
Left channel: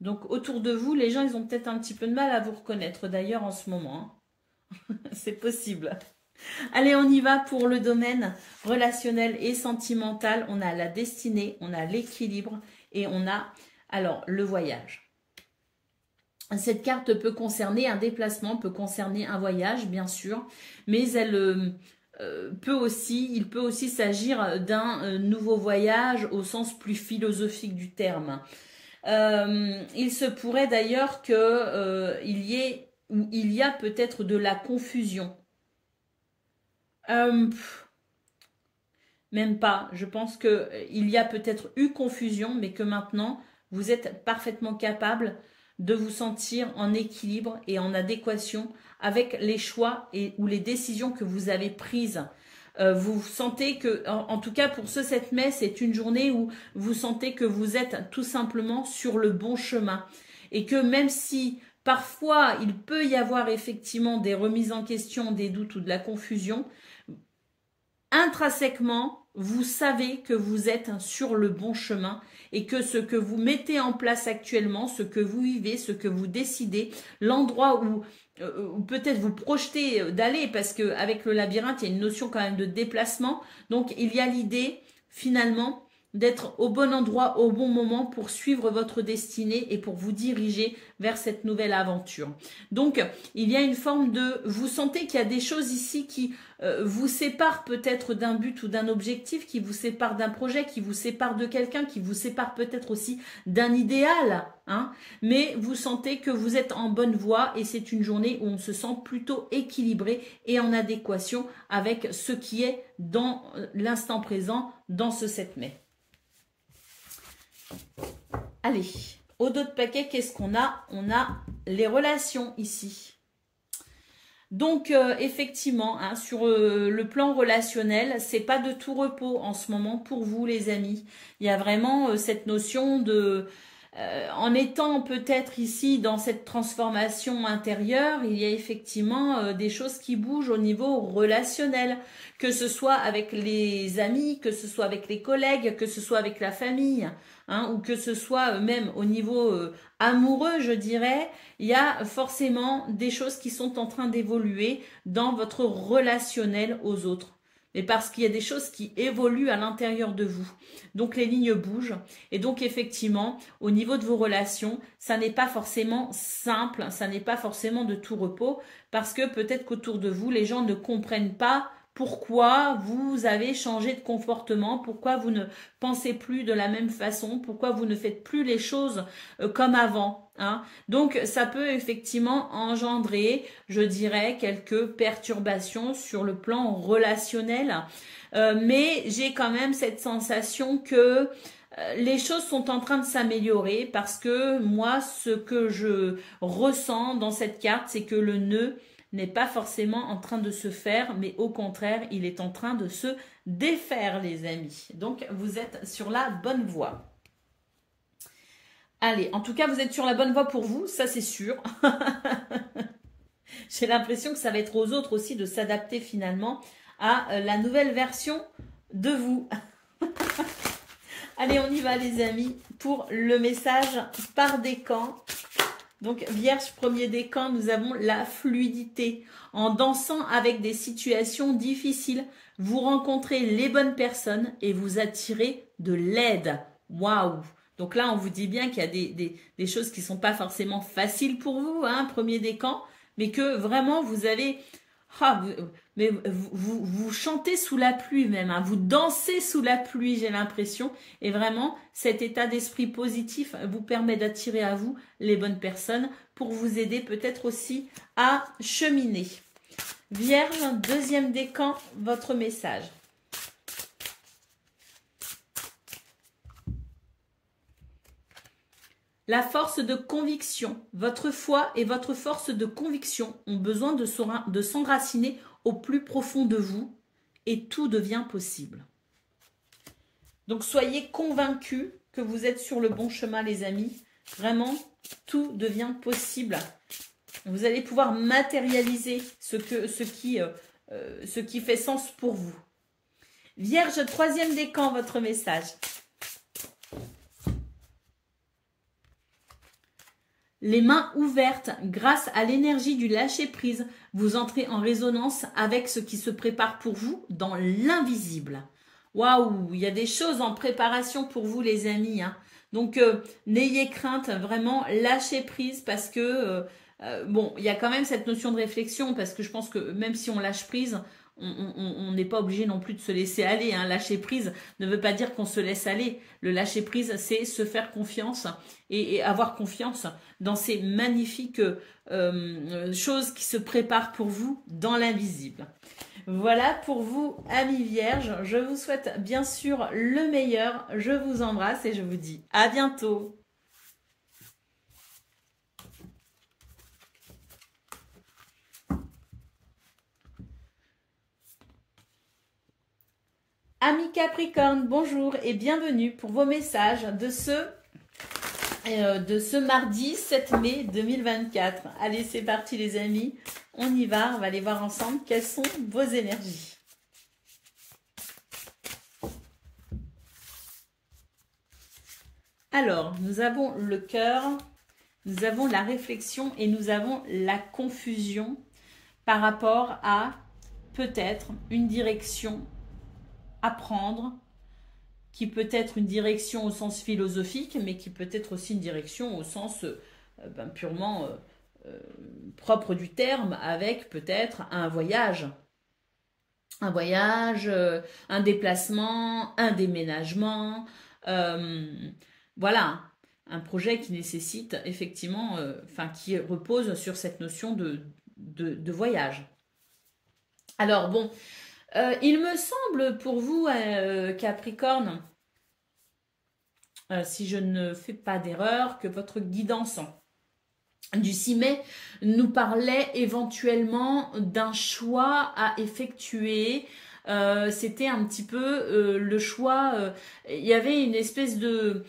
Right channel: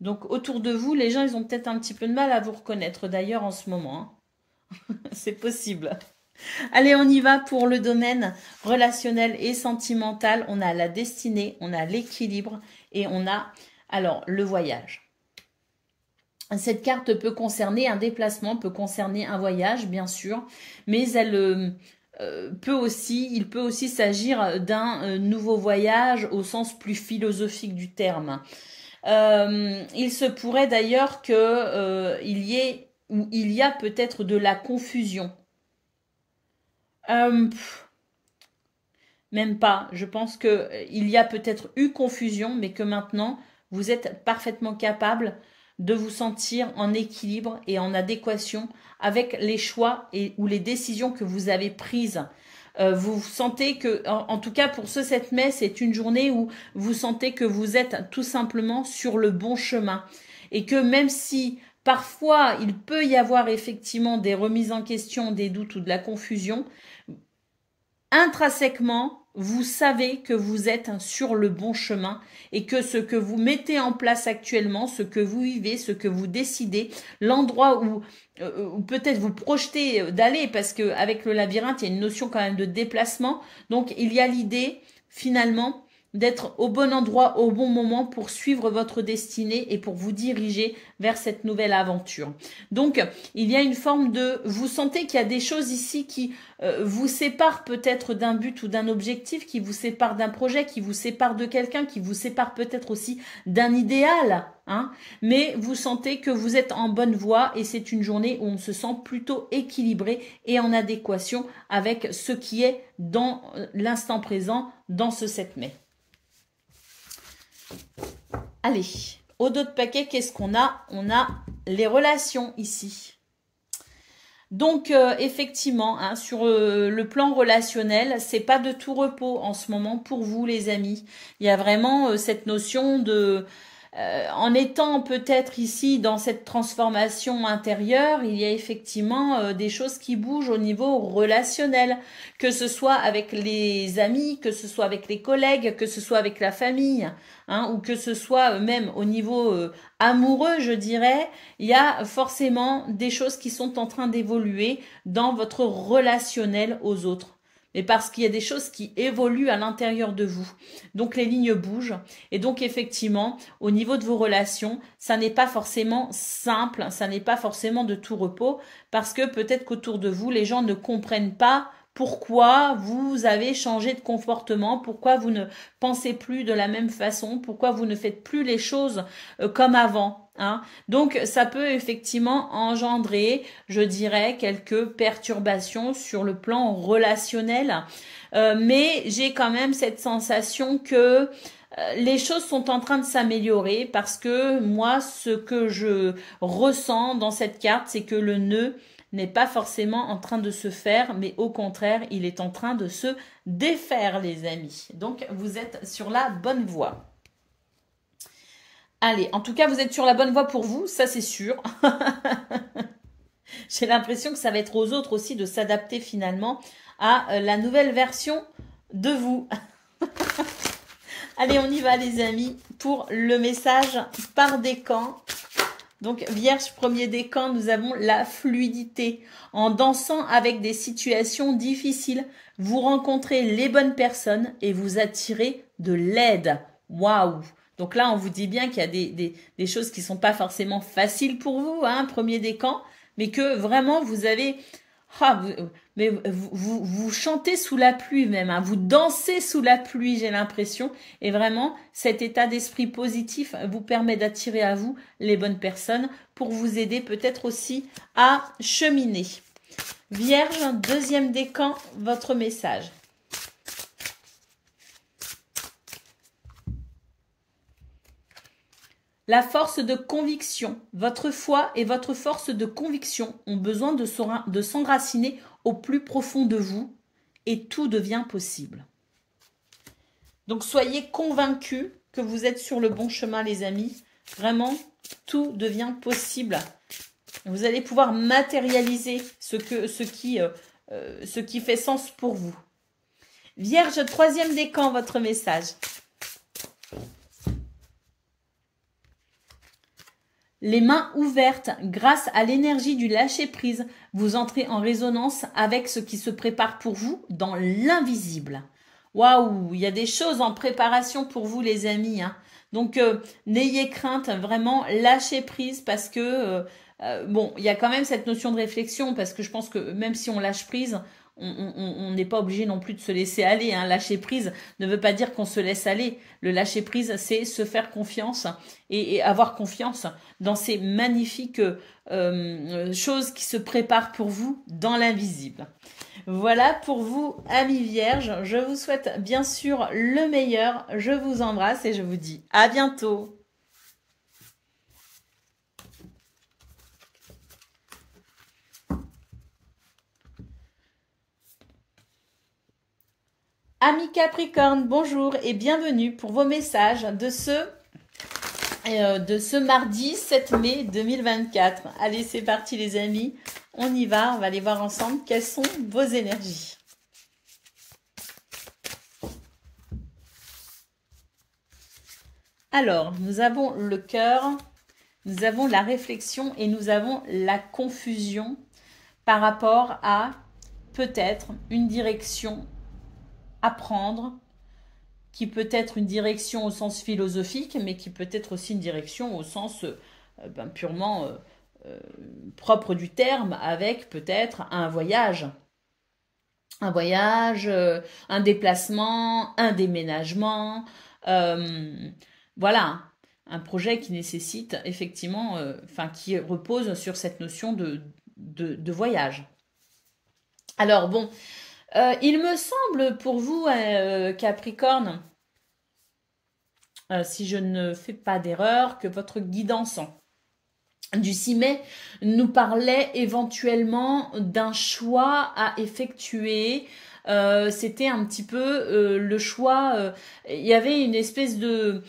Donc, autour de vous, les gens, ils ont peut-être un petit peu de mal à vous reconnaître d'ailleurs en ce moment. Hein. C'est possible. Allez, on y va pour le domaine relationnel et sentimental. On a la destinée, on a l'équilibre et on a alors le voyage. Cette carte peut concerner un déplacement, peut concerner un voyage, bien sûr, mais elle il peut aussi s'agir d'un nouveau voyage au sens plus philosophique du terme. Il se pourrait d'ailleurs qu'il y a peut-être de la confusion. Même pas. Je pense qu'il y a peut-être eu confusion, mais que maintenant, vous êtes parfaitement capable de vous sentir en équilibre et en adéquation avec les choix ou les décisions que vous avez prises. Vous sentez que, en tout cas pour ce 7 mai, c'est une journée où vous sentez que vous êtes tout simplement sur le bon chemin. Et que même si parfois il peut y avoir effectivement des remises en question, des doutes ou de la confusion, intrinsèquement, vous savez que vous êtes sur le bon chemin et que ce que vous mettez en place actuellement, ce que vous vivez, ce que vous décidez, l'endroit où peut-être vous projetez d'aller, parce qu'avec le labyrinthe, il y a une notion quand même de déplacement. Donc, il y a l'idée, finalement, d'être au bon endroit, au bon moment pour suivre votre destinée et pour vous diriger vers cette nouvelle aventure. Donc, il y a une forme de... Vous sentez qu'il y a des choses ici qui vous séparent peut-être d'un but ou d'un objectif, qui vous séparent d'un projet, qui vous séparent de quelqu'un, qui vous séparent peut-être aussi d'un idéal. Hein, mais vous sentez que vous êtes en bonne voie et c'est une journée où on se sent plutôt équilibré et en adéquation avec ce qui est dans l'instant présent, dans ce 7 mai. Allez, au dos de paquet, qu'est-ce qu'on a? On a les relations ici. Donc, effectivement, hein, sur le plan relationnel, c'est pas de tout repos en ce moment pour vous, les amis. Il y a vraiment cette notion de... en étant peut-être ici dans cette transformation intérieure, il y a effectivement des choses qui bougent au niveau relationnel, que ce soit avec les amis, que ce soit avec les collègues, que ce soit avec la famille, hein, ou que ce soit même au niveau amoureux, je dirais. Il y a forcément des choses qui sont en train d'évoluer dans votre relationnel aux autres. Mais parce qu'il y a des choses qui évoluent à l'intérieur de vous. Donc, les lignes bougent. Et donc, effectivement, au niveau de vos relations, ça n'est pas forcément simple, ça n'est pas forcément de tout repos, parce que peut-être qu'autour de vous, les gens ne comprennent pas pourquoi vous avez changé de comportement, pourquoi vous ne pensez plus de la même façon, pourquoi vous ne faites plus les choses comme avant. Hein. Donc, ça peut effectivement engendrer, je dirais, quelques perturbations sur le plan relationnel. Mais j'ai quand même cette sensation que les choses sont en train de s'améliorer parce que moi, ce que je ressens dans cette carte, c'est que le nœud n'est pas forcément en train de se faire, mais au contraire, il est en train de se défaire, les amis. Donc, vous êtes sur la bonne voie. Allez, en tout cas, vous êtes sur la bonne voie pour vous, ça c'est sûr. J'ai l'impression que ça va être aux autres aussi de s'adapter finalement à la nouvelle version de vous. Allez, on y va les amis pour le message par décan. Donc, Vierge, premier décan, nous avons la fluidité. En dansant avec des situations difficiles, vous rencontrez les bonnes personnes et vous attirez de l'aide. Waouh! Donc là, on vous dit bien qu'il y a des choses qui sont pas forcément faciles pour vous, hein, premier décan, mais que vraiment vous avez... Ah, mais vous chantez sous la pluie même, hein, vous dansez sous la pluie, j'ai l'impression. Et vraiment, cet état d'esprit positif vous permet d'attirer à vous les bonnes personnes pour vous aider peut-être aussi à cheminer. Vierge, deuxième décan, votre message. La force de conviction. Votre foi et votre force de conviction ont besoin de s'enraciner au plus profond de vous et tout devient possible. Donc, soyez convaincus que vous êtes sur le bon chemin, les amis. Vraiment, tout devient possible. Vous allez pouvoir matérialiser ce qui fait sens pour vous. Vierge, troisième décan, votre message. Les mains ouvertes, grâce à l'énergie du lâcher-prise, vous entrez en résonance avec ce qui se prépare pour vous dans l'invisible. Waouh, il y a des choses en préparation pour vous, les amis, hein. Donc, n'ayez crainte, vraiment, lâchez prise parce que, bon, il y a quand même cette notion de réflexion parce que je pense que même si on lâche prise, on n'est pas obligé non plus de se laisser aller, hein. Lâcher prise ne veut pas dire qu'on se laisse aller. Le lâcher prise, c'est se faire confiance et avoir confiance dans ces magnifiques choses qui se préparent pour vous dans l'invisible. Voilà pour vous, amis vierges. Je vous souhaite bien sûr le meilleur. Je vous embrasse et je vous dis à bientôt. Amis Capricorne, bonjour et bienvenue pour vos messages de ce mardi 7 mai 2024. Allez, c'est parti les amis, on y va, on va aller voir ensemble quelles sont vos énergies. Alors, nous avons le cœur, nous avons la réflexion et nous avons la confusion par rapport à peut-être une direction à prendre, qui peut être une direction au sens philosophique, mais qui peut être aussi une direction au sens purement propre du terme, avec peut-être un voyage, un déplacement, un déménagement, voilà, un projet qui nécessite effectivement, qui repose sur cette notion de voyage. Alors bon, il me semble pour vous, Capricorne, si je ne fais pas d'erreur, que votre guidance du 6 mai nous parlait éventuellement d'un choix à effectuer. C'était un petit peu le choix, il y avait une espèce de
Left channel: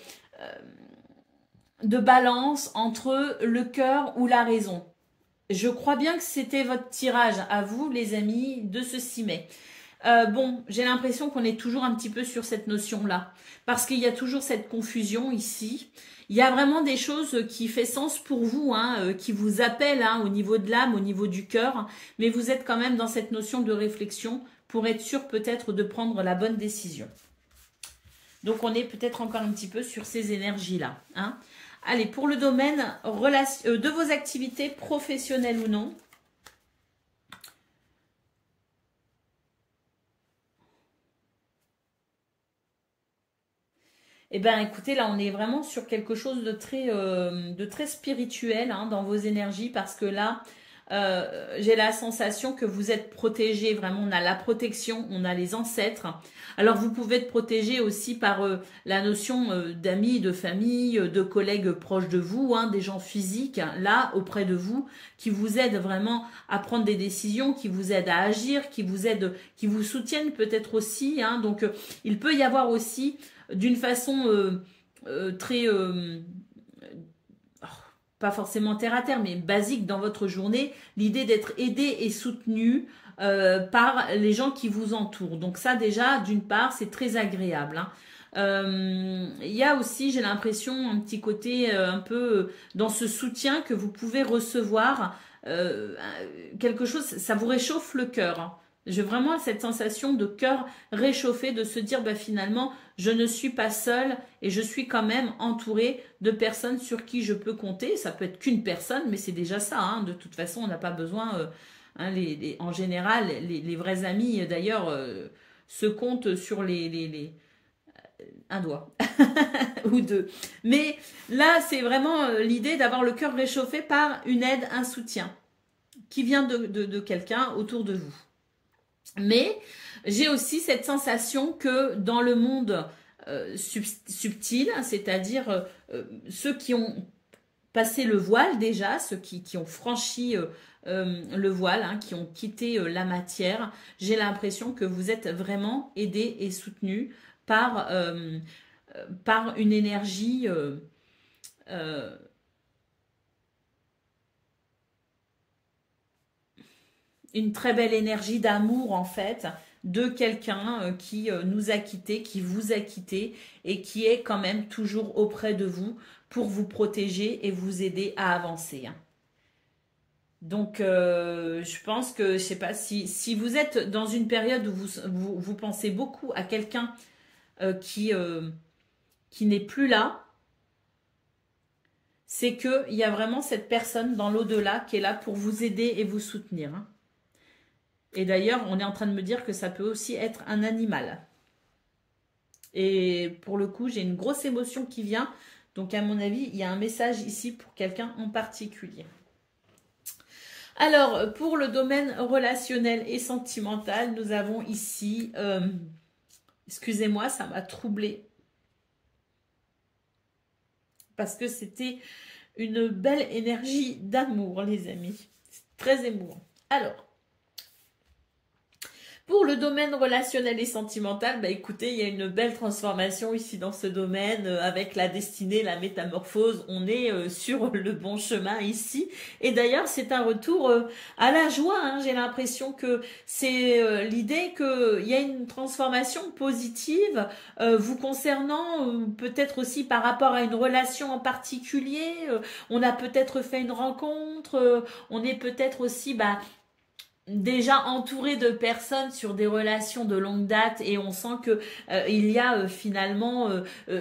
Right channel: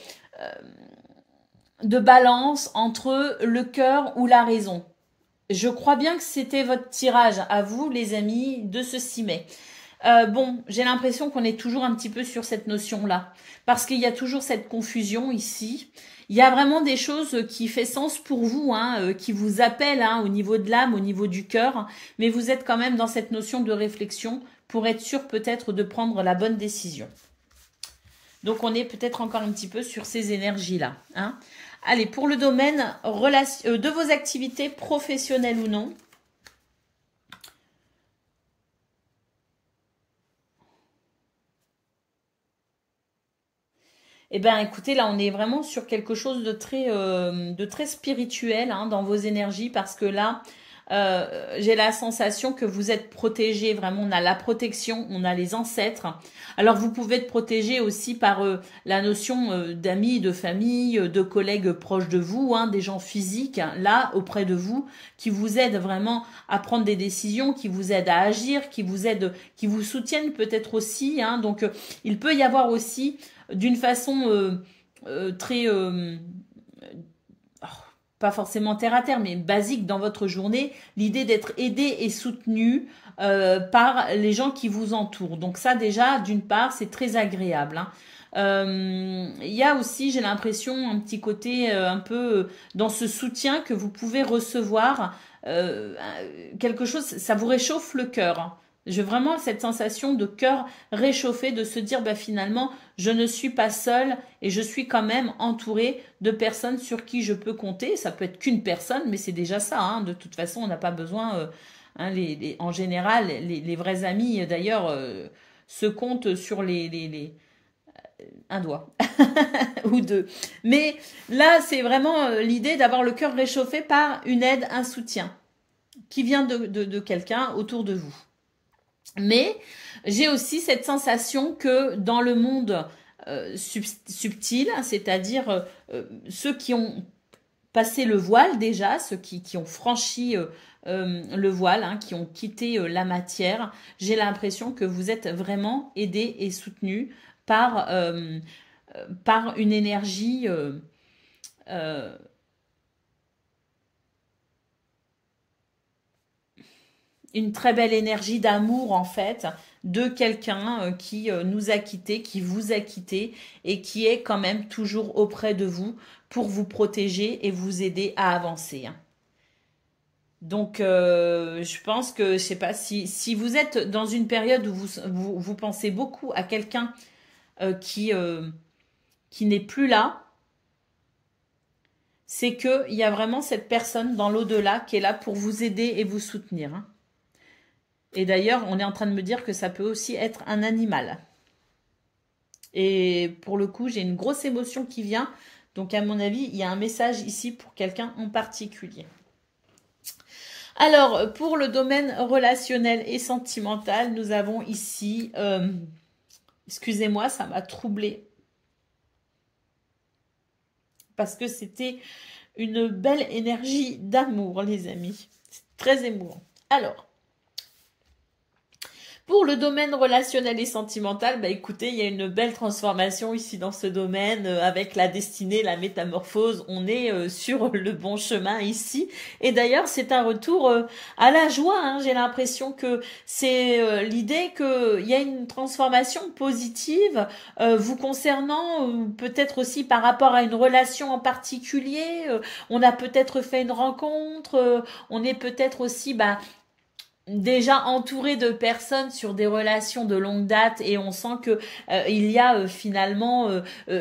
balance entre le cœur ou la raison. Je crois bien que c'était votre tirage à vous, les amis, de ce 6 mai. Bon, j'ai l'impression qu'on est toujours un petit peu sur cette notion-là, parce qu'il y a toujours cette confusion ici. Il y a vraiment des choses qui font sens pour vous, hein, qui vous appellent au niveau de l'âme, au niveau du cœur, mais vous êtes quand même dans cette notion de réflexion pour être sûr peut-être de prendre la bonne décision. Donc, on est peut-être encore un petit peu sur ces énergies-là, hein. Allez, pour le domaine de vos activités professionnelles ou non, eh bien, écoutez, là, on est vraiment sur quelque chose de très spirituel dans vos énergies parce que là, j'ai la sensation que vous êtes protégés. Vraiment, on a la protection, on a les ancêtres. Alors, vous pouvez être protégé aussi par la notion d'amis, de famille, de collègues proches de vous, des gens physiques, là, auprès de vous, qui vous aident vraiment à prendre des décisions, qui vous aident à agir, qui vous soutiennent peut-être aussi. Donc, il peut y avoir aussi d'une façon très, pas forcément terre à terre, mais basique dans votre journée, l'idée d'être aidé et soutenu par les gens qui vous entourent. Donc ça déjà, d'une part, c'est très agréable. Il y a aussi, j'ai l'impression, un petit côté un peu dans ce soutien que vous pouvez recevoir, quelque chose, ça vous réchauffe le cœur. J'ai vraiment cette sensation de cœur réchauffé, de se dire bah, finalement, je ne suis pas seule et je suis quand même entourée de personnes sur qui je peux compter. Ça peut être qu'une personne, mais c'est déjà ça. Hein. De toute façon, on n'a pas besoin, hein, en général, les vrais amis, d'ailleurs, se comptent sur un doigt ou deux. Mais là, c'est vraiment l'idée d'avoir le cœur réchauffé par une aide, un soutien qui vient de quelqu'un autour de vous. Mais j'ai aussi cette sensation que dans le monde subtil, c'est-à-dire ceux qui ont passé le voile déjà, ceux qui ont franchi le voile, hein, qui ont quitté la matière, j'ai l'impression que vous êtes vraiment aidés et soutenus par une énergie une très belle énergie d'amour en fait de quelqu'un qui nous a quittés, qui vous a quittés et qui est quand même toujours auprès de vous pour vous protéger et vous aider à avancer. Donc, je pense que, je sais pas, si vous êtes dans une période où vous pensez beaucoup à quelqu'un qui n'est plus là, c'est qu'il y a vraiment cette personne dans l'au-delà qui est là pour vous aider et vous soutenir. Hein. Et d'ailleurs, on est en train de me dire que ça peut aussi être un animal. Et pour le coup, j'ai une grosse émotion qui vient. Donc, à mon avis, il y a un message ici pour quelqu'un en particulier. Alors, pour le domaine relationnel et sentimental, nous avons ici... excusez-moi, ça m'a troublée. Parce que c'était une belle énergie d'amour, les amis. C'est très émouvant. Alors... Pour le domaine relationnel et sentimental, bah écoutez, il y a une belle transformation ici dans ce domaine avec la destinée, la métamorphose. On est sur le bon chemin ici. Et d'ailleurs, c'est un retour à la joie. Hein. J'ai l'impression que c'est l'idée qu'il y a une transformation positive vous concernant, peut-être aussi par rapport à une relation en particulier. On a peut-être fait une rencontre. On est peut-être aussi... déjà entouré de personnes sur des relations de longue date et on sent que il y a finalement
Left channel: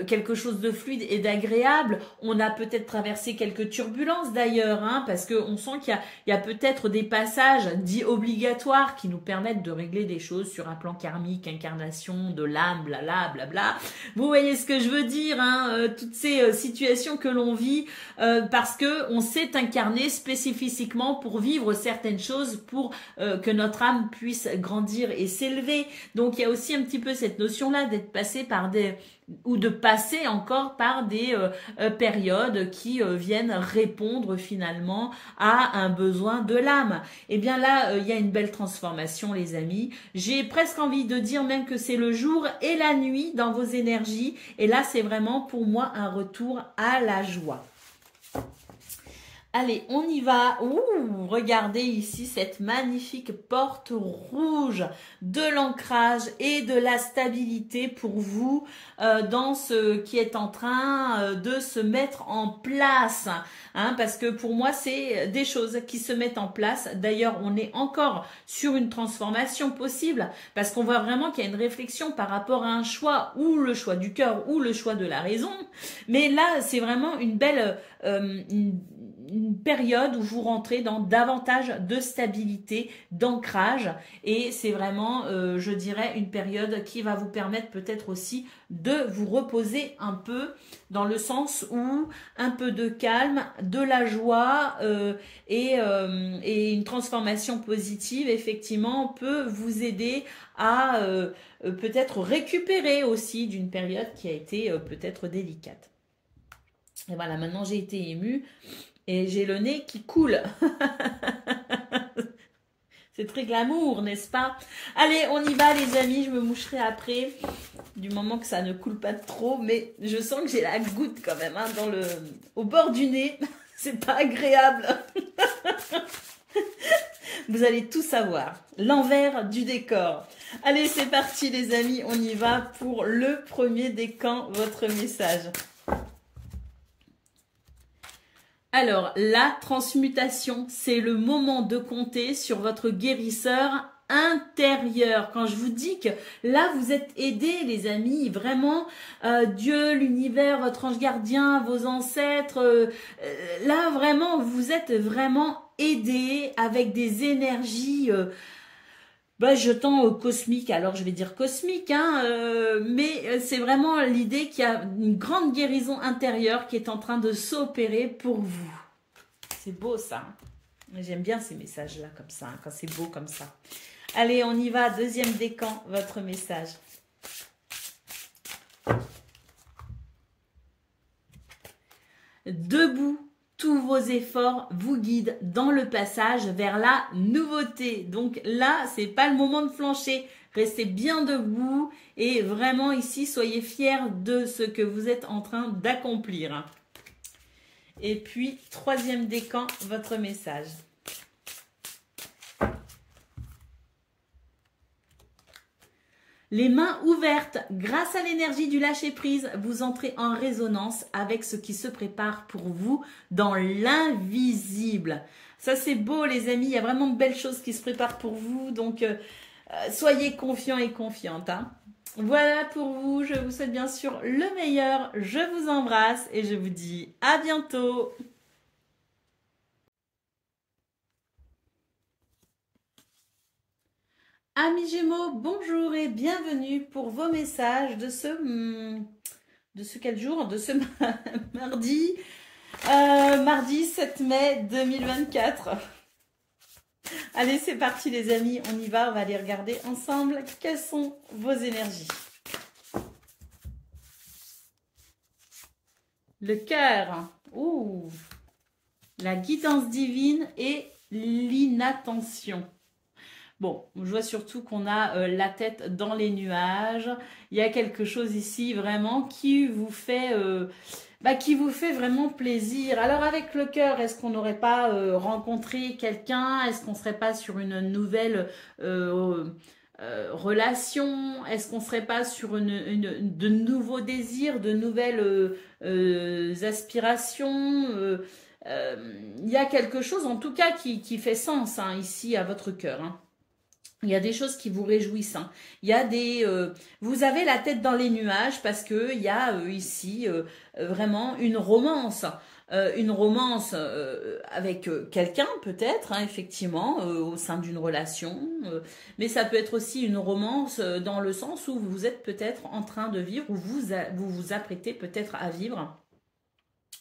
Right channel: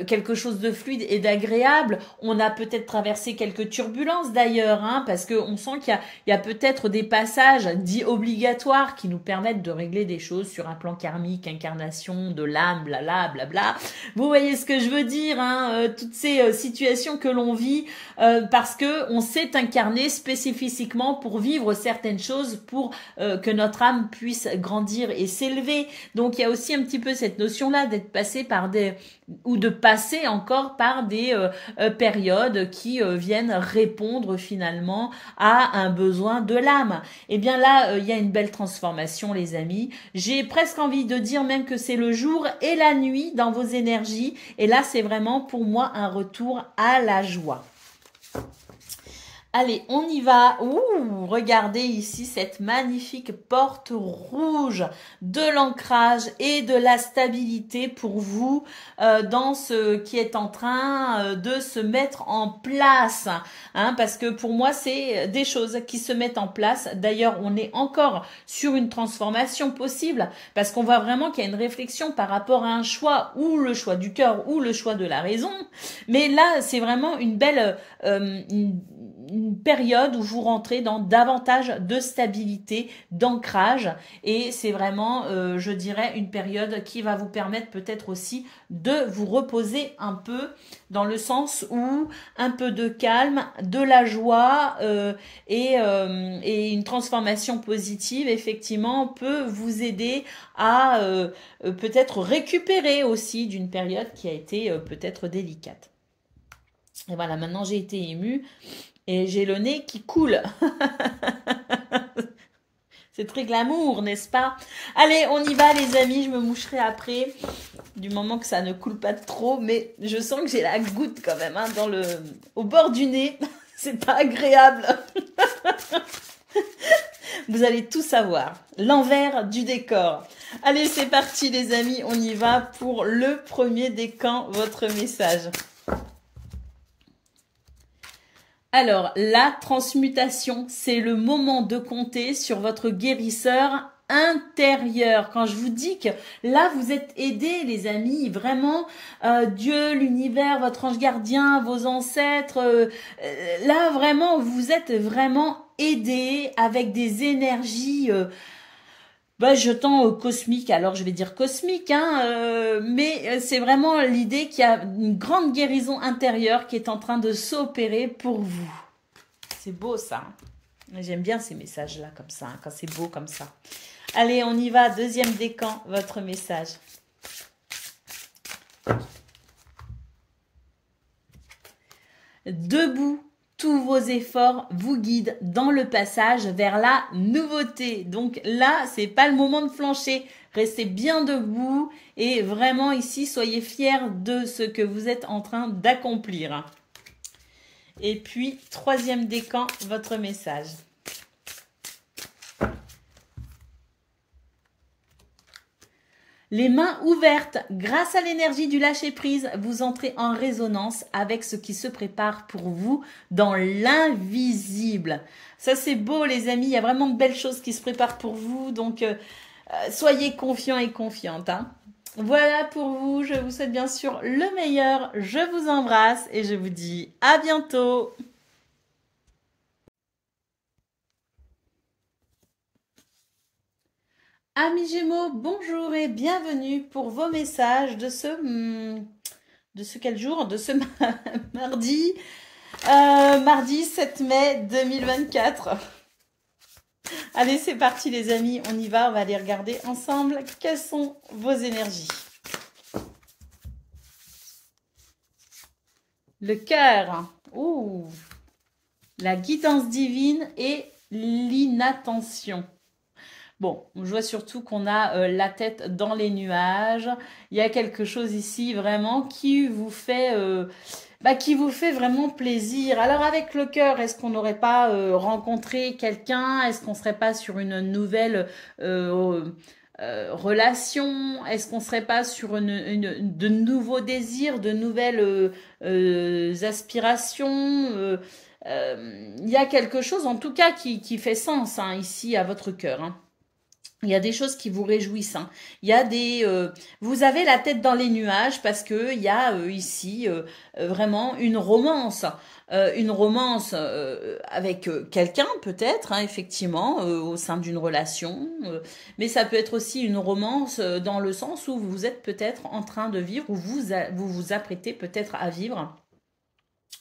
quelque chose de fluide et d'agréable. On a peut-être traversé quelques turbulences d'ailleurs, hein, parce que on sent qu'il y a peut-être des passages dits obligatoires qui nous permettent de régler des choses sur un plan karmique, incarnation de l'âme, blabla, blabla. Vous voyez ce que je veux dire, hein, toutes ces situations que l'on vit parce que on s'est incarné spécifiquement pour vivre certaines choses, pour que notre âme puisse grandir et s'élever. Donc il y a aussi un petit peu cette notion-là d'être passé par ou de passer encore par des périodes qui viennent répondre finalement à un besoin de l'âme. Et bien là, il y a une belle transformation, les amis. J'ai presque envie de dire même que c'est le jour et la nuit dans vos énergies. Et là, c'est vraiment pour moi un retour à la joie. Allez, on y va. Ouh, regardez ici cette magnifique porte rouge de l'ancrage et de la stabilité pour vous dans ce qui est en train de se mettre en place. Hein, parce que pour moi, c'est des choses qui se mettent en place. D'ailleurs, on est encore sur une transformation possible parce qu'on voit vraiment qu'il y a une réflexion par rapport à un choix, ou le choix du cœur ou le choix de la raison. Mais là, c'est vraiment une belle... une période où vous rentrez dans davantage de stabilité, d'ancrage, et c'est vraiment, je dirais, une période qui va vous permettre peut-être aussi de vous reposer un peu, dans le sens où un peu de calme, de la joie et une transformation positive, effectivement, peut vous aider à peut-être récupérer aussi d'une période qui a été peut-être délicate. Et voilà, maintenant j'ai été émue. Et j'ai le nez qui coule. C'est très glamour, n'est-ce pas? Allez, on y va les amis, je me moucherai après. Du moment que ça ne coule pas trop. Mais je sens que j'ai la goutte quand même hein, au bord du nez. C'est pas agréable. Vous allez tout savoir. L'envers du décor. Allez, c'est parti les amis, on y va pour le premier décan, votre message. Alors, la transmutation, c'est le moment de compter sur votre guérisseur intérieure. Quand je vous dis que là, vous êtes aidés, les amis, vraiment, Dieu, l'univers, votre ange gardien, vos ancêtres, là, vraiment, vous êtes vraiment aidés avec des énergies... jetant cosmique, alors je vais dire cosmique, hein, mais c'est vraiment l'idée qu'il y a une grande guérison intérieure qui est en train de s'opérer pour vous. C'est beau ça. J'aime bien ces messages-là comme ça, hein, quand c'est beau comme ça. Allez, on y va. Deuxième décan, votre message. Debout. Tous vos efforts vous guident dans le passage vers la nouveauté. Donc là, c'est pas le moment de flancher. Restez bien debout et vraiment ici, soyez fiers de ce que vous êtes en train d'accomplir. Et puis, troisième décan, votre message. Les mains ouvertes, grâce à l'énergie du lâcher-prise, vous entrez en résonance avec ce qui se prépare pour vous dans l'invisible. Ça, c'est beau, les amis. Il y a vraiment de belles choses qui se préparent pour vous. Donc, soyez confiants et confiantes. Hein. Voilà pour vous. Je vous souhaite bien sûr le meilleur. Je vous embrasse et je vous dis à bientôt. Amis Gémeaux, bonjour et bienvenue pour vos messages de ce quel jour? De ce mardi, mardi 7 mai 2024. Allez, c'est parti les amis, on y va, on va aller regarder ensemble quelles sont vos énergies. Le cœur, ouh, la guidance divine et l'inattention. Bon, je vois surtout qu'on a la tête dans les nuages. Il y a quelque chose ici vraiment qui vous fait vraiment plaisir. Alors avec le cœur, est-ce qu'on n'aurait pas rencontré quelqu'un? Est-ce qu'on ne serait pas sur une nouvelle relation? Est-ce qu'on ne serait pas sur de nouveaux désirs, de nouvelles aspirations? Il y a quelque chose en tout cas qui fait sens hein, ici à votre cœur. Hein. Il y a des choses qui vous réjouissent. Hein. Il y a vous avez la tête dans les nuages parce que il y a ici vraiment une romance avec quelqu'un peut-être, hein, effectivement, au sein d'une relation. Mais ça peut être aussi une romance dans le sens où vous êtes peut-être en train de vivre ou vous vous apprêtez peut-être à vivre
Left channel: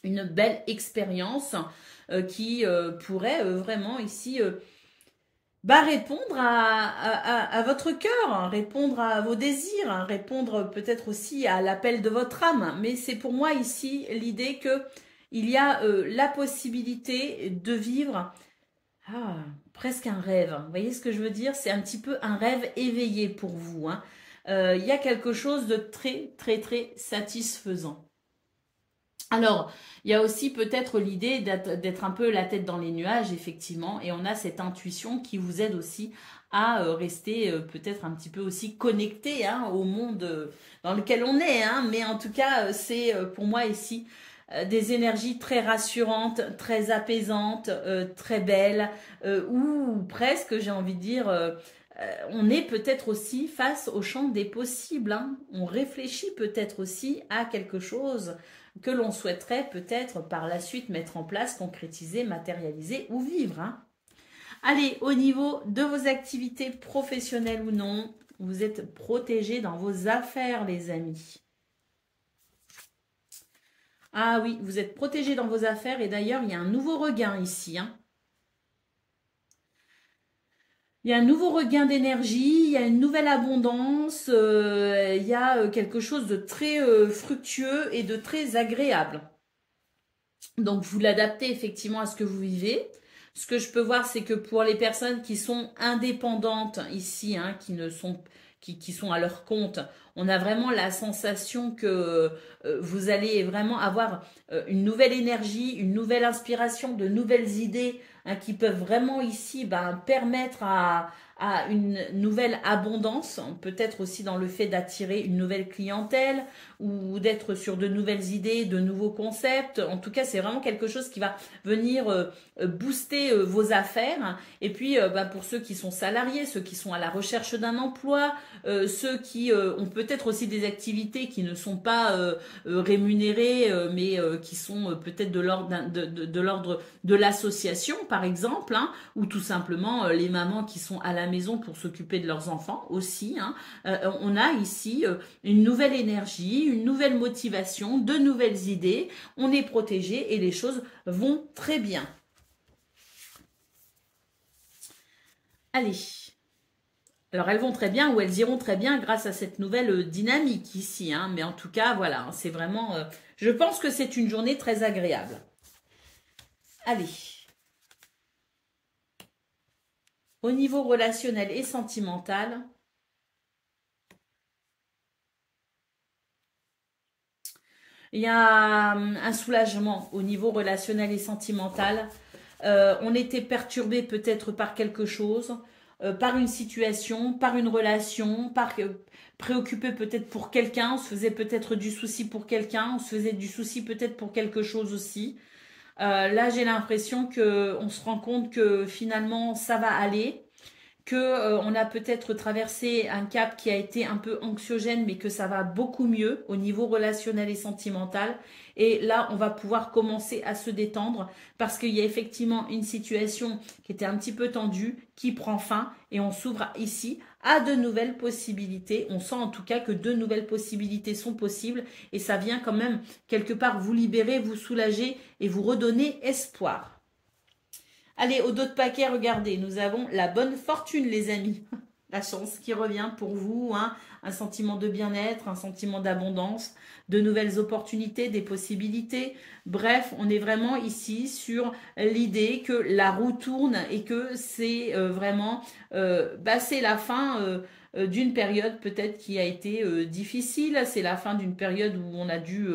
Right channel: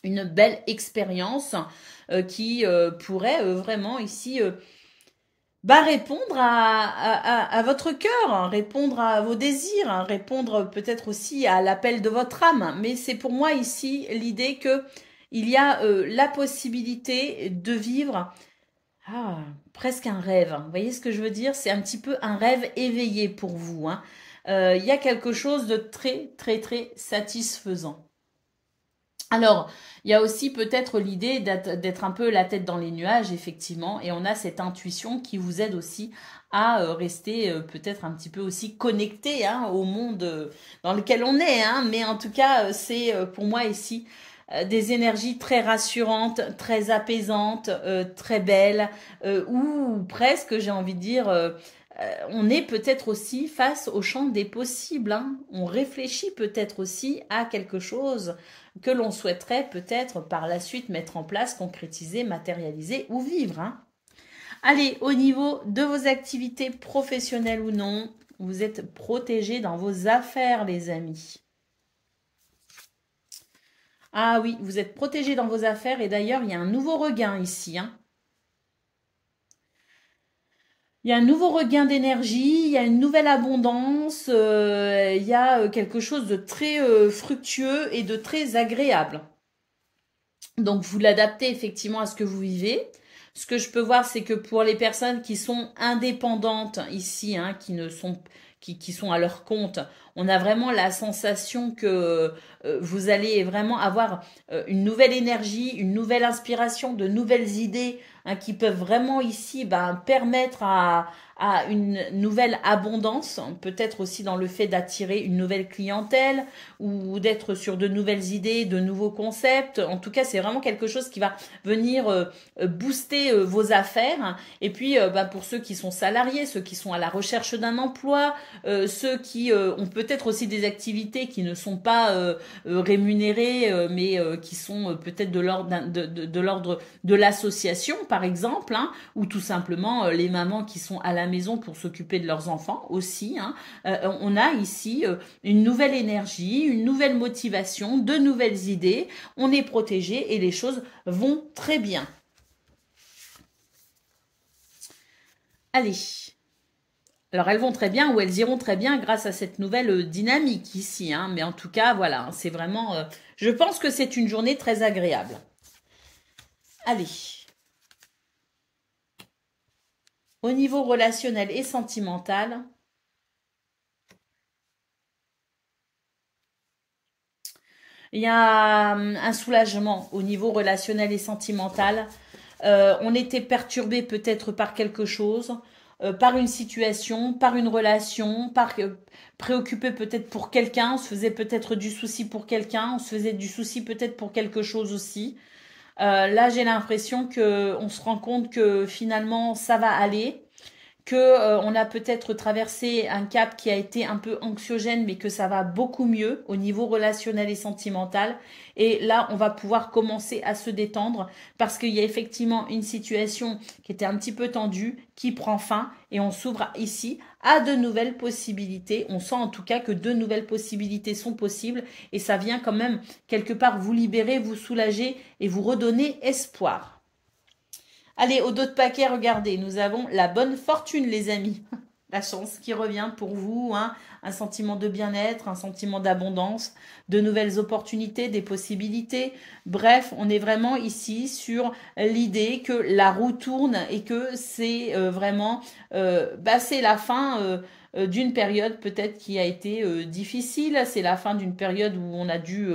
une belle expérience qui pourrait vraiment ici... répondre à votre cœur, hein, répondre à vos désirs, hein, répondre peut-être aussi à l'appel de votre âme. Mais c'est pour moi ici l'idée que il y a la possibilité de vivre presque un rêve. Vous voyez ce que je veux dire? C'est un petit peu un rêve éveillé pour vous. Hein. Il y a quelque chose de très, très, très satisfaisant. Alors, il y a aussi peut-être l'idée d'être un peu la tête dans les nuages, effectivement, et on a cette intuition qui vous aide aussi à rester peut-être un petit peu aussi connecté hein, au monde dans lequel on est. Hein, mais en tout cas, c'est pour moi ici des énergies très rassurantes, très apaisantes, très belles, ou presque, j'ai envie de dire... on est peut-être aussi face au champ des possibles. Hein. On réfléchit peut-être aussi à quelque chose que l'on souhaiterait peut-être par la suite mettre en place, concrétiser, matérialiser ou vivre. Hein. Allez, au niveau de vos activités professionnelles ou non, vous êtes protégés dans vos affaires, les amis. Ah oui, vous êtes protégés dans vos affaires et d'ailleurs, il y a un nouveau regain ici. Hein. Il y a un nouveau regain d'énergie, il y a une nouvelle abondance, il y a quelque chose de très fructueux et de très agréable. Donc, vous l'adaptez effectivement à ce que vous vivez. Ce que je peux voir, c'est que pour les personnes qui sont indépendantes ici, hein, qui sont à leur compte, on a vraiment la sensation que vous allez vraiment avoir une nouvelle énergie, une nouvelle inspiration, de nouvelles idées hein, qui peuvent vraiment ici permettre à une nouvelle abondance, peut-être aussi dans le fait d'attirer une nouvelle clientèle ou d'être sur de nouvelles idées, de nouveaux concepts. En tout cas, c'est vraiment quelque chose qui va venir booster vos affaires. Et puis, pour ceux qui sont salariés, ceux qui sont à la recherche d'un emploi, ceux qui ont peut-être aussi des activités qui ne sont pas rémunérées, mais qui sont peut-être de l'ordre de l'association, par exemple, hein, ou tout simplement les mamans qui sont à la maison pour s'occuper de leurs enfants aussi. Hein. On a ici une nouvelle énergie, une nouvelle motivation, de nouvelles idées. On est protégé et les choses vont très bien. Allez. Alors, elles vont très bien ou elles iront très bien grâce à cette nouvelle dynamique ici. Hein. Mais en tout cas, voilà, c'est vraiment... je pense que c'est une journée très agréable. Allez. Au niveau relationnel et sentimental, il y a un soulagement au niveau relationnel et sentimental. On était perturbé peut-être par quelque chose, par une situation, par une relation, préoccupé peut-être pour quelqu'un, on se faisait peut-être du souci pour quelqu'un, on se faisait du souci peut-être pour quelque chose aussi. Là, j'ai l'impression qu'on se rend compte que finalement, ça va aller, que on a peut-être traversé un cap qui a été un peu anxiogène, mais que ça va beaucoup mieux au niveau relationnel et sentimental. Et là, on va pouvoir commencer à se détendre parce qu'il y a effectivement une situation qui était un petit peu tendue, qui prend fin et on s'ouvre ici à de nouvelles possibilités. On sent en tout cas que de nouvelles possibilités sont possibles et ça vient quand même quelque part vous libérer, vous soulager et vous redonner espoir. Allez, au dos de paquet, regardez, nous avons la bonne fortune, les amis. La chance qui revient pour vous, hein, un sentiment de bien-être, un sentiment d'abondance, de nouvelles opportunités, des possibilités. Bref, on est vraiment ici sur l'idée que la roue tourne et que c'est vraiment, c'est la fin d'une période peut-être qui a été difficile. C'est la fin d'une période où on a dû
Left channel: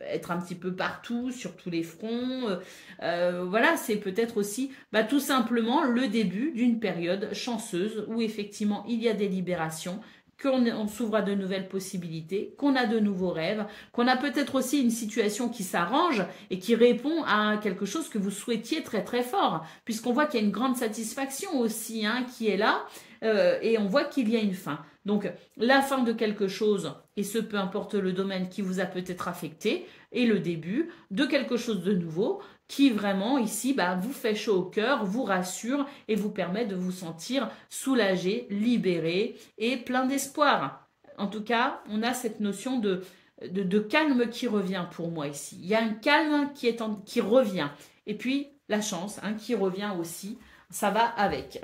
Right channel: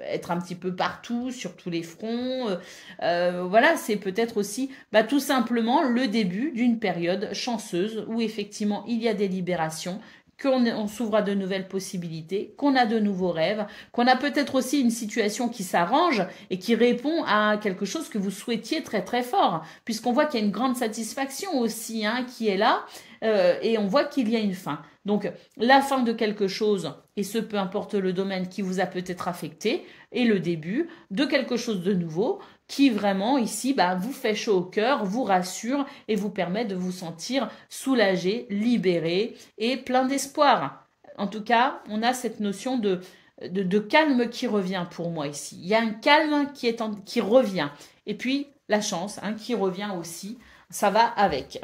être un petit peu partout, sur tous les fronts. Voilà, c'est peut-être aussi tout simplement le début d'une période chanceuse où effectivement il y a des libérations, qu'on s'ouvre à de nouvelles possibilités, qu'on a de nouveaux rêves, qu'on a peut-être aussi une situation qui s'arrange et qui répond à quelque chose que vous souhaitiez très très fort, puisqu'on voit qu'il y a une grande satisfaction aussi hein, qui est là, et on voit qu'il y a une fin. Donc la fin de quelque chose, et ce peu importe le domaine qui vous a peut-être affecté, et le début de quelque chose de nouveau, qui vraiment ici vous fait chaud au cœur, vous rassure et vous permet de vous sentir soulagé, libéré et plein d'espoir. En tout cas, on a cette notion de calme qui revient pour moi ici. Il y a un calme qui revient. Et puis, la chance qui revient aussi. Ça va avec.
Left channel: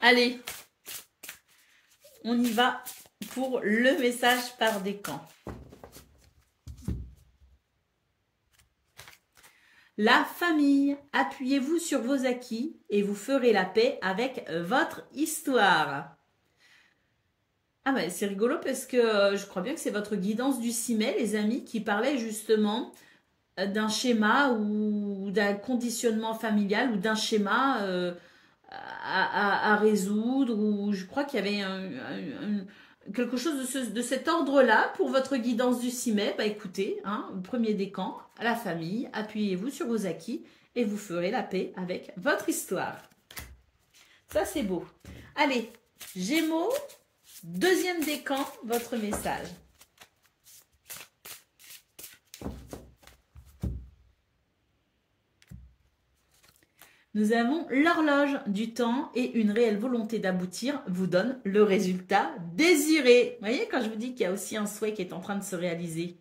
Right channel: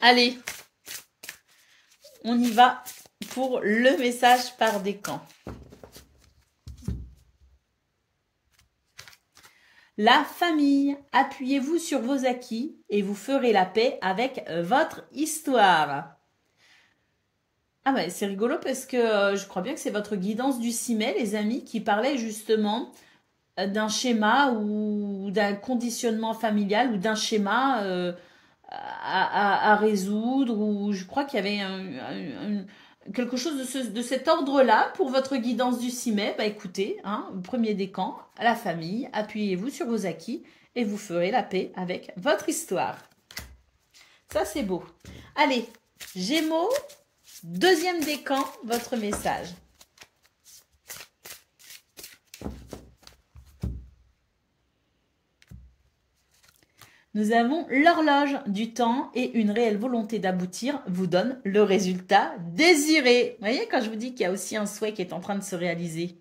Allez, on y va pour le message par décan. La famille, appuyez-vous sur vos acquis et vous ferez la paix avec votre histoire. Ah ben c'est rigolo parce que je crois bien que c'est votre guidance du 6 mai, les amis, qui parlait justement d'un schéma ou d'un conditionnement familial ou d'un schéma à résoudre. Ou je crois qu'il y avait quelque chose de cet ordre-là pour votre guidance du 6 mai. Écoutez, premier décan, la famille, appuyez-vous sur vos acquis et vous ferez la paix avec votre histoire. Ça, c'est beau. Allez, Gémeaux, deuxième décan, votre message. Nous avons l'horloge du temps et une réelle volonté d'aboutir vous donne le résultat désiré. Vous voyez quand je vous dis qu'il y a aussi un souhait qui est en train de se réaliser.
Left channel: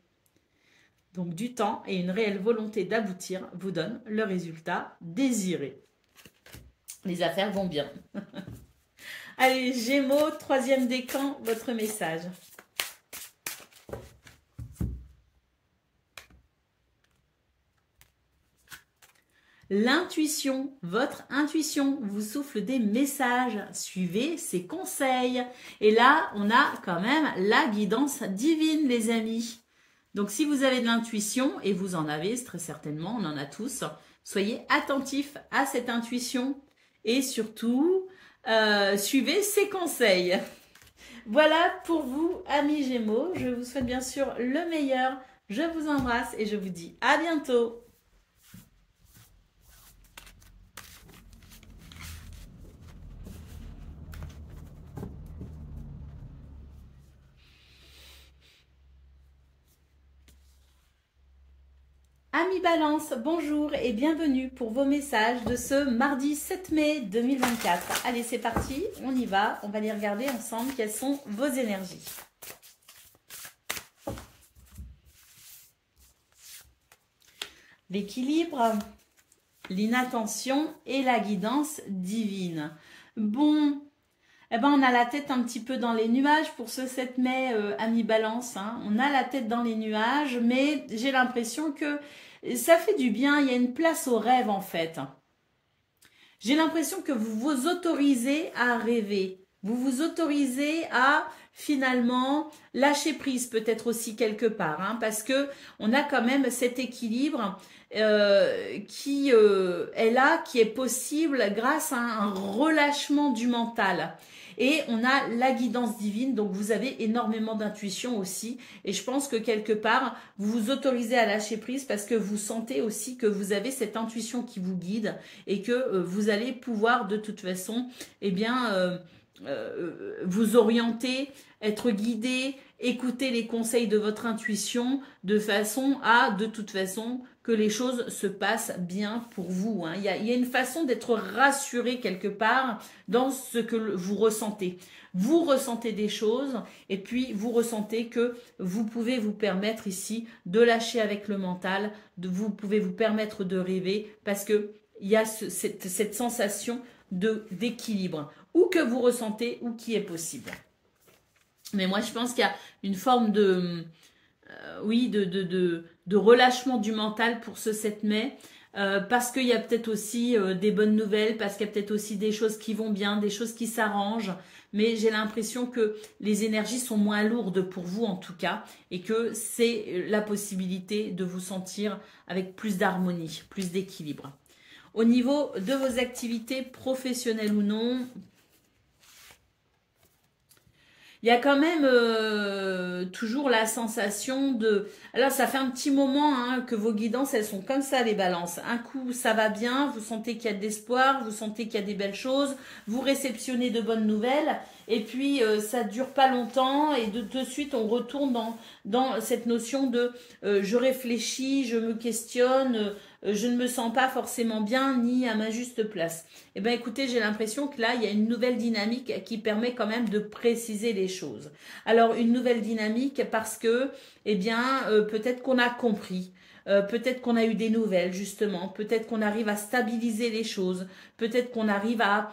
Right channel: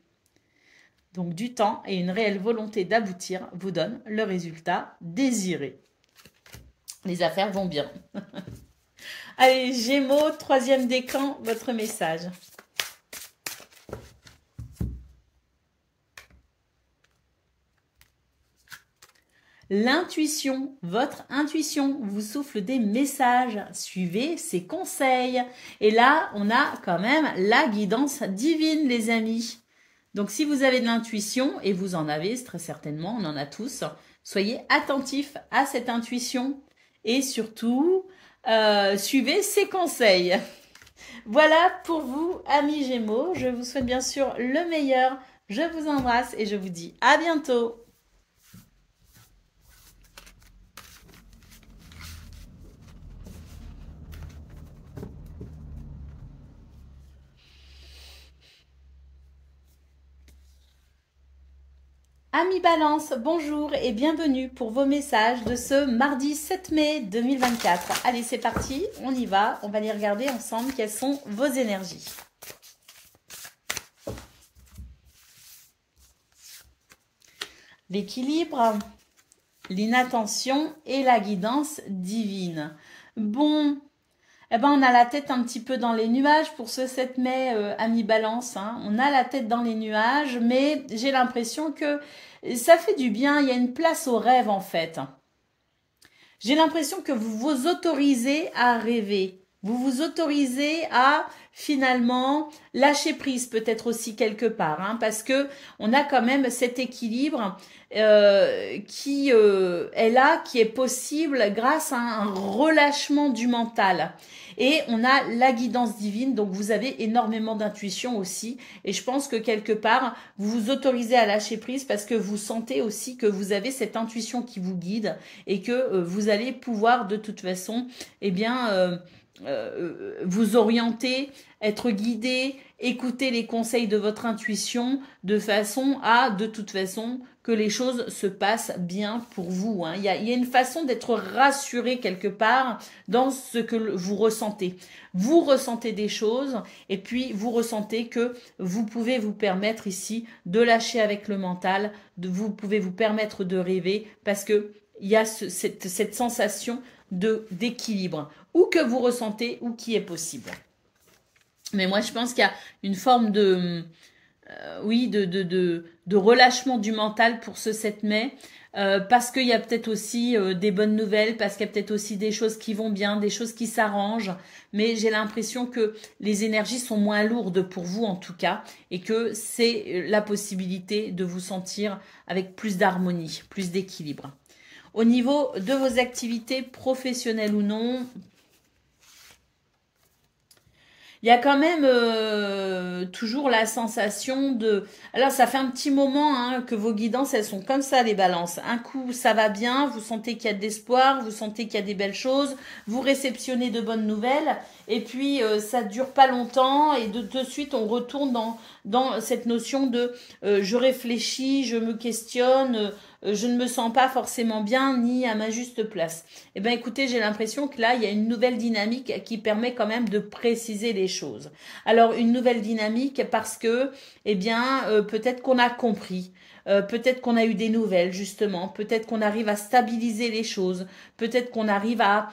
Donc du temps et une réelle volonté d'aboutir vous donne le résultat désiré. Les affaires vont bien. Allez, Gémeaux, troisième décan, votre message. L'intuition, votre intuition vous souffle des messages. Suivez ses conseils. Et là, on a quand même la guidance divine, les amis. Donc, si vous avez de l'intuition, et vous en avez très certainement, on en a tous, soyez attentifs à cette intuition et surtout, suivez ses conseils. Voilà pour vous, amis Gémeaux. Je vous souhaite bien sûr le meilleur. Je vous embrasse et je vous dis à bientôt. Amis Balance, bonjour et bienvenue pour vos messages de ce mardi 7 mai 2024. Allez, c'est parti, on y va. On va les regarder ensemble quelles sont vos énergies. L'équilibre, l'inattention et la guidance divine. Bon, eh ben on a la tête un petit peu dans les nuages pour ce 7 mai, amis Balance. Hein. On a la tête dans les nuages, mais j'ai l'impression que ça fait du bien. Il y a une place au rêve en fait. J'ai l'impression que vous vous autorisez à rêver. Vous vous autorisez à finalement lâcher prise peut-être aussi quelque part. Hein, parce que on a quand même cet équilibre qui est là, qui est possible grâce à un relâchement du mental. Et on a la guidance divine, donc vous avez énormément d'intuition aussi. Et je pense que quelque part, vous vous autorisez à lâcher prise parce que vous sentez aussi que vous avez cette intuition qui vous guide et que vous allez pouvoir de toute façon, eh bien, vous orienter, être guidé, écouter les conseils de votre intuition de façon à, de toute façon, que les choses se passent bien pour vous. Hein. Il y a une façon d'être rassuré quelque part dans ce que vous ressentez. Vous ressentez des choses et puis vous ressentez que vous pouvez vous permettre ici de lâcher avec le mental, vous pouvez vous permettre de rêver parce que il y a cette sensation d'équilibre ou que vous ressentez ou qui est possible. Mais moi, je pense qu'il y a une forme de relâchement du mental pour ce 7 mai. Parce qu'il y a peut-être aussi des bonnes nouvelles, parce qu'il y a peut-être aussi des choses qui vont bien, des choses qui s'arrangent. Mais j'ai l'impression que les énergies sont moins lourdes pour vous en tout cas. Et que c'est la possibilité de vous sentir avec plus d'harmonie, plus d'équilibre. Au niveau de vos activités professionnelles ou non, il y a quand même toujours la sensation de... Alors, ça fait un petit moment hein, que vos guidances, elles sont comme ça, les balances. Un coup, ça va bien, vous sentez qu'il y a de l'espoir, vous sentez qu'il y a des belles choses, vous réceptionnez de bonnes nouvelles, et puis ça ne dure pas longtemps, et de suite, on retourne dans cette notion de je réfléchis, je me questionne, je ne me sens pas forcément bien ni à ma juste place. Eh bien, écoutez, j'ai l'impression que là, il y a une nouvelle dynamique qui permet quand même de préciser les choses. Alors, une nouvelle dynamique parce que, eh bien, peut-être qu'on a compris. Peut-être qu'on a eu des nouvelles, justement. Peut-être qu'on arrive à stabiliser les choses. Peut-être qu'on arrive à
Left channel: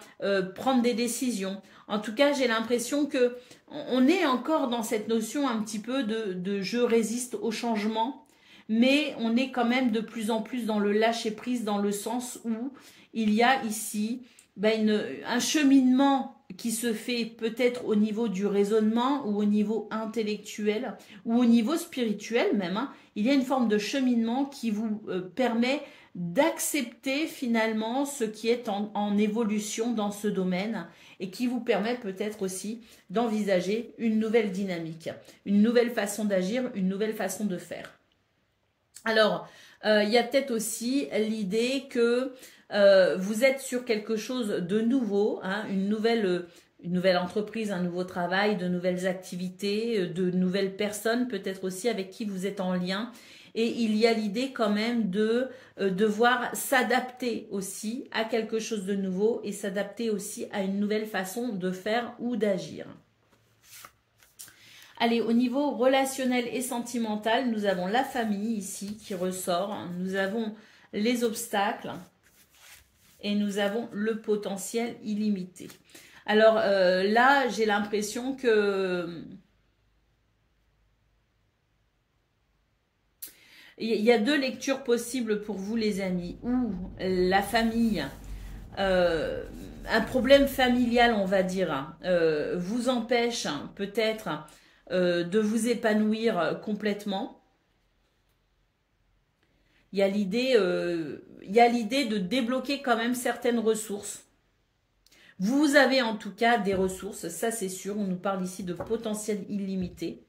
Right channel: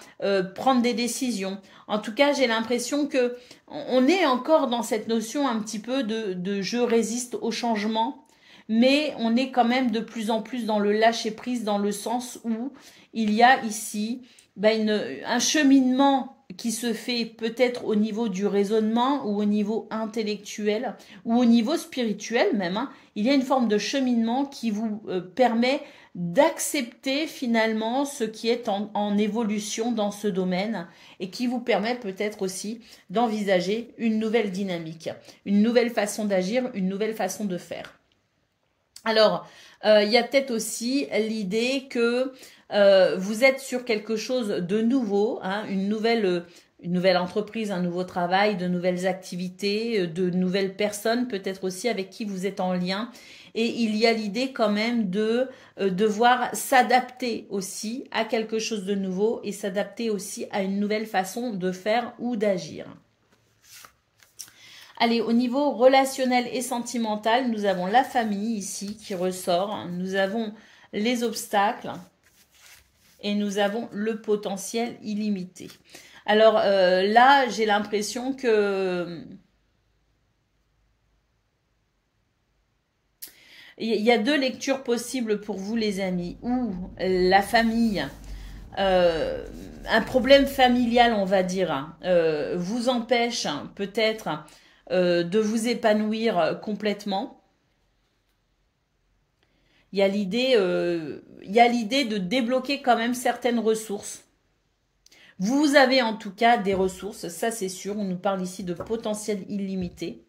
prendre des décisions. En tout cas, j'ai l'impression que on est encore dans cette notion un petit peu de je résiste au changement. Mais on est quand même de plus en plus dans le lâcher-prise, dans le sens où il y a ici un cheminement qui se fait peut-être au niveau du raisonnement ou au niveau intellectuel ou au niveau spirituel même. Hein. Il y a une forme de cheminement qui vous permet d'accepter finalement ce qui est en évolution dans ce domaine et qui vous permet peut-être aussi d'envisager une nouvelle dynamique, une nouvelle façon d'agir, une nouvelle façon de faire. Alors, il y a peut-être aussi l'idée que vous êtes sur quelque chose de nouveau, hein, une nouvelle entreprise, un nouveau travail, de nouvelles activités, de nouvelles personnes peut-être aussi avec qui vous êtes en lien. Et il y a l'idée quand même de devoir s'adapter aussi à quelque chose de nouveau et s'adapter aussi à une nouvelle façon de faire ou d'agir. Allez, au niveau relationnel et sentimental, nous avons la famille ici qui ressort. Nous avons les obstacles et nous avons le potentiel illimité. Alors là, j'ai l'impression que il y a deux lectures possibles pour vous, les amis. Ou la famille, un problème familial, on va dire, vous empêche peut-être de vous épanouir complètement. Il y a l'idée de débloquer quand même certaines ressources. Vous avez en tout cas des ressources, ça c'est sûr. On nous parle ici de potentiel illimité.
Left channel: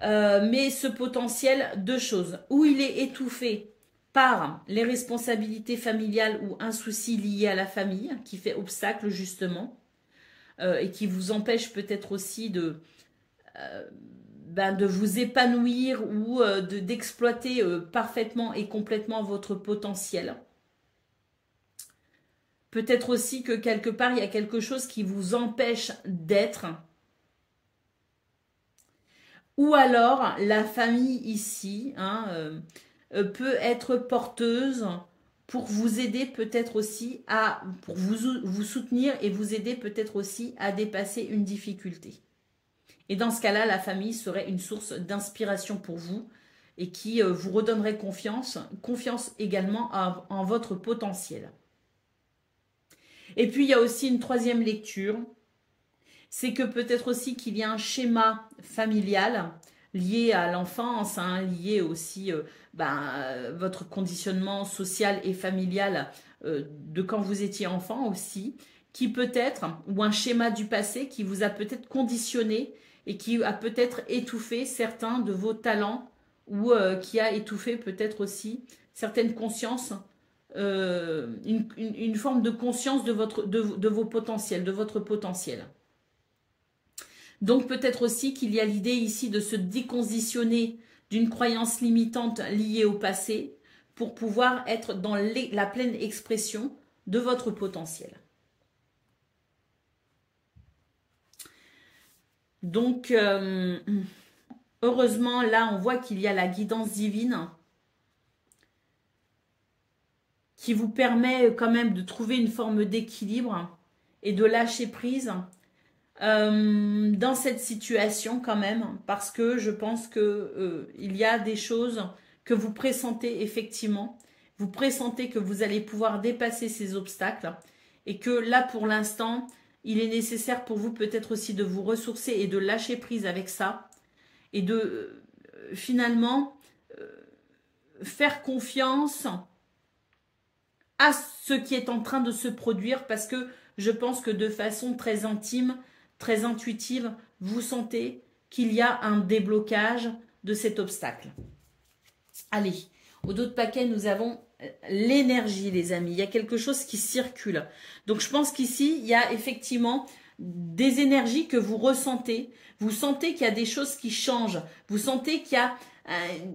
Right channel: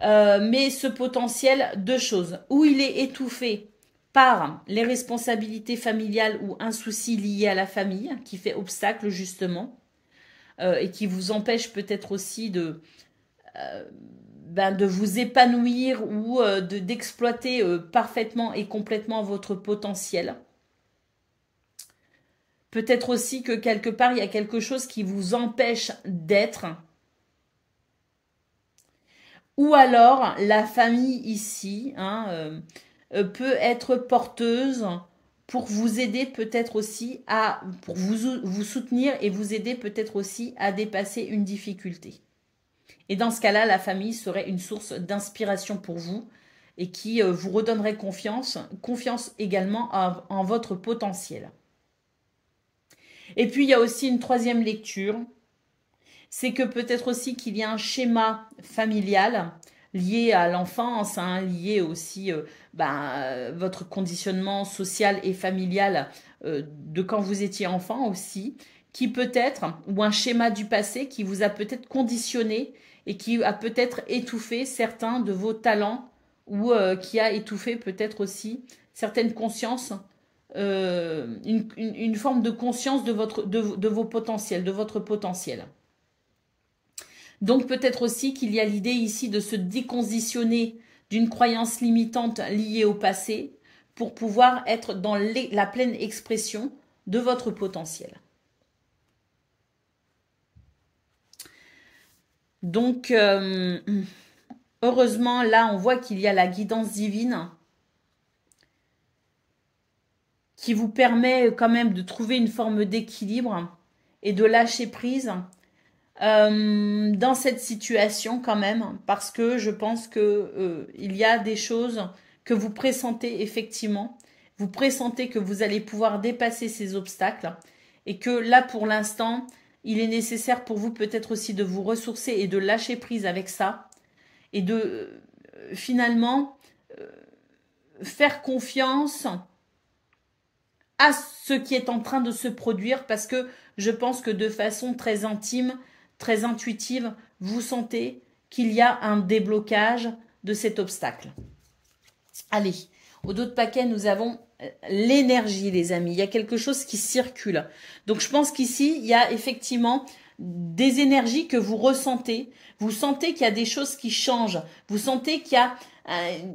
Mais ce potentiel, deux choses. Ou il est étouffé par les responsabilités familiales ou un souci lié à la famille qui fait obstacle justement et qui vous empêche peut-être aussi de vous épanouir ou d'exploiter parfaitement et complètement votre potentiel. Peut-être aussi que quelque part, il y a quelque chose qui vous empêche d'être. Ou alors, la famille ici peut être porteuse pour vous aider peut-être aussi pour vous soutenir et vous aider peut-être aussi à dépasser une difficulté. Et dans ce cas-là, la famille serait une source d'inspiration pour vous et qui vous redonnerait confiance également en votre potentiel. Et puis, il y a aussi une troisième lecture. C'est que peut-être aussi qu'il y a un schéma familial lié à l'enfance, lié aussi votre conditionnement social et familial de quand vous étiez enfant aussi, qui peut-être, ou un schéma du passé qui vous a peut-être conditionné et qui a peut-être étouffé certains de vos talents ou qui a étouffé peut-être aussi certaines consciences, une forme de conscience de vos potentiels, de votre potentiel. Donc peut-être aussi qu'il y a l'idée ici de se déconditionner d'une croyance limitante liée au passé pour pouvoir être dans la pleine expression de votre potentiel. Donc, heureusement, là, on voit qu'il y a la guidance divine qui vous permet quand même de trouver une forme d'équilibre et de lâcher prise dans cette situation quand même, parce que je pense que il y a des choses que vous pressentez effectivement. Vous pressentez que vous allez pouvoir dépasser ces obstacles et que là, pour l'instant, il est nécessaire pour vous peut-être aussi de vous ressourcer et de lâcher prise avec ça et de finalement faire confiance à ce qui est en train de se produire, parce que je pense que de façon très intime, très intuitive, vous sentez qu'il y a un déblocage de cet obstacle. Allez, au dos de paquet, nous avons l'énergie, les amis. Il y a quelque chose qui circule. Donc, je pense qu'ici, il y a effectivement des énergies que vous ressentez. Vous sentez qu'il y a des choses qui changent. Vous sentez qu'il y a,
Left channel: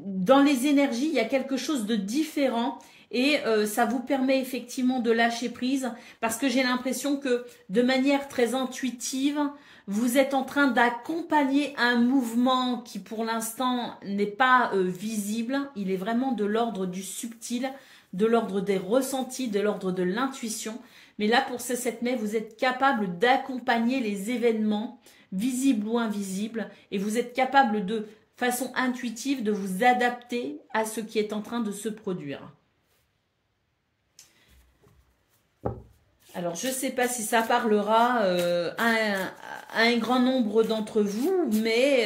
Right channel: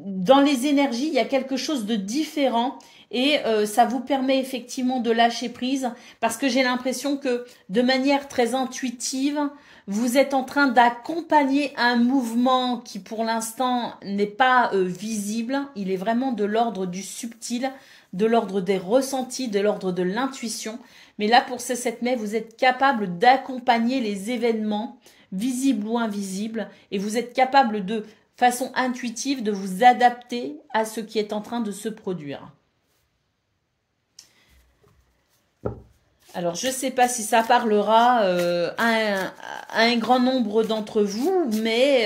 dans les énergies, il y a quelque chose de différent. Et ça vous permet effectivement de lâcher prise, parce que j'ai l'impression que de manière très intuitive, vous êtes en train d'accompagner un mouvement qui pour l'instant n'est pas visible. Il est vraiment de l'ordre du subtil, de l'ordre des ressentis, de l'ordre de l'intuition. Mais là, pour ce 7 mai, vous êtes capable d'accompagner les événements, visibles ou invisibles, et vous êtes capable de façon intuitive de vous adapter à ce qui est en train de se produire. Alors, je ne sais pas si ça parlera à un grand nombre d'entre vous, mais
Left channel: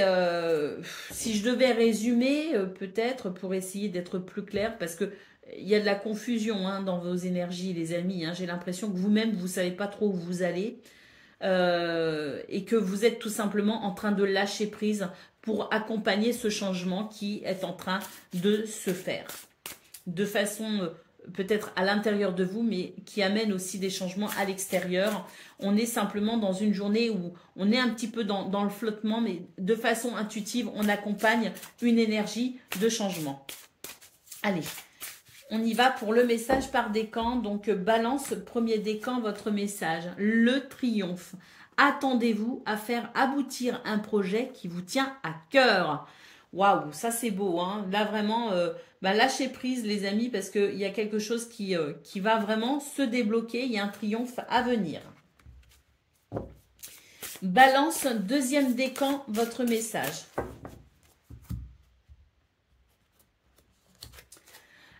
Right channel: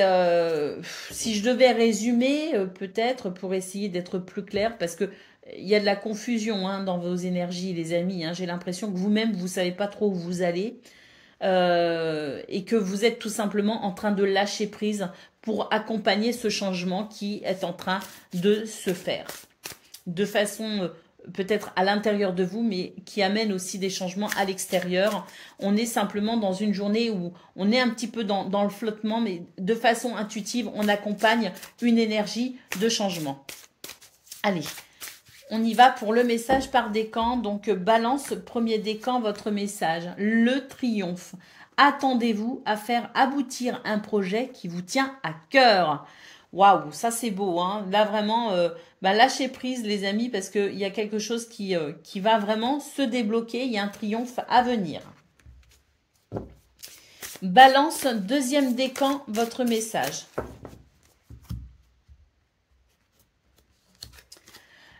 si je devais résumer, peut-être pour essayer d'être plus clair, parce que il y a de la confusion dans vos énergies, les amis. J'ai l'impression que vous-même, vous ne savez pas trop où vous allez et que vous êtes tout simplement en train de lâcher prise pour accompagner ce changement qui est en train de se faire de façon peut-être à l'intérieur de vous, mais qui amène aussi des changements à l'extérieur. On est simplement dans une journée où on est un petit peu dans le flottement, mais de façon intuitive, on accompagne une énergie de changement. Allez, on y va pour le message par décan. Donc, balance, premier décan, votre message. Le triomphe. Attendez-vous à faire aboutir un projet qui vous tient à cœur. Waouh, ça c'est beau, Là vraiment, lâchez prise les amis, parce qu'il y a quelque chose qui va vraiment se débloquer. Il y a un triomphe à venir. Balance, deuxième décan, votre message.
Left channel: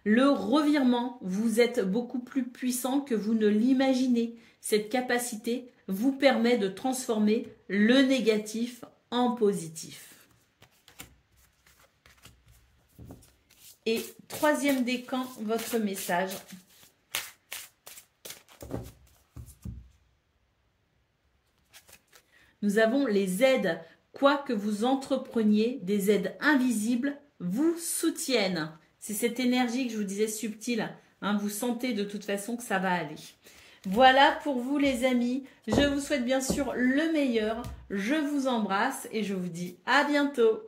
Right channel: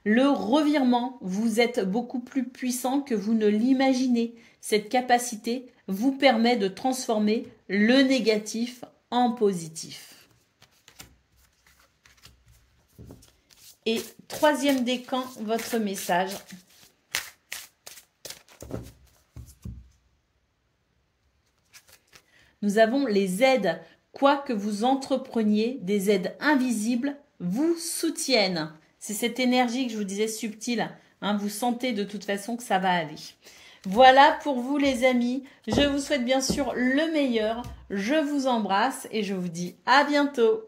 Le revirement, vous êtes beaucoup plus puissant que vous ne l'imaginez. Cette capacité vous permet de transformer le négatif en positif. Et troisième décan, votre message. Nous avons les aides. Quoi que vous entrepreniez, des aides invisibles vous soutiennent. C'est cette énergie que je vous disais subtile. Hein, vous sentez de toute façon que ça va aller. Voilà pour vous les amis. Je vous souhaite bien sûr le meilleur. Je vous embrasse et je vous dis à bientôt.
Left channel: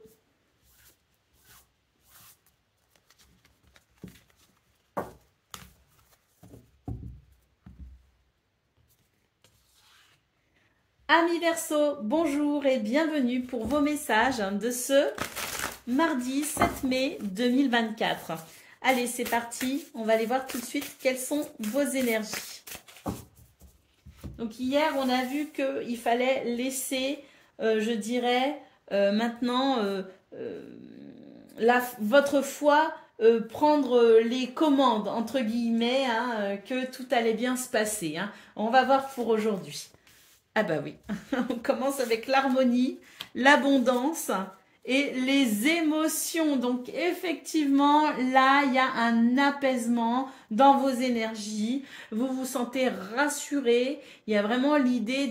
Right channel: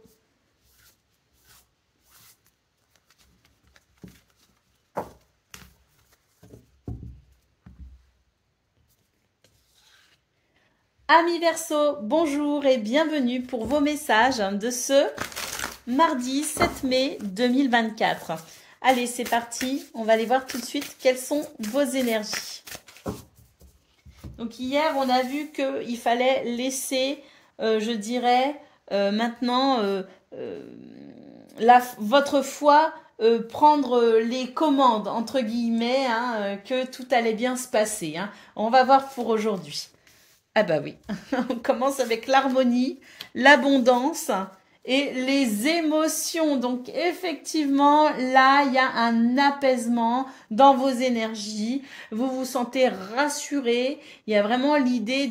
Amis Verseau, bonjour et bienvenue pour vos messages de ce mardi 7 mai 2024. Allez, c'est parti. On va aller voir tout de suite quelles sont vos énergies. Donc hier, on a vu qu'il fallait laisser, je dirais, maintenant, votre foi prendre les commandes, entre guillemets, hein, que tout allait bien se passer. Hein. On va voir pour aujourd'hui. Ah bah oui, on commence avec l'harmonie, l'abondance et les émotions. Donc effectivement, là, il y a un apaisement dans vos énergies. Vous vous sentez rassuré. Il y a vraiment l'idée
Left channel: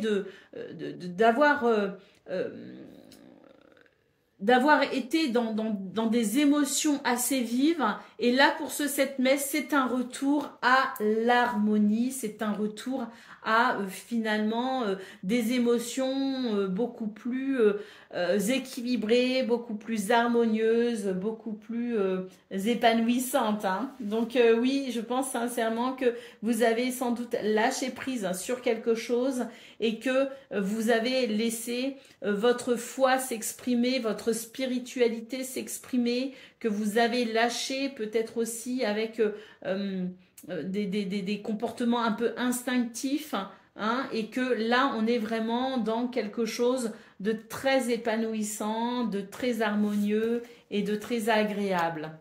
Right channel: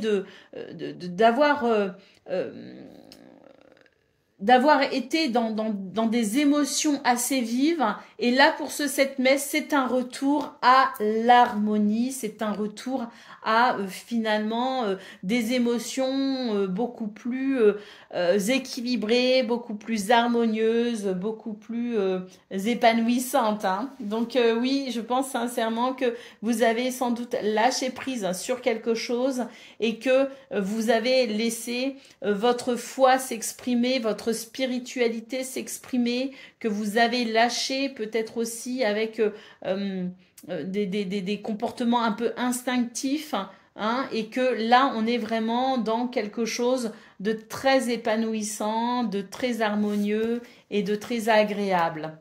d'avoir été dans des émotions assez vives. Et là, pour ce 7 mai, c'est un retour à l'harmonie, c'est un retour à finalement des émotions beaucoup plus équilibrées, beaucoup plus harmonieuses, beaucoup plus épanouissantes. Hein. Donc oui, je pense sincèrement que vous avez sans doute lâché prise sur quelque chose et que vous avez laissé votre foi s'exprimer, votre spiritualité s'exprimer, que vous avez lâché peut-être aussi avec des comportements un peu instinctifs, hein, et que là on est vraiment dans quelque chose de très épanouissant, de très harmonieux et de très agréable.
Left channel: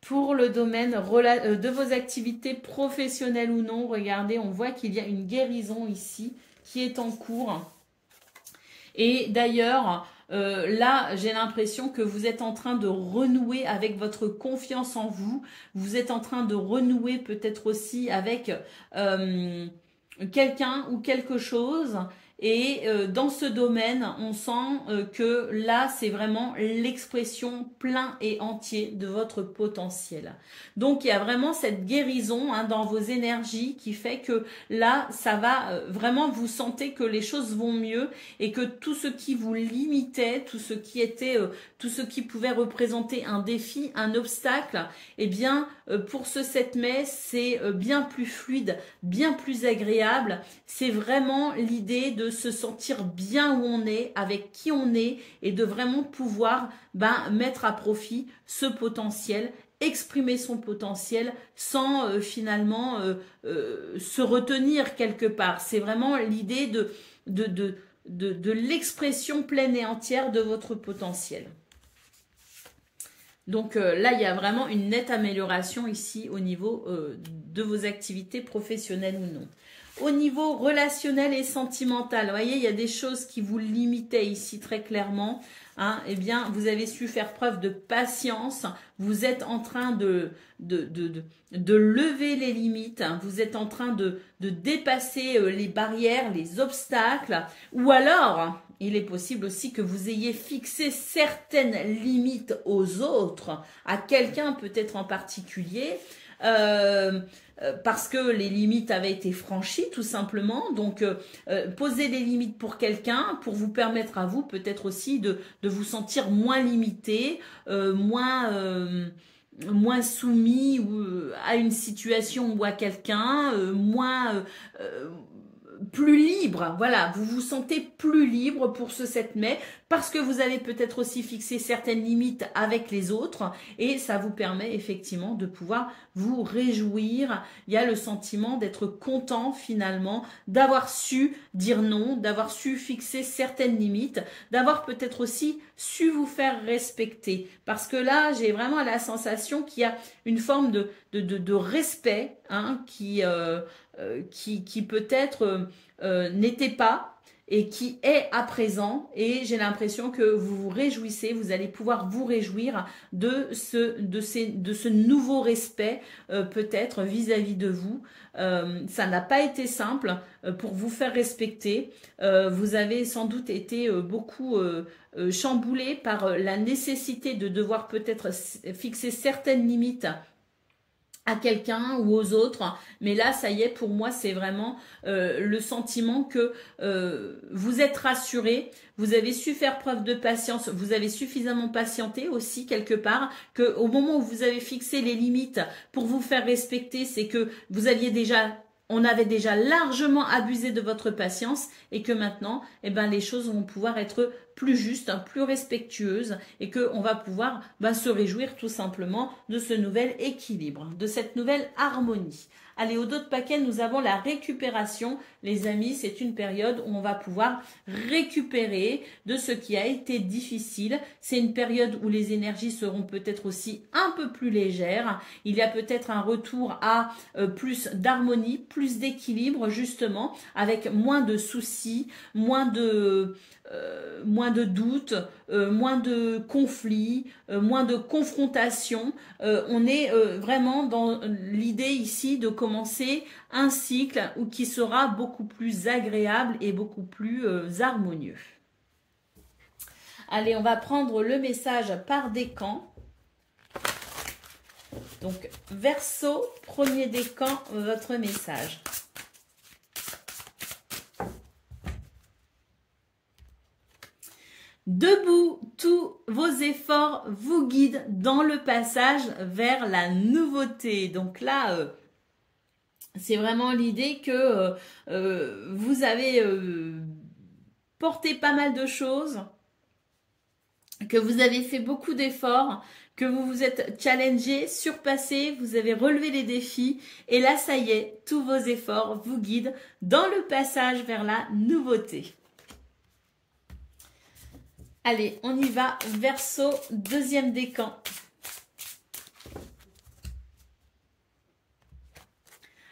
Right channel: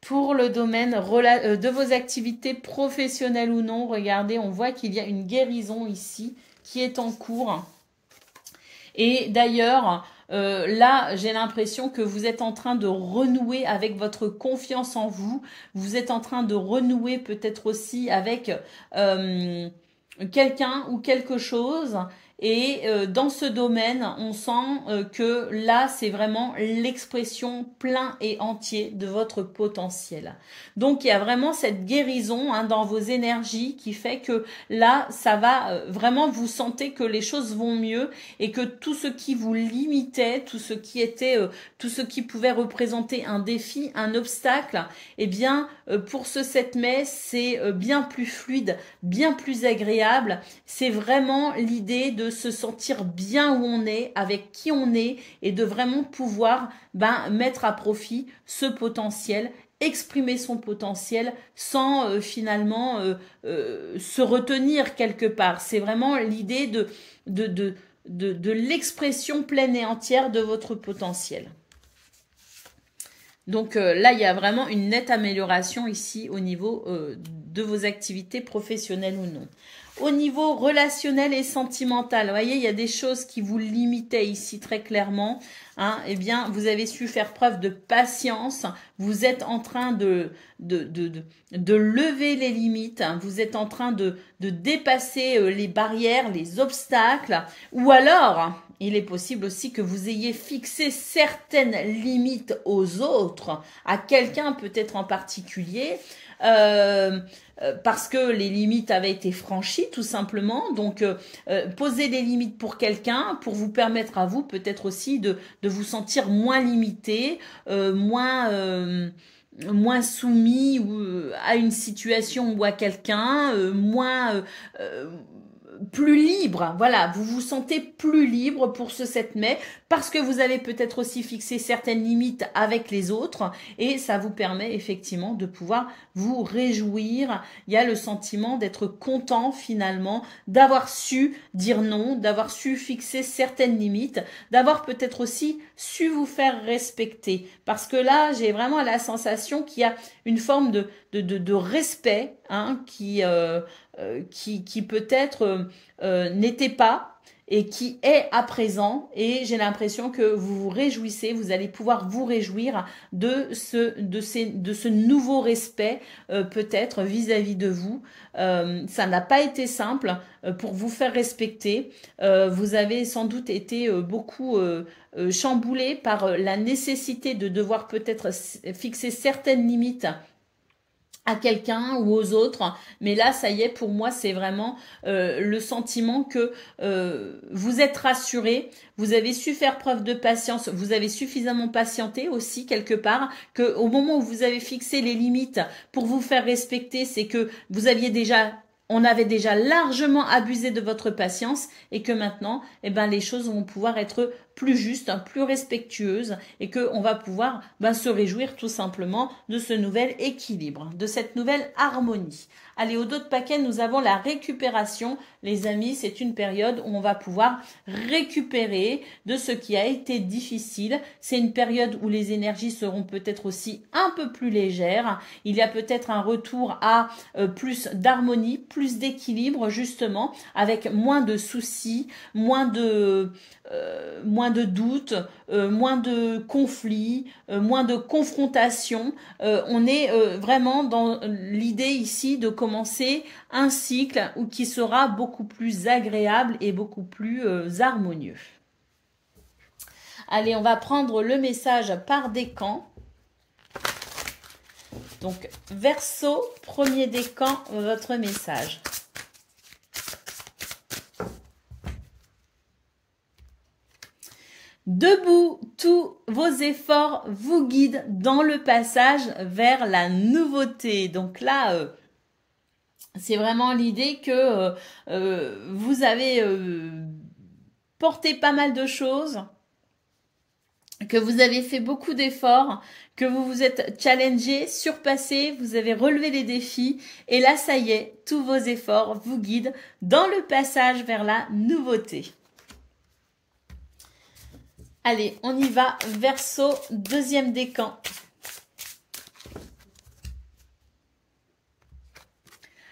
Pour le domaine de vos activités professionnelles ou non, regardez, on voit qu'il y a une guérison ici qui est en cours. Et d'ailleurs, là, j'ai l'impression que vous êtes en train de renouer avec votre confiance en vous. Vous êtes en train de renouer peut-être aussi avec quelqu'un ou quelque chose. Et dans ce domaine, on sent que là, c'est vraiment l'expression plein et entier de votre potentiel. Donc, il y a vraiment cette guérison hein, dans vos énergies qui fait que là, ça va vraiment, vous sentez que les choses vont mieux et que tout ce qui vous limitait, tout ce qui était, tout ce qui pouvait représenter un défi, un obstacle, eh bien, pour ce 7 mai, c'est bien plus fluide, bien plus agréable. C'est vraiment l'idée de se sentir bien où on est, avec qui on est et de vraiment pouvoir mettre à profit ce potentiel, exprimer son potentiel sans finalement se retenir quelque part. C'est vraiment l'idée de l'expression pleine et entière de votre potentiel. Donc là, il y a vraiment une nette amélioration ici au niveau de vos activités professionnelles ou non. Au niveau relationnel et sentimental, vous voyez, il y a des choses qui vous limitaient ici très clairement. Hein, eh bien, vous avez su faire preuve de patience. Vous êtes en train de lever les limites. Hein, vous êtes en train de dépasser les barrières, les obstacles. Ou alors, il est possible aussi que vous ayez fixé certaines limites aux autres, à quelqu'un peut-être en particulier. Parce que les limites avaient été franchies tout simplement. Donc, posez des limites pour quelqu'un pour vous permettre à vous peut-être aussi de vous sentir moins limité, moins soumis à une situation ou à quelqu'un, moins plus libre. Voilà, vous vous sentez plus libre pour ce 7 mai parce que vous avez peut-être aussi fixé certaines limites avec les autres et ça vous permet effectivement de pouvoir vous réjouir. Il y a le sentiment d'être content finalement, d'avoir su dire non, d'avoir su fixer certaines limites, d'avoir peut-être aussi su vous faire respecter. Parce que là, j'ai vraiment la sensation qu'il y a une forme de respect hein, qui peut-être n'était pas et qui est à présent, et j'ai l'impression que vous vous réjouissez, vous allez pouvoir vous réjouir de ce nouveau respect peut-être vis-à-vis de vous. Ça n'a pas été simple pour vous faire respecter. Vous avez sans doute été beaucoup chamboulé par la nécessité de devoir peut-être fixer certaines limites à quelqu'un ou aux autres, mais là ça y est, pour moi c'est vraiment le sentiment que vous êtes rassuré, vous avez su faire preuve de patience, vous avez suffisamment patienté aussi quelque part, que au moment où vous avez fixé les limites pour vous faire respecter, c'est que vous aviez déjà on avait déjà largement abusé de votre patience et que maintenant, eh ben, les choses vont pouvoir être plus justes, plus respectueuses et qu'on va pouvoir se réjouir tout simplement de ce nouvel équilibre, de cette nouvelle harmonie. Allez, au dos de paquet, nous avons la récupération. Les amis, c'est une période où on va pouvoir récupérer de ce qui a été difficile. C'est une période où les énergies seront peut-être aussi un peu plus légères. Il y a peut-être un retour à plus d'harmonie, plus d'équilibre justement, avec moins de soucis, moins de doutes, moins de conflits, moins de confrontations. On est vraiment dans l'idée ici de commencer un cycle qui sera beaucoup plus agréable et beaucoup plus harmonieux. Allez, on va prendre le message par décan. Donc, Verseau, premier décan, votre message. Debout, tous vos efforts vous guident dans le passage vers la nouveauté. Donc là, c'est vraiment l'idée que vous avez porté pas mal de choses, que vous avez fait beaucoup d'efforts, que vous vous êtes challengé, surpassé, vous avez relevé les défis. Et là, ça y est, tous vos efforts vous guident dans le passage vers la nouveauté. Allez, on y va. Verseau, deuxième décan.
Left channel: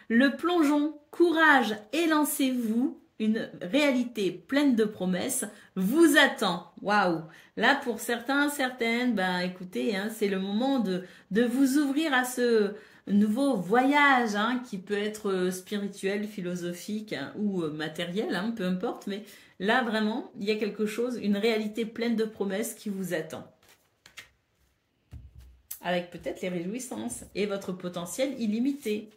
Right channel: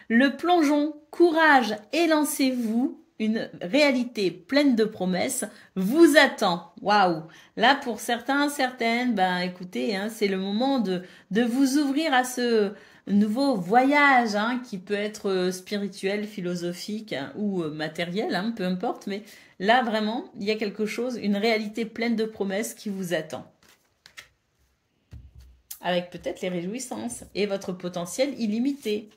Le plongeon, courage et lancez-vous. Une réalité pleine de promesses vous attend. Waouh! Là, pour certains, certaines, écoutez, hein, c'est le moment de vous ouvrir à ce nouveau voyage hein, qui peut être spirituel, philosophique hein, ou matériel, hein, peu importe. Mais là, vraiment, il y a quelque chose, une réalité pleine de promesses qui vous attend. Avec peut-être les réjouissances et votre potentiel illimité.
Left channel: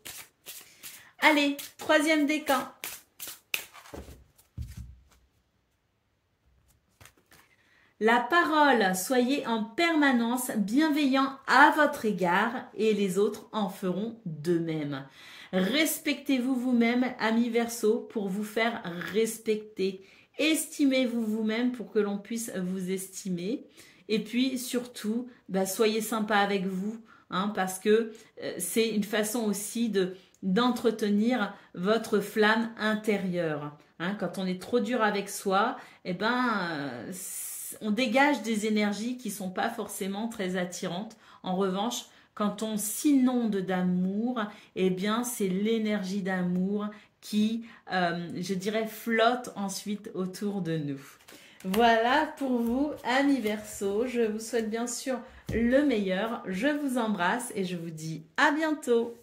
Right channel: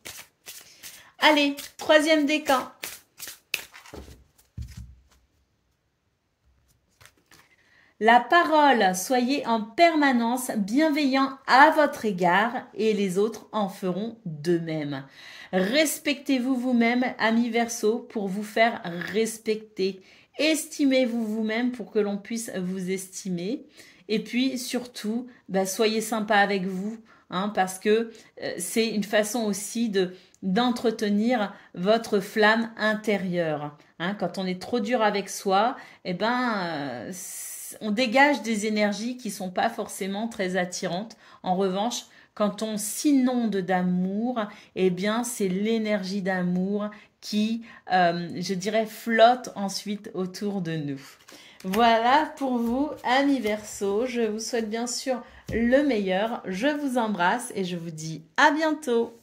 Allez, troisième décan. La parole, soyez en permanence bienveillant à votre égard et les autres en feront de même. Respectez-vous vous-même, amis Verseau, pour vous faire respecter. Estimez-vous vous-même pour que l'on puisse vous estimer. Et puis surtout, soyez sympa avec vous, hein, parce que c'est une façon aussi d'entretenir votre flamme intérieure. Hein, quand on est trop dur avec soi, on dégage des énergies qui ne sont pas forcément très attirantes. En revanche, quand on s'inonde d'amour, c'est l'énergie d'amour qui, je dirais, flotte ensuite autour de nous. Voilà pour vous, amis Verseau. Je vous souhaite bien sûr le meilleur. Je vous embrasse et je vous dis à bientôt.